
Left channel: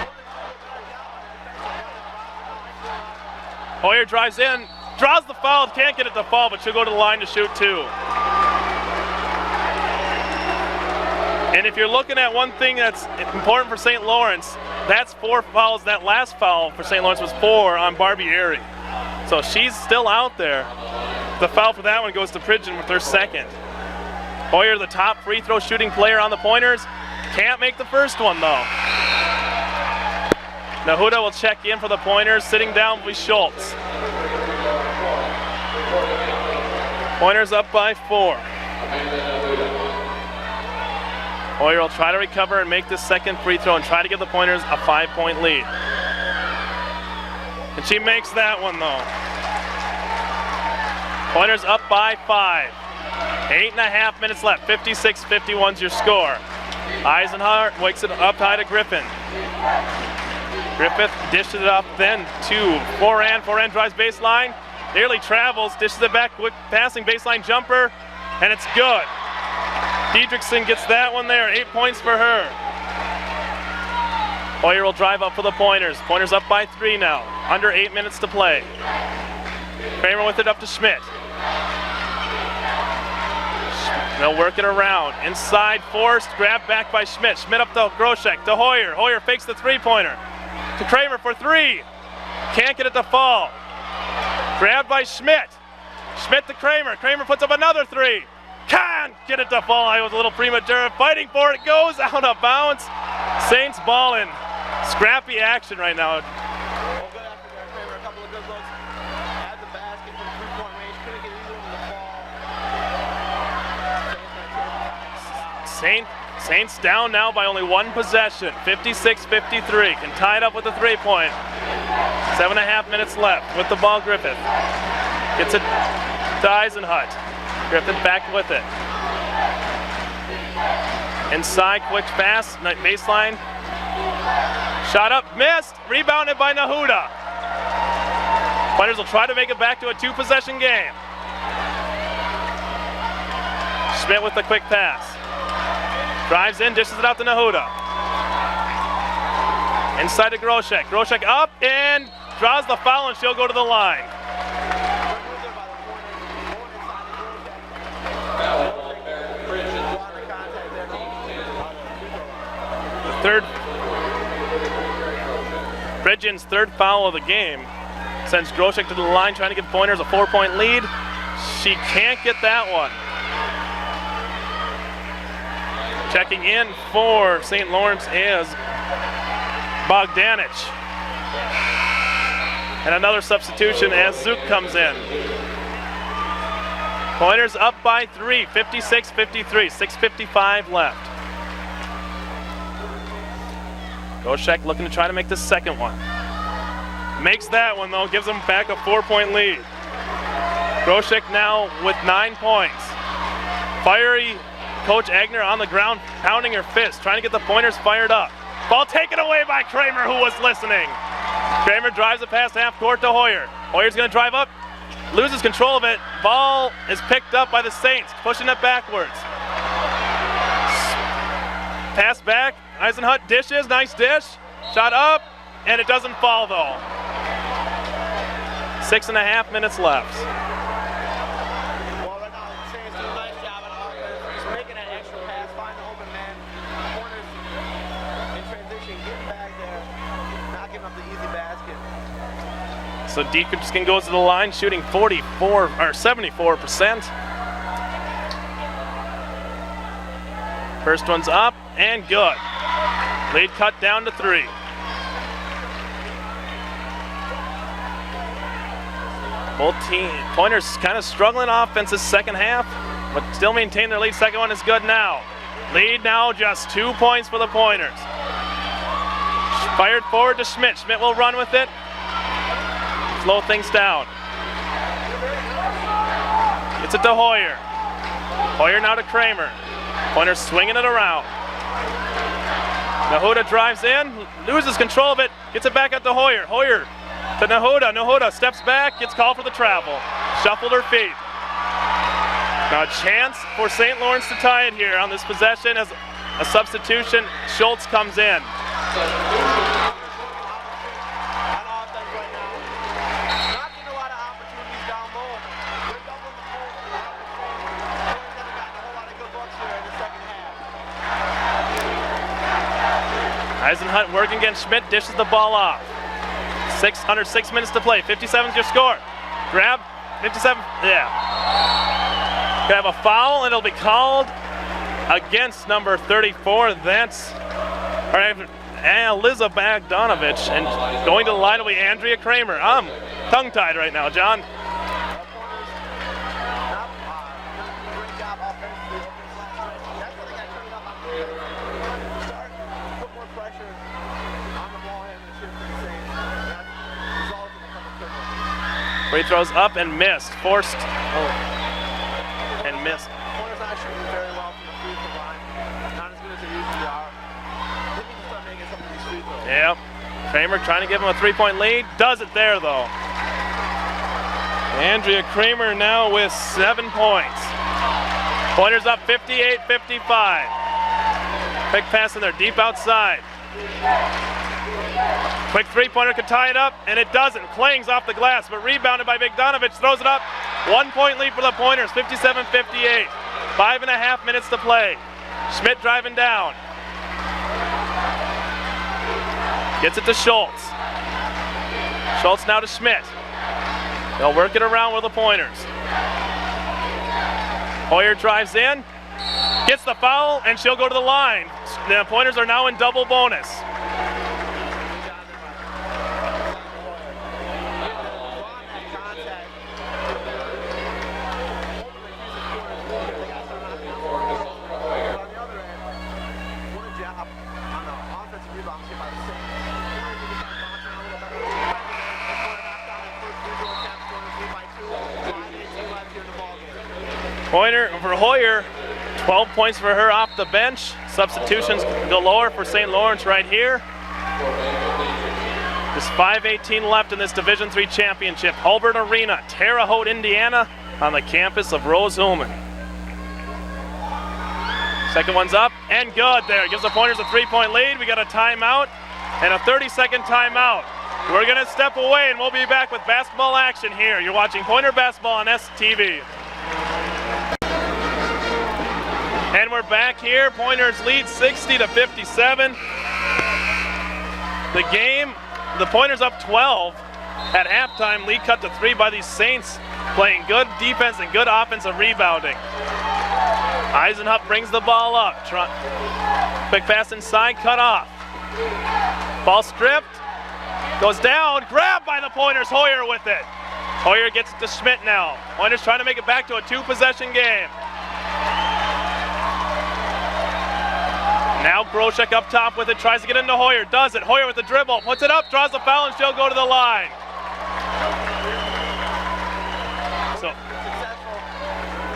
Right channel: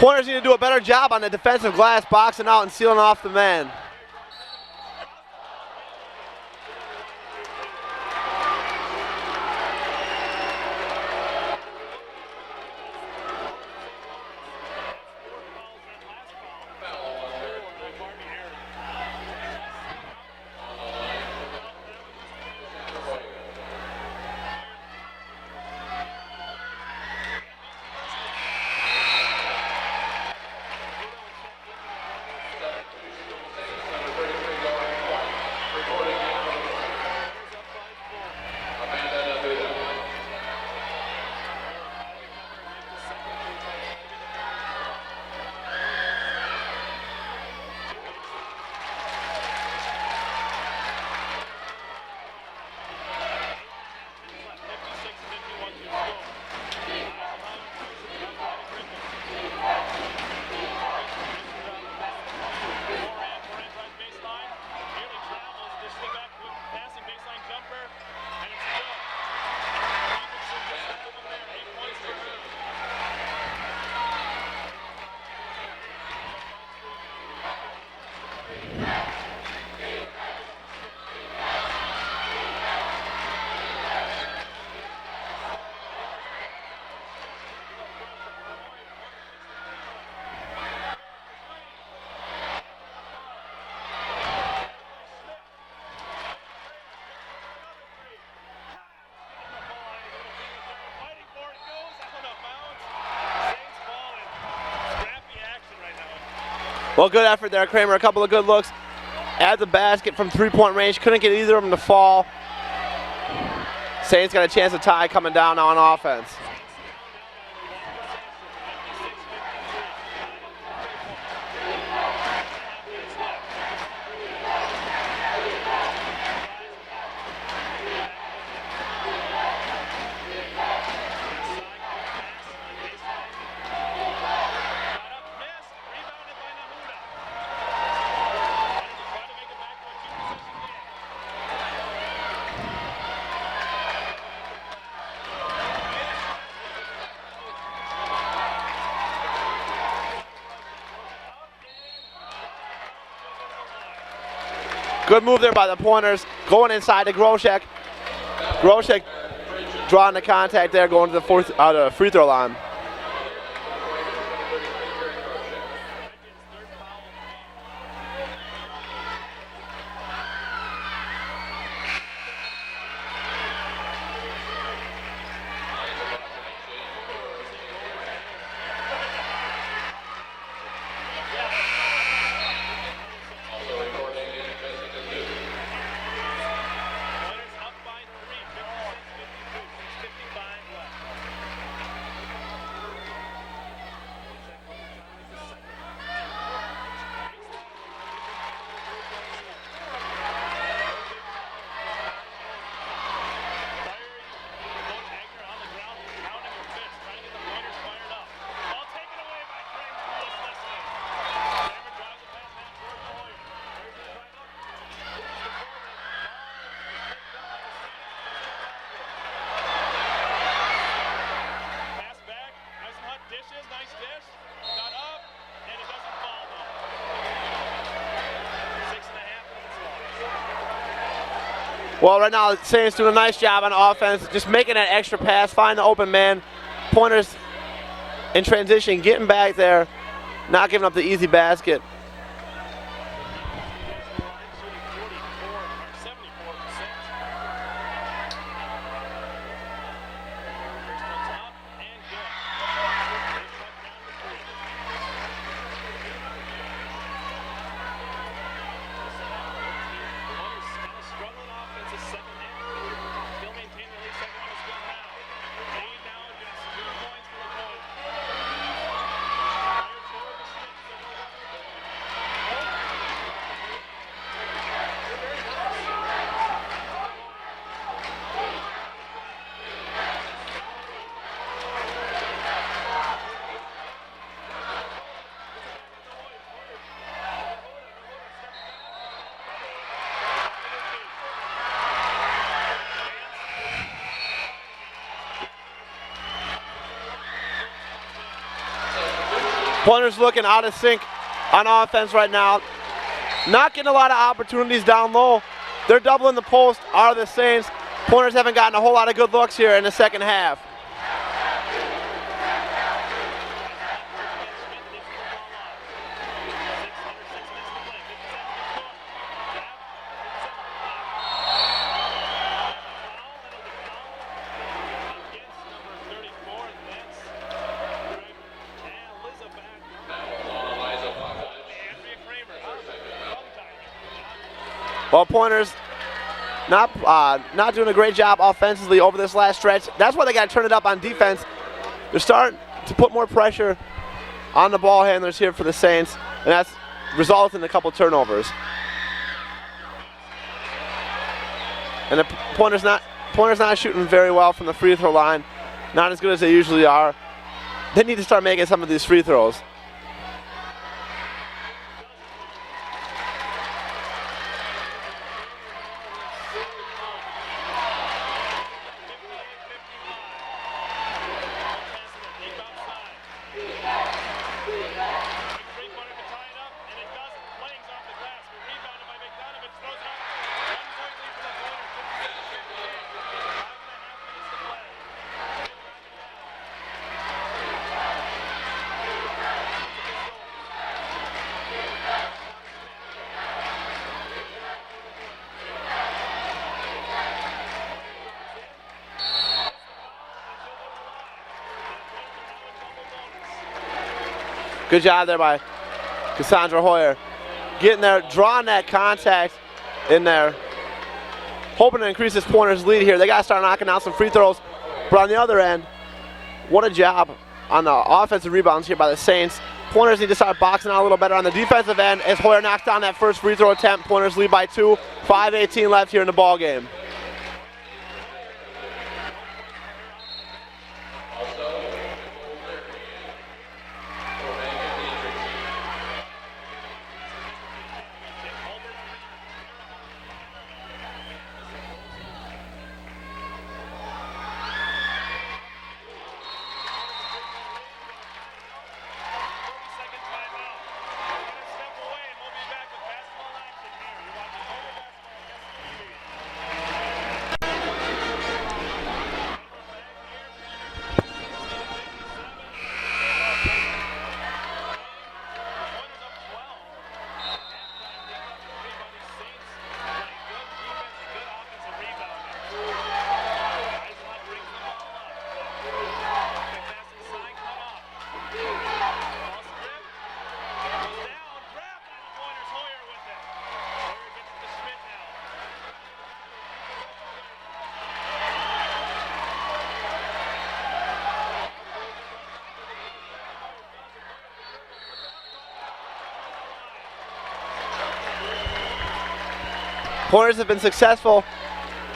Pointers need to do a better job on the defensive glass, boxing out and sealing off the man. Hoyer drives in, draws the foul, can't get it to fall, but she'll go to the line to shoot 2. And if you're looking at one thing that's important for St. Lawrence, that's 4 fouls. That last foul for St. Lawrence was 4 on Barbie Airy. So she's still out there. The foul for that one goes to Pridgeon with her second. Hoyer, the top free throw shooting player on the Pointers. Can't make the first one though. Nahuda will check in for the Pointers, sitting down with Schultz. Pointers up by 4. Hoyer will try to recover and make this second free throw and try to give the Pointers a 5-point lead. And she makes that one though. Pointers up by 5. 8.5 minutes left, 56-51's your score. Eisenhart wakes it up high to Griffin. Griffith dishes it up then to Foran. Foran drives baseline, nearly travels, dishes it back, quick passing baseline jumper, and it's good. Dietrichson gets that one there, 8 points for her. Hoyer will drive up for the Pointers. Pointers up by 3 now, under 8 minutes to play. Kramer with it up to Schmidt. They'll work it around. Inside forced, grabbed back by Schmidt. Schmidt up to Groshek, to Hoyer. Hoyer fakes the three-pointer. To Kramer for 3. Can't get it to fall. Grabbed by Schmidt. Schmidt to Kramer. Kramer puts up another 3. Can't get it to fall. I was a little premature. Fighting for it. Goes out of bounds. Saints balling. Scrappy action right now. Well, good effort there, Kramer. A couple of good looks at the basket from three-point range. Couldn't get either of them to fall. Saints got a chance to tie coming down now on offense. Saints down now by only 1 possession, 56-53. Can tie it up with a 3-point. 7.5 minutes left with the ball. Griffith gets it to Eisenhut. Griffith back with it. Inside, quick pass, baseline. Shot up, missed. Rebounded by Nahuda. Pointers will try to make it back to a 2-possession game. Schmidt with the quick pass. Drives in, dishes it out to Nahuda. Inside to Groshek. Groshek up and draws the foul, and she'll go to the line. Good move there by the Pointers. Going inside to Groshek. Groshek drawing the contact there, going to the free throw line. Pridgeon's third foul of the game sends Groshek to the line, trying to give Pointers a 4-point lead. She can't get that one. Checking in for St. Lawrence is Bogdanich. And another substitution as Zook comes in. Pointers up by 3, 56-53, 6:55 left. Groshek looking to try to make the second one. Makes that one though, gives them back a 4-point lead. Groshek now with 9 points. Fiery Coach Agner on the ground, pounding her fist, trying to get the Pointers fired up. Ball taken away by Kramer, who was listening. Kramer drives it past half court to Hoyer. Hoyer's gonna drive up, loses control of it. Ball is picked up by the Saints, pushing it backwards. Pass back, Eisenhut dishes, nice dish. Shot up, and it doesn't fall though. 6.5 minutes left. Well, right now, the Saints doing a nice job on offense, just making that extra pass, find the open man. Pointers in transition, getting back there, not giving up the easy basket. So Deacon goes to the line, shooting 74%. First one's up and good. Lead cut down to 3. Both team Pointers kind of struggling offense this second half, but still maintain their lead. Second one is good now. Lead now just 2 points for the Pointers. Fired forward to Schmidt. Schmidt will run with it. Slow things down. Gets it to Hoyer. Hoyer now to Kramer. Pointers swinging it around. Nahuda drives in, loses control of it, gets it back out to Hoyer. Hoyer to Nahuda. Nahuda steps back, gets called for the travel. Shuffled her feet. Now a chance for St. Lawrence to tie it here on this possession as a substitution. Schultz comes in. Pointers looking out of sync on offense right now. Not getting a lot of opportunities down low. They're doubling the post, are the Saints. Pointers haven't gotten a whole lot of good looks here in the second half. Eisenhunt working against Schmidt, dishes the ball off. 6 minutes to play, 57's your score. Grab, 57, yeah. Gonna have a foul and it'll be called against number 34. That's Liza Bogdanovich, and going to the line will be Andrea Kramer. I'm tongue-tied right now, John. Well, Pointers not doing a great job offensively over this last stretch. That's why they got to turn it up on defense. They're starting to put more pressure on the ball handlers here for the Saints, and that's resulted in a couple turnovers. Free throws up and missed, forced. And the Pointers not shooting very well from the free throw line. Not as good as they usually are. They need to start making some of these free throws. Yep. Kramer trying to give him a 3-point lead. Does it there, though. Andrea Kramer now with 7 points. Pointers up 58-55. Quick pass in there, deep outside. Quick three-pointer could tie it up, and it doesn't. Clings off the glass, but rebounded by Bogdanovich. Throws it up. 1 point lead for the Pointers, 57-58. 5.5 minutes to play. Schmidt driving down. Gets it to Schultz. Schultz now to Schmidt. They'll work it around with the Pointers. Hoyer drives in, gets the foul, and she'll go to the line. The Pointers are now in double bonus. Good job there by Cassandra Hoyer. Getting there, drawing that contact in there. Hoping to increase this Pointers lead here. They got to start knocking out some free throws. But on the other end, what a job on the offensive rebounds here by the Saints. Pointers need to start boxing out a little better on the defensive end as Hoyer knocks down that first free throw attempt. Pointers lead by 2. 5:18 left here in the ball game. Pointer for Hoyer, 12 points for her off the bench. Substitutions galore for St. Lawrence right here. Just 5:18 left in this Division III championship. Hulbert Arena, Terre Haute, Indiana, on the campus of Rose-Hulman. Second one's up and good there. Gives the Pointers a 3-point lead. We got a timeout and a 30-second timeout. We're going to step away and we'll be back with basketball action here. You're watching Pointer Basketball on STV. And we're back here. Pointers lead 60-57. The game, the Pointers up 12 at halftime. Lead cut to 3 by these Saints, playing good defense and good offensive rebounding. Eisenhunt brings the ball up. Quick pass inside, cut off. Ball stripped, goes down, grabbed by the Pointers. Hoyer with it. Hoyer gets it to Schmidt now. Pointers trying to make it back to a 2-possession game. Now Groshek up top with it, tries to get into Hoyer, does it. Hoyer with the dribble, puts it up, draws the foul, and she'll go to the line. Pointers have been successful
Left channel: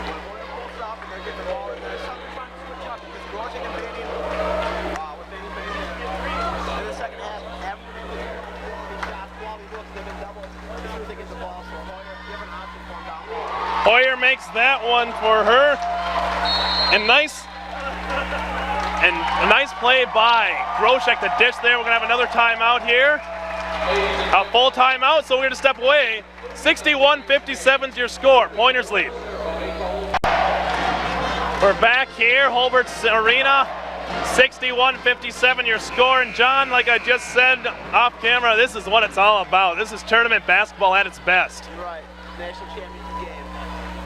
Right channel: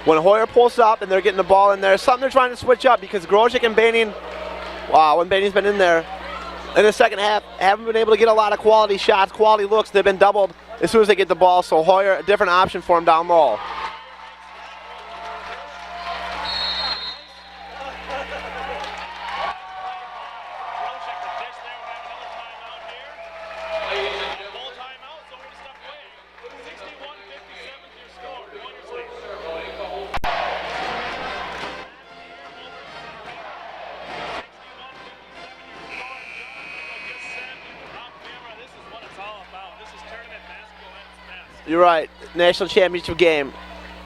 when Hoyer pulls up and they're getting the ball in there. Something they're trying to switch up because Groshek and Baining, when Baining's been in there in the second half, haven't been able to get a lot of quality shots, quality looks. They've been doubled as soon as they get the ball, so Hoyer, a different option for him down low. Hoyer makes that one for her. And a nice play by Groshek to dish there. We're gonna have another timeout here. A full timeout, so we're going to step away. 61-57 is your score. Pointers lead. We're back here, Holbert's Arena. 61-57 your score. And John, like I just said off camera, this is what it's all about. This is tournament basketball at its best. You're right. National championship game.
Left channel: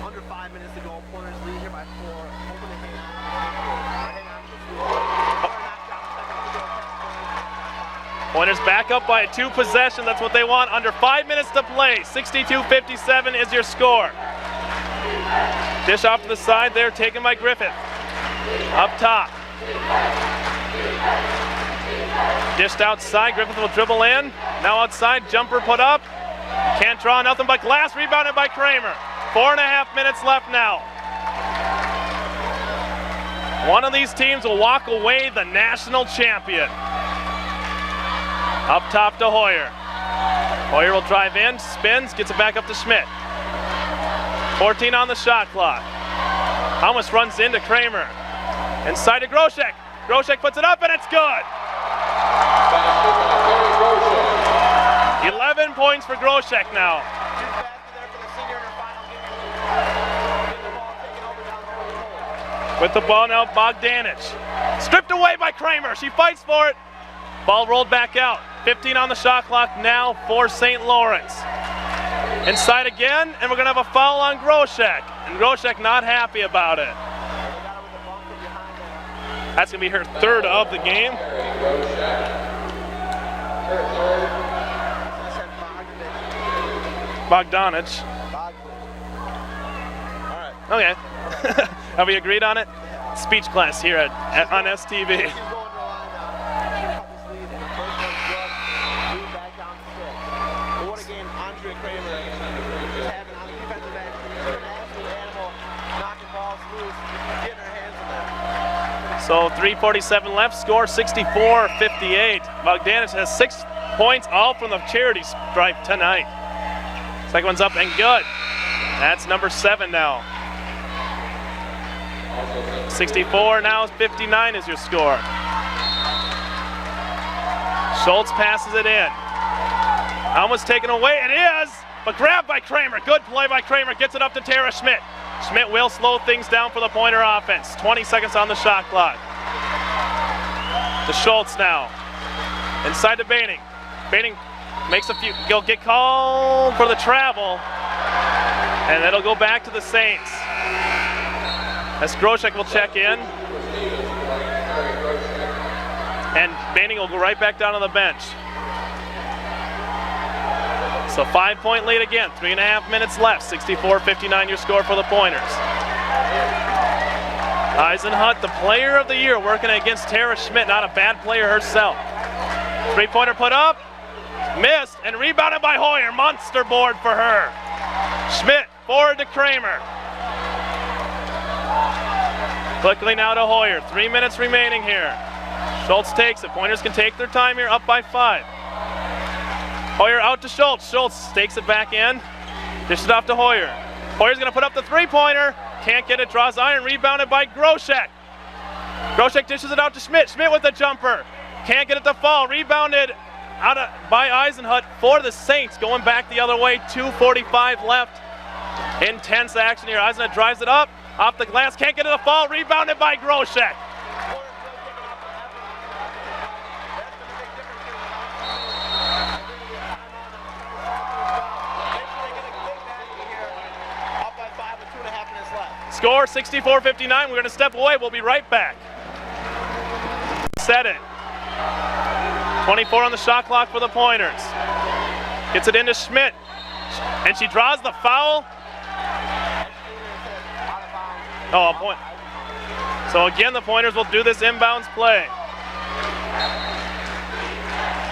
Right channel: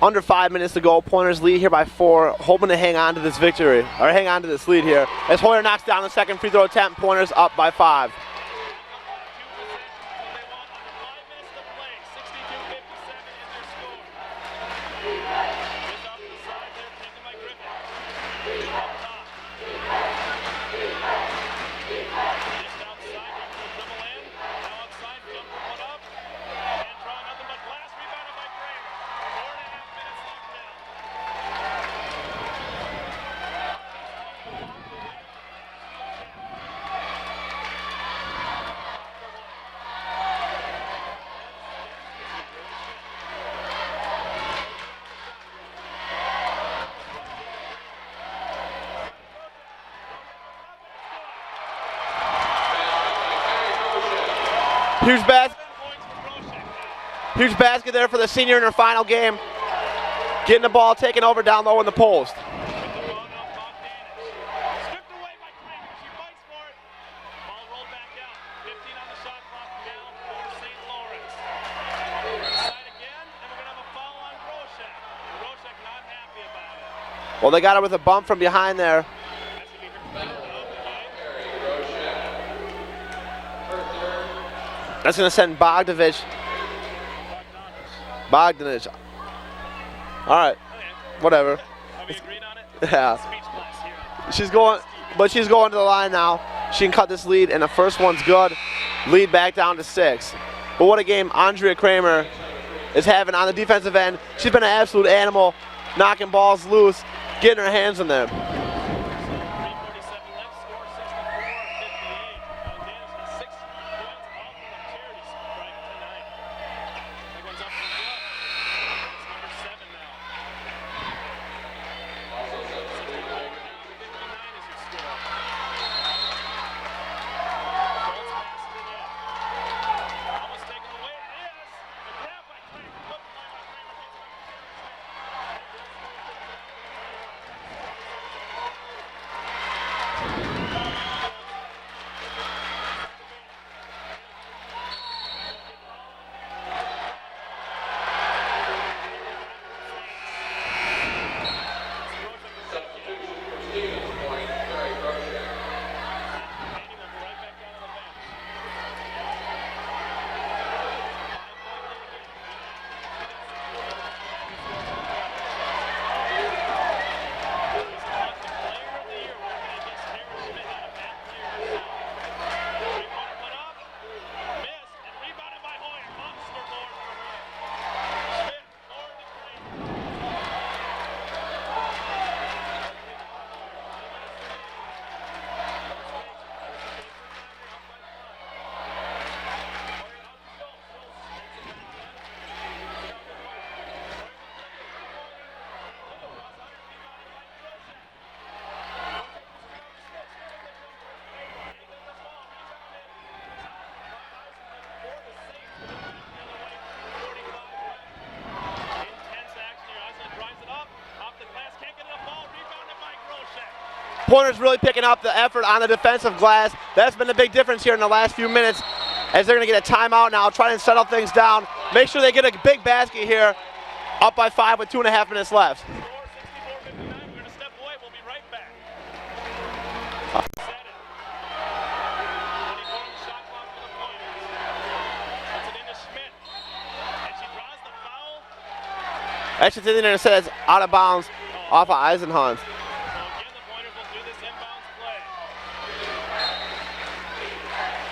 Under 5 minutes to go. Pointers lead here by 4, hoping to hang on to this victory, or hang on to this lead here. As Hoyer knocks down the second free throw attempt, Pointers up by 5. Pointers back up by 2 possessions. That's what they want. Under 5 minutes to play. 62-57 is your score. Dish off to the side there, taken by Griffith. Up top. Dished outside. Griffith will dribble in. Now outside, jumper put up. Can't draw nothing but glass. Rebounded by Kramer. 4.5 minutes left now. One of these teams will walk away the national champion. Up top to Hoyer. Hoyer will drive in, spins, gets it back up to Schmidt. 14 on the shot clock. Almost runs into Kramer. Inside to Groshek. Groshek puts it up and it's good. Huge 11 points for Groshek now. Huge basket there for the senior in her final game. Getting the ball taken over down low in the post. With the ball now, Bogdanich. Stripped away by Kramer. She fights for it. Ball rolled back out. 15 on the shot clock now for St. Lawrence. Inside again, and we're going to have a foul on Groshek. And Groshek not happy about it. Well, they got her with a bump from behind there. That's going to be her third of the game. That's going to send Bogdanich. All right. Okay. Whatever. Have we agreed on it? Yeah. Speech class here at going, STV. But she's going to the line now. She can cut this lead, and the first one's good. Lead back down to 6. But what a game Andrea Kramer is having on the defensive end. She's been an absolute animal, knocking balls loose, getting her hands in there. So 3:47 left, score 64-58. Bogdanich has 6 points, all from the charity stripe tonight. Second one's up and good. That's number 7 now. 64 now is 59 is your score. Schultz passes it in. Almost taken away, it is, but grabbed by Kramer. Good play by Kramer, gets it up to Terre Schmidt. Schmidt will slow things down for the Pointer offense. 20 seconds on the shot clock. To Schultz now. Inside to Baining. Baining makes a few, he'll get called for the travel, and it'll go back to the Saints. As Groshek will check in. And Baining will go right back down on the bench. So 5-point lead again, 3.5 minutes left, 64-59 your score for the Pointers. Eisenhut, the player of the year, working against Terre Schmidt, not a bad player herself. 3-pointer put up, missed, and rebounded by Hoyer. Monster board for her. Schmidt, forward to Kramer. Quickly now to Hoyer, 3 minutes remaining here. Schultz takes it, Pointers can take their time here, up by 5. Hoyer out to Schultz. Schultz takes it back in. Dishes it off to Hoyer. Hoyer's going to put up the 3-pointer. Can't get it. Draws iron. Rebounded by Groshek. Groshek dishes it out to Schmidt. Schmidt with the jumper. Can't get it to fall. Rebounded by Eisenhut for the Saints. Going back the other way. 2:45 left. Intense action here. Eisenhut drives it up. Off the glass. Can't get it to fall. Rebounded by Groshek. Pointers really picking up the effort on the defensive glass. That's been the big difference here in the last few minutes, as they're going to get a timeout now, try and settle things down. Make sure they get a big basket here. Up by 5 with 2.5 minutes left. Score 64-59. We're going to step away. We'll be right back. Set it. 24 on the shot clock for the Pointers. Gets it into Schmidt. And she draws the foul. Actually, it's in there and says out of bounds off of Eisenhut. So again, the Pointers will do this inbounds play.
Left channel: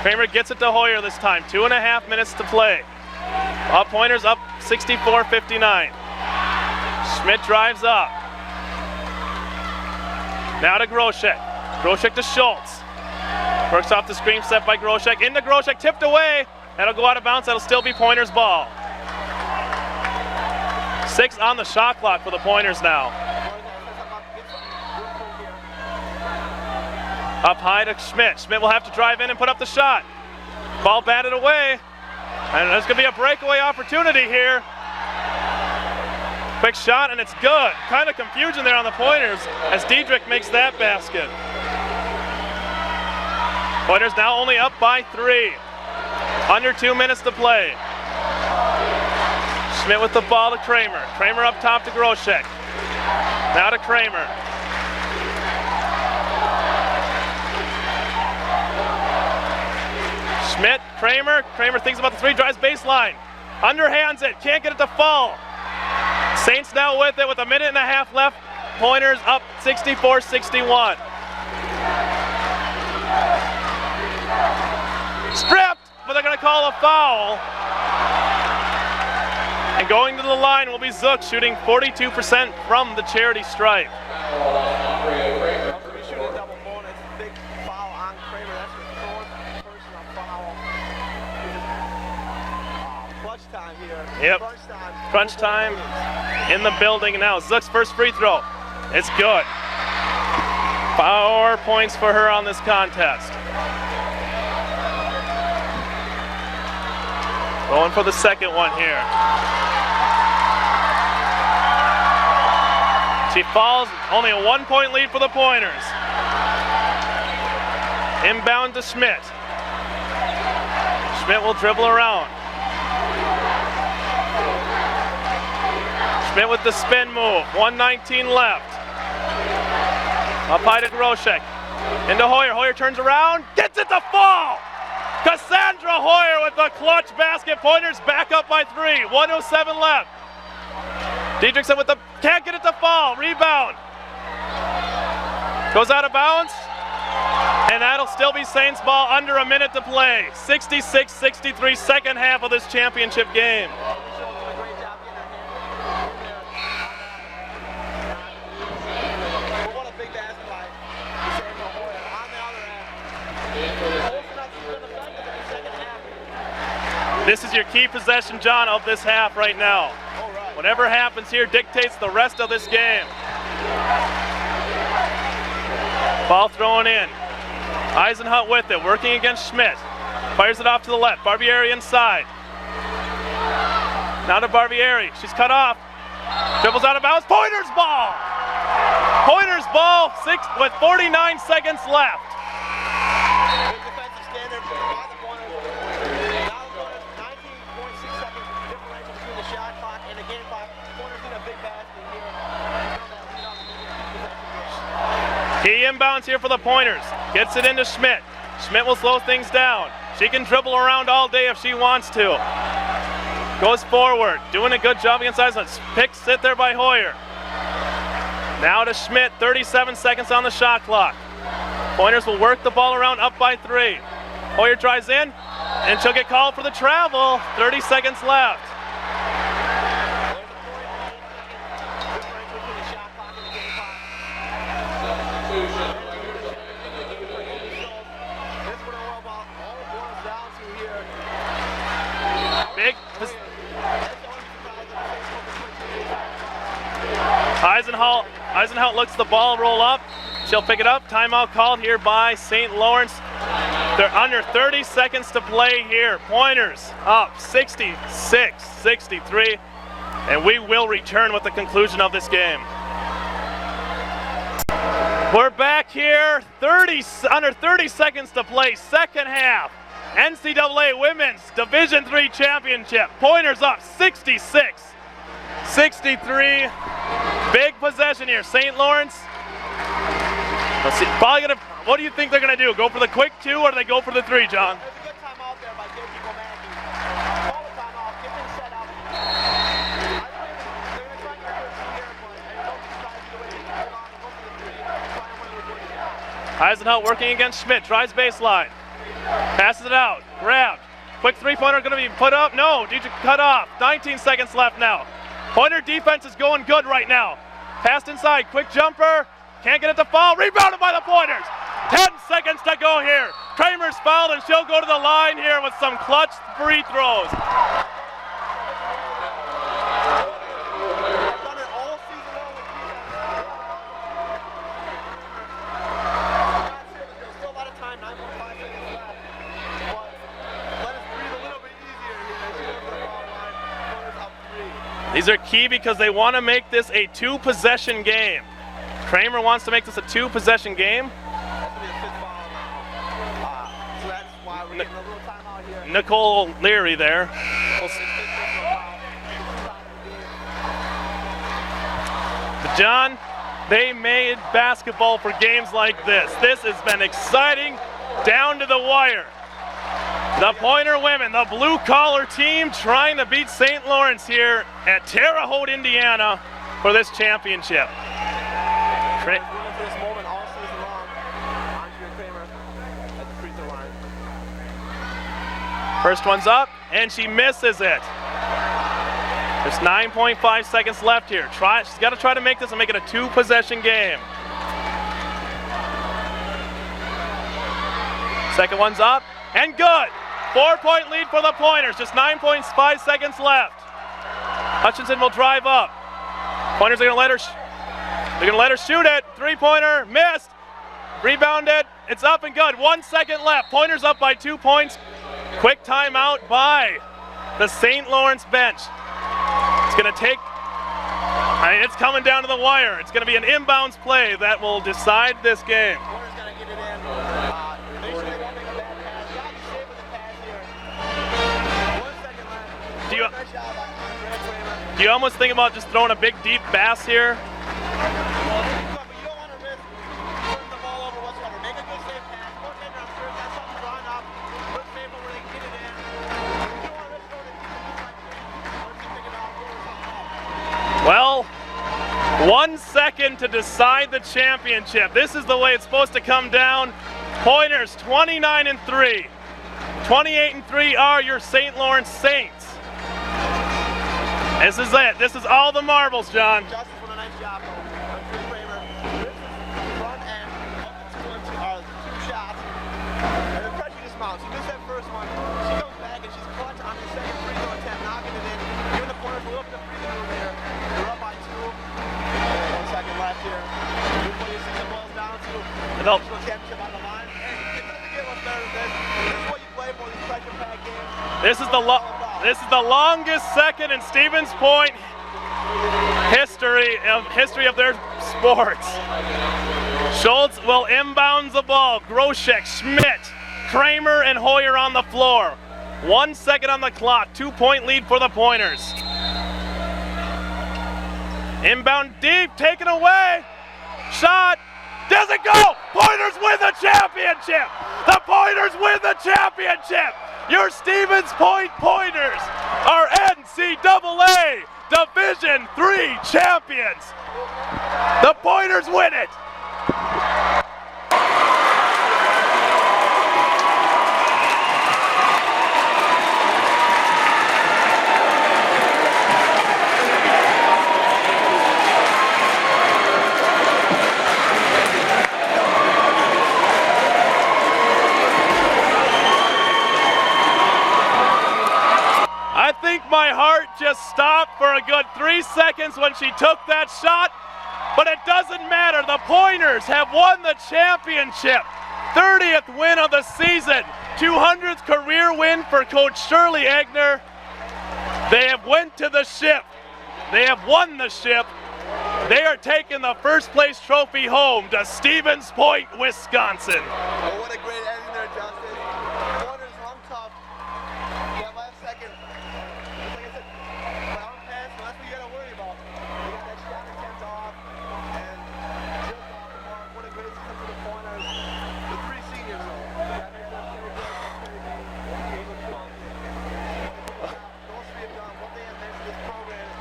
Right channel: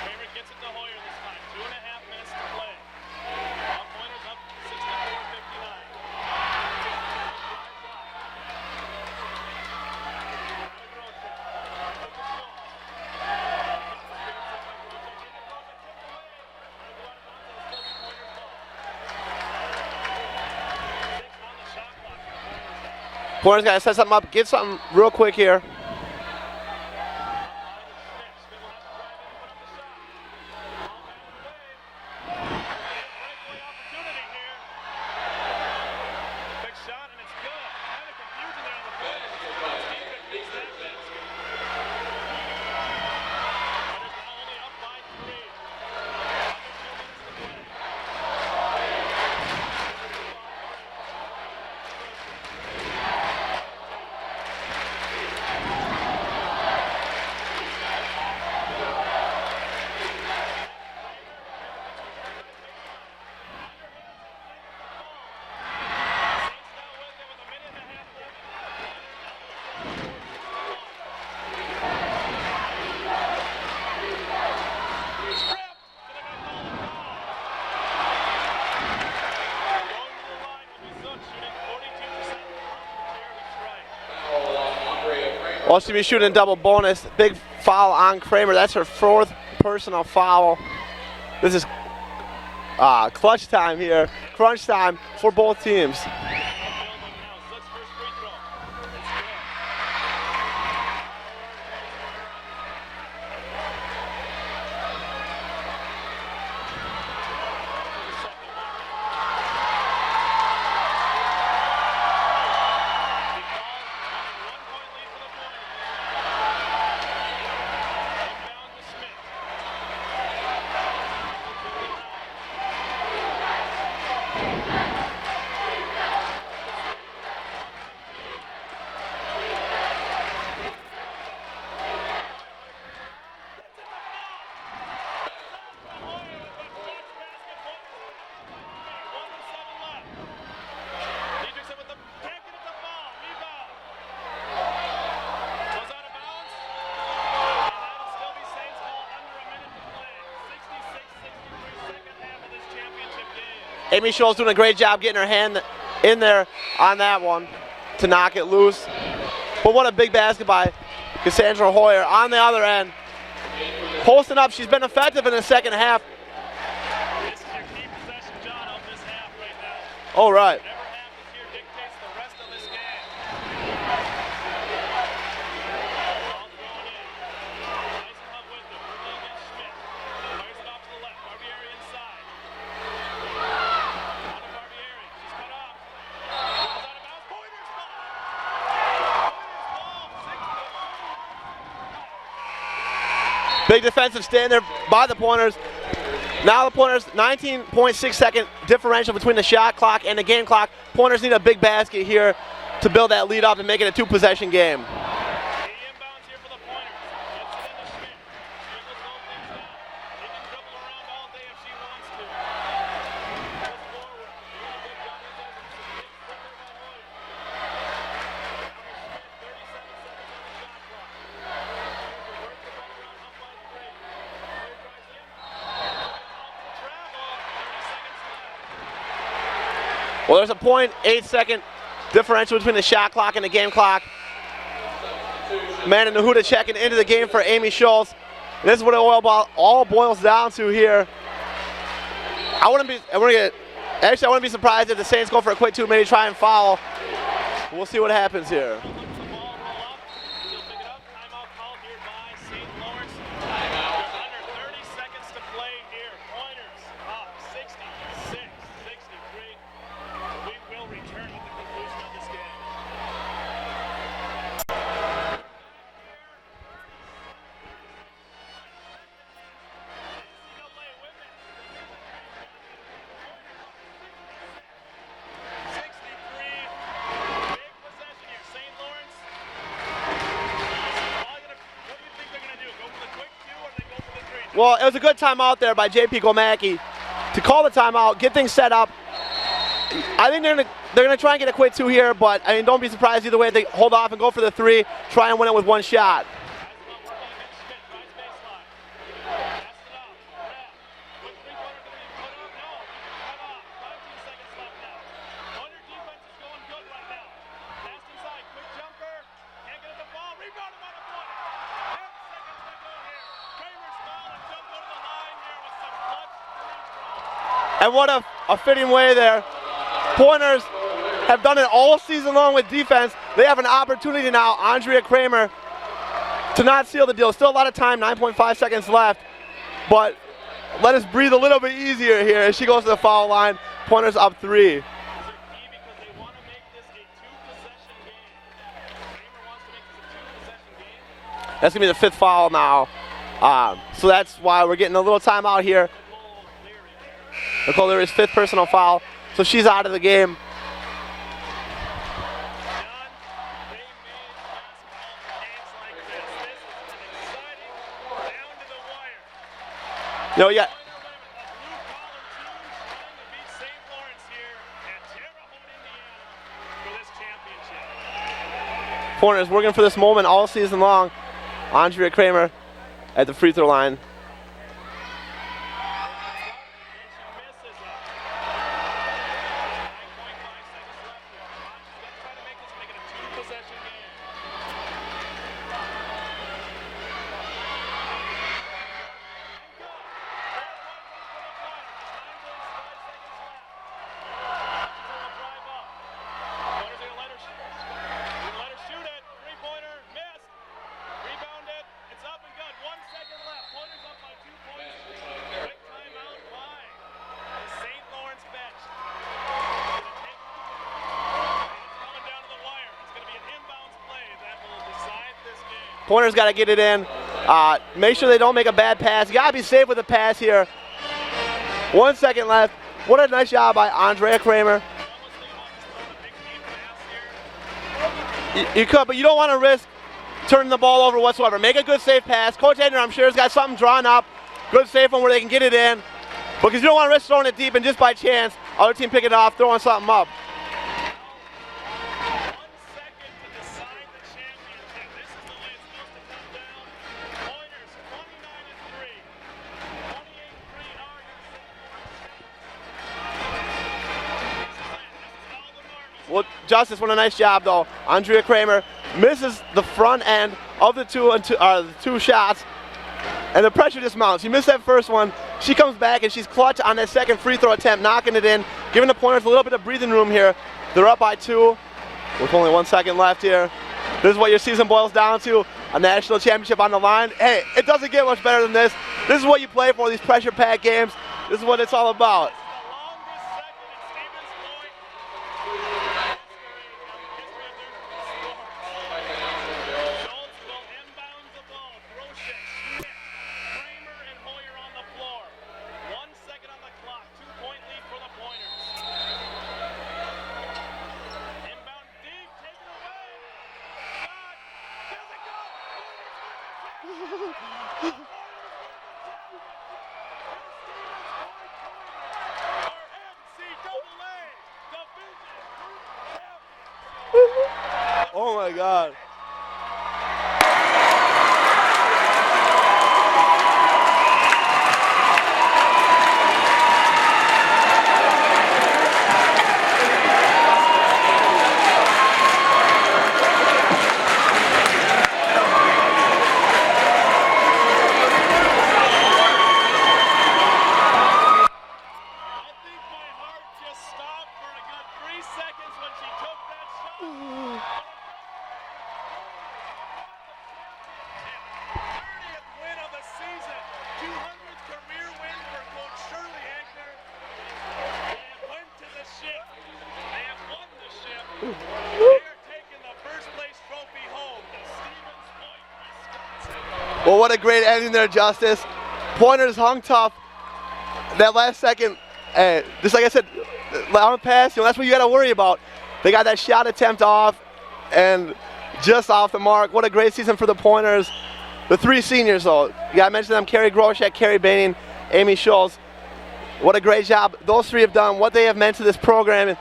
Kramer gets it to Hoyer this time. 2.5 minutes to play. Pointers up 64-59. Schmidt drives up. Now to Groshek. Groshek to Schultz. Works off the screen set by Groshek. Into Groshek, tipped away. That'll go out of bounds. That'll still be Pointers' ball. 6 on the shot clock for the Pointers now. Pointers got to set something up. Get something real quick here. Up high to Schmidt. Schmidt will have to drive in and put up the shot. Ball batted away. And there's going to be a breakaway opportunity here. Quick shot, and it's good. Kind of confusion there on the Pointers as Diedrich makes that basket. Pointers now only up by 3. Under 2 minutes to play. Schmidt with the ball to Kramer. Kramer up top to Groshek. Now to Kramer. Schmidt, Kramer. Kramer thinks about the 3, drives baseline. Underhands it, can't get it to fall. Saints now with it with a minute and a half left. Pointers up 64-61. Stripped, but they're going to call a foul. And going to the line will be Zook, shooting 42% from the charity stripe. Well, she'll be shooting a double bonus. Big foul on Kramer. That's her 4th personal foul. This is clutch time here. Yep. Crunch time for both teams. In the building now. Zook's first free throw. It's good. 4 points for her on this contest. Going for the second one here. She falls, only a 1-point lead for the Pointers. Inbound to Schmidt. Schmidt will dribble around. Schmidt with the spin move, 1:19 left. Up high to Groshek. Into Hoyer, Hoyer turns around, gets it to fall! Cassandra Hoyer with the clutch basket. Pointers back up by 3, 1:07 left. Diedrichson with the, can't get it to fall, rebound. Goes out of bounds, and that'll still be Saints ball, under a minute to play. 66-63, second half of this championship game. Amy Scholl's doing a great job getting her hand in there on that one to knock it loose. But what a big basket by Cassandra Hoyer on the other end. Posting up, she's been effective in the second half. This is your key possession, John, of this half right now. All right. Whatever happens here dictates the rest of this game. Ball thrown in. Eisenhut with it, working against Schmidt. Fires it off to the left. Barbieri inside. Now to Barbieri. She's cut off. Dribbles out of bounds. Pointers ball! Pointers ball, 6 with 49 seconds left. Big defensive stand there by the Pointers. Now the Pointers, 19.6 second differential between the shot clock and the game clock. Pointers need a big basket here to build that lead up and make it a 2-possession game. Key inbounds here for the Pointers. Gets it into Schmidt. Schmidt will slow things down. She can dribble around all day if she wants to. Goes forward, doing a good job against Eisenhut. Picks it there by Hoyer. Now to Schmidt, 37 seconds on the shot clock. Pointers will work the ball around, up by 3. Hoyer tries in, and she'll get called for the travel. 30 seconds left. Well, there's a 0.8 second differential between the shot clock and the game clock. Amanda Nahuda checking into the game for Amy Scholl's. This is what it all boils down to here. I wouldn't be surprised if the Saints go for a quick 2, maybe try and foul. We'll see what happens here. Eisenhut looks the ball roll up. She'll pick it up. Timeout called here by St. Lawrence. They're under 30 seconds to play here. Pointers up 66-63. And we will return with the conclusion of this game. We're back here, under 30 seconds to play, second half. NCAA Women's Division III Championship. Pointers up 66-63. Big possession here. St. Lawrence. Let's see. What do you think they're going to do? Go for the quick 2 or do they go for the 3, John? Well, it was a good timeout there by JP Gomacki to call the timeout, get things set up. I think they're gonna try and get a quick 2 here, but I mean, don't be surprised either way if they hold off and go for the 3, try and win it with 1 shot. Eisenhut working against Schmidt, tries baseline. Passes it out, grabbed. Quick 3-pointer gonna be put up, no, Dietrich cut off. 19 seconds left now. Pointer defense is going good right now. Passed inside, quick jumper, can't get it to fall, rebounded by the Pointers. 10 seconds to go here. Kramer's fouled and she'll go to the line here with some clutch free throws. And what a fitting way there. Pointers have done it all season long with defense. They have an opportunity now, Andrea Kramer, to not seal the deal. Still a lot of time, 9.5 seconds left. But let us breathe a little bit easier here as she goes to the foul line. Pointers up 3. These are key because they want to make this a 2-possession game. Kramer wants to make this a 2-possession game. That's going to be the 5th foul now. So that's why we're getting a little timeout here. Nicole Leary there. Nicole Leary's 5th personal foul. So she's out of the game. But John, they made basketball for games like this. This has been exciting down to the wire. The Pointer women, the blue-collar team, trying to beat St. Lawrence here at Terre, Haute, Indiana for this championship. Pointers working for this moment all season long. Andrea Kramer at the free throw line. First one's up, and she misses it. There's 9.5 seconds left here. She's got to try to make this and make it a 2-possession game. Second one's up, and good. 4-point lead for the Pointers, just 9.5 seconds left. Hutchinson will drive up. Pointers are gonna let her shoot it. 3-pointer, missed. Rebounded, it's up and good. 1 second left. Pointers up by 2 points. Quick timeout by the St. Lawrence bench. It's gonna take, it's coming down to the wire. It's gonna be an inbounds play that will decide this game. Pointers got to get it in. Make sure they don't make a bad pass. You got to be safe with the pass here. 1 second left. What a nice job by Andrea Kramer. Do you almost think about just throwing a big deep pass here? You could, but you don't want to risk turning the ball over whatsoever. Make a good safe pass. Coach Edner, I'm sure, has got something drawn up. Good safe one where they can get it in. Because you don't want to risk throwing it deep and just by chance, other team pick it off, throwing something up. Well, 1 second to decide the championship. This is the way it's supposed to come down. Pointers 29-3. 28-3 are your St. Lawrence Saints. This is it. This is all the marbles, John. Well, Justice, what a nice job, though. Andrea Kramer misses the front end of the two shots, and the pressure just mounts. She missed that first one. She comes back, and she's clutch on that second free throw attempt, knocking it in, giving the Pointers a little bit of breathing room here. They're up by 2. There's only 1 second left here. This is what your season boils down to, a national championship on the line. Hey, it doesn't get much better than this. This is what you play for, these pressure-packed games. This is what it's all about. This is the longest second in Stevens Point history of their sports. Schultz will inbound the ball. Groshek, Schmidt, Kramer, and Hoyer on the floor. 1 second on the clock. 2-point lead for the Pointers. Inbound deep, taken away. Shot, doesn't go. Pointers win the championship. The Pointers win the championship. Your Stevens Point Pointers are NCAA Division III champions. The Pointers win it. My heart just stopped for a good 3 seconds when she took that shot, but it doesn't matter. The Pointers have won the championship. 30th win of the season, 200th career win for Coach Shirley Egner. They have went to the ship. They have won the ship. They are taking the first place trophy home to Stevens Point, Wisconsin. Well, what a great ending there, Justice. Pointers hung tough. That last second, just like I said, on the pass, that's what you got to worry about. They got that shot attempt off and just off the mark. What a great season for the Pointers. The 3 seniors, though. You got to mention them: Carrie Groshek, Carrie Baining, Amy Schultz. What a great job those 3 have done, what they have meant to this program,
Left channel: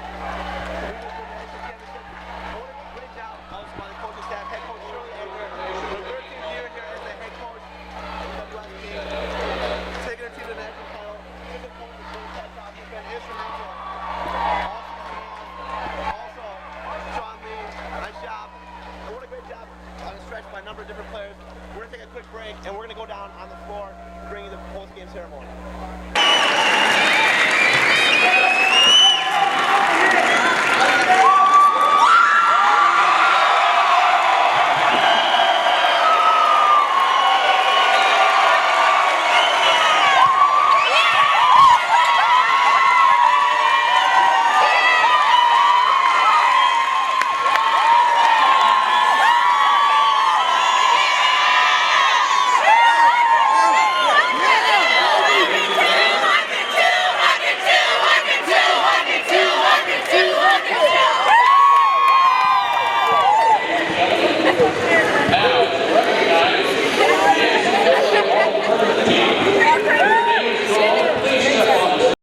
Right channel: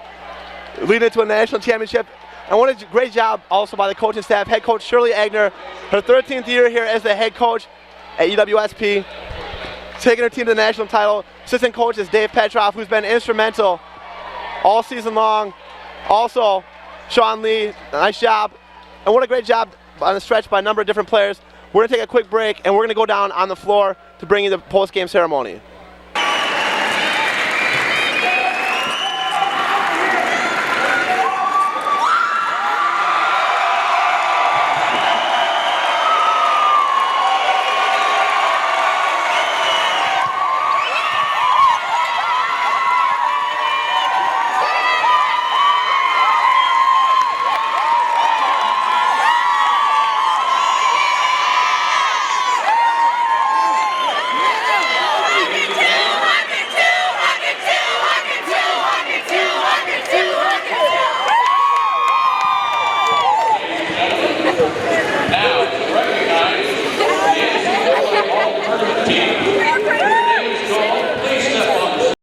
leading it to a national championship. And what a great job also by the coaching staff. Head coach Shirley Egner, her 13th year here as the head coach at UWSP, taking her team to the national title. Assistant coach is Dave Petroff, who's been instrumental all season long. Also, Sean Lee, nice job. And what a great job on the stretch by a number of different players. We're going to take a quick break, and we're going to go down on the floor to bring you the post-game ceremony. Team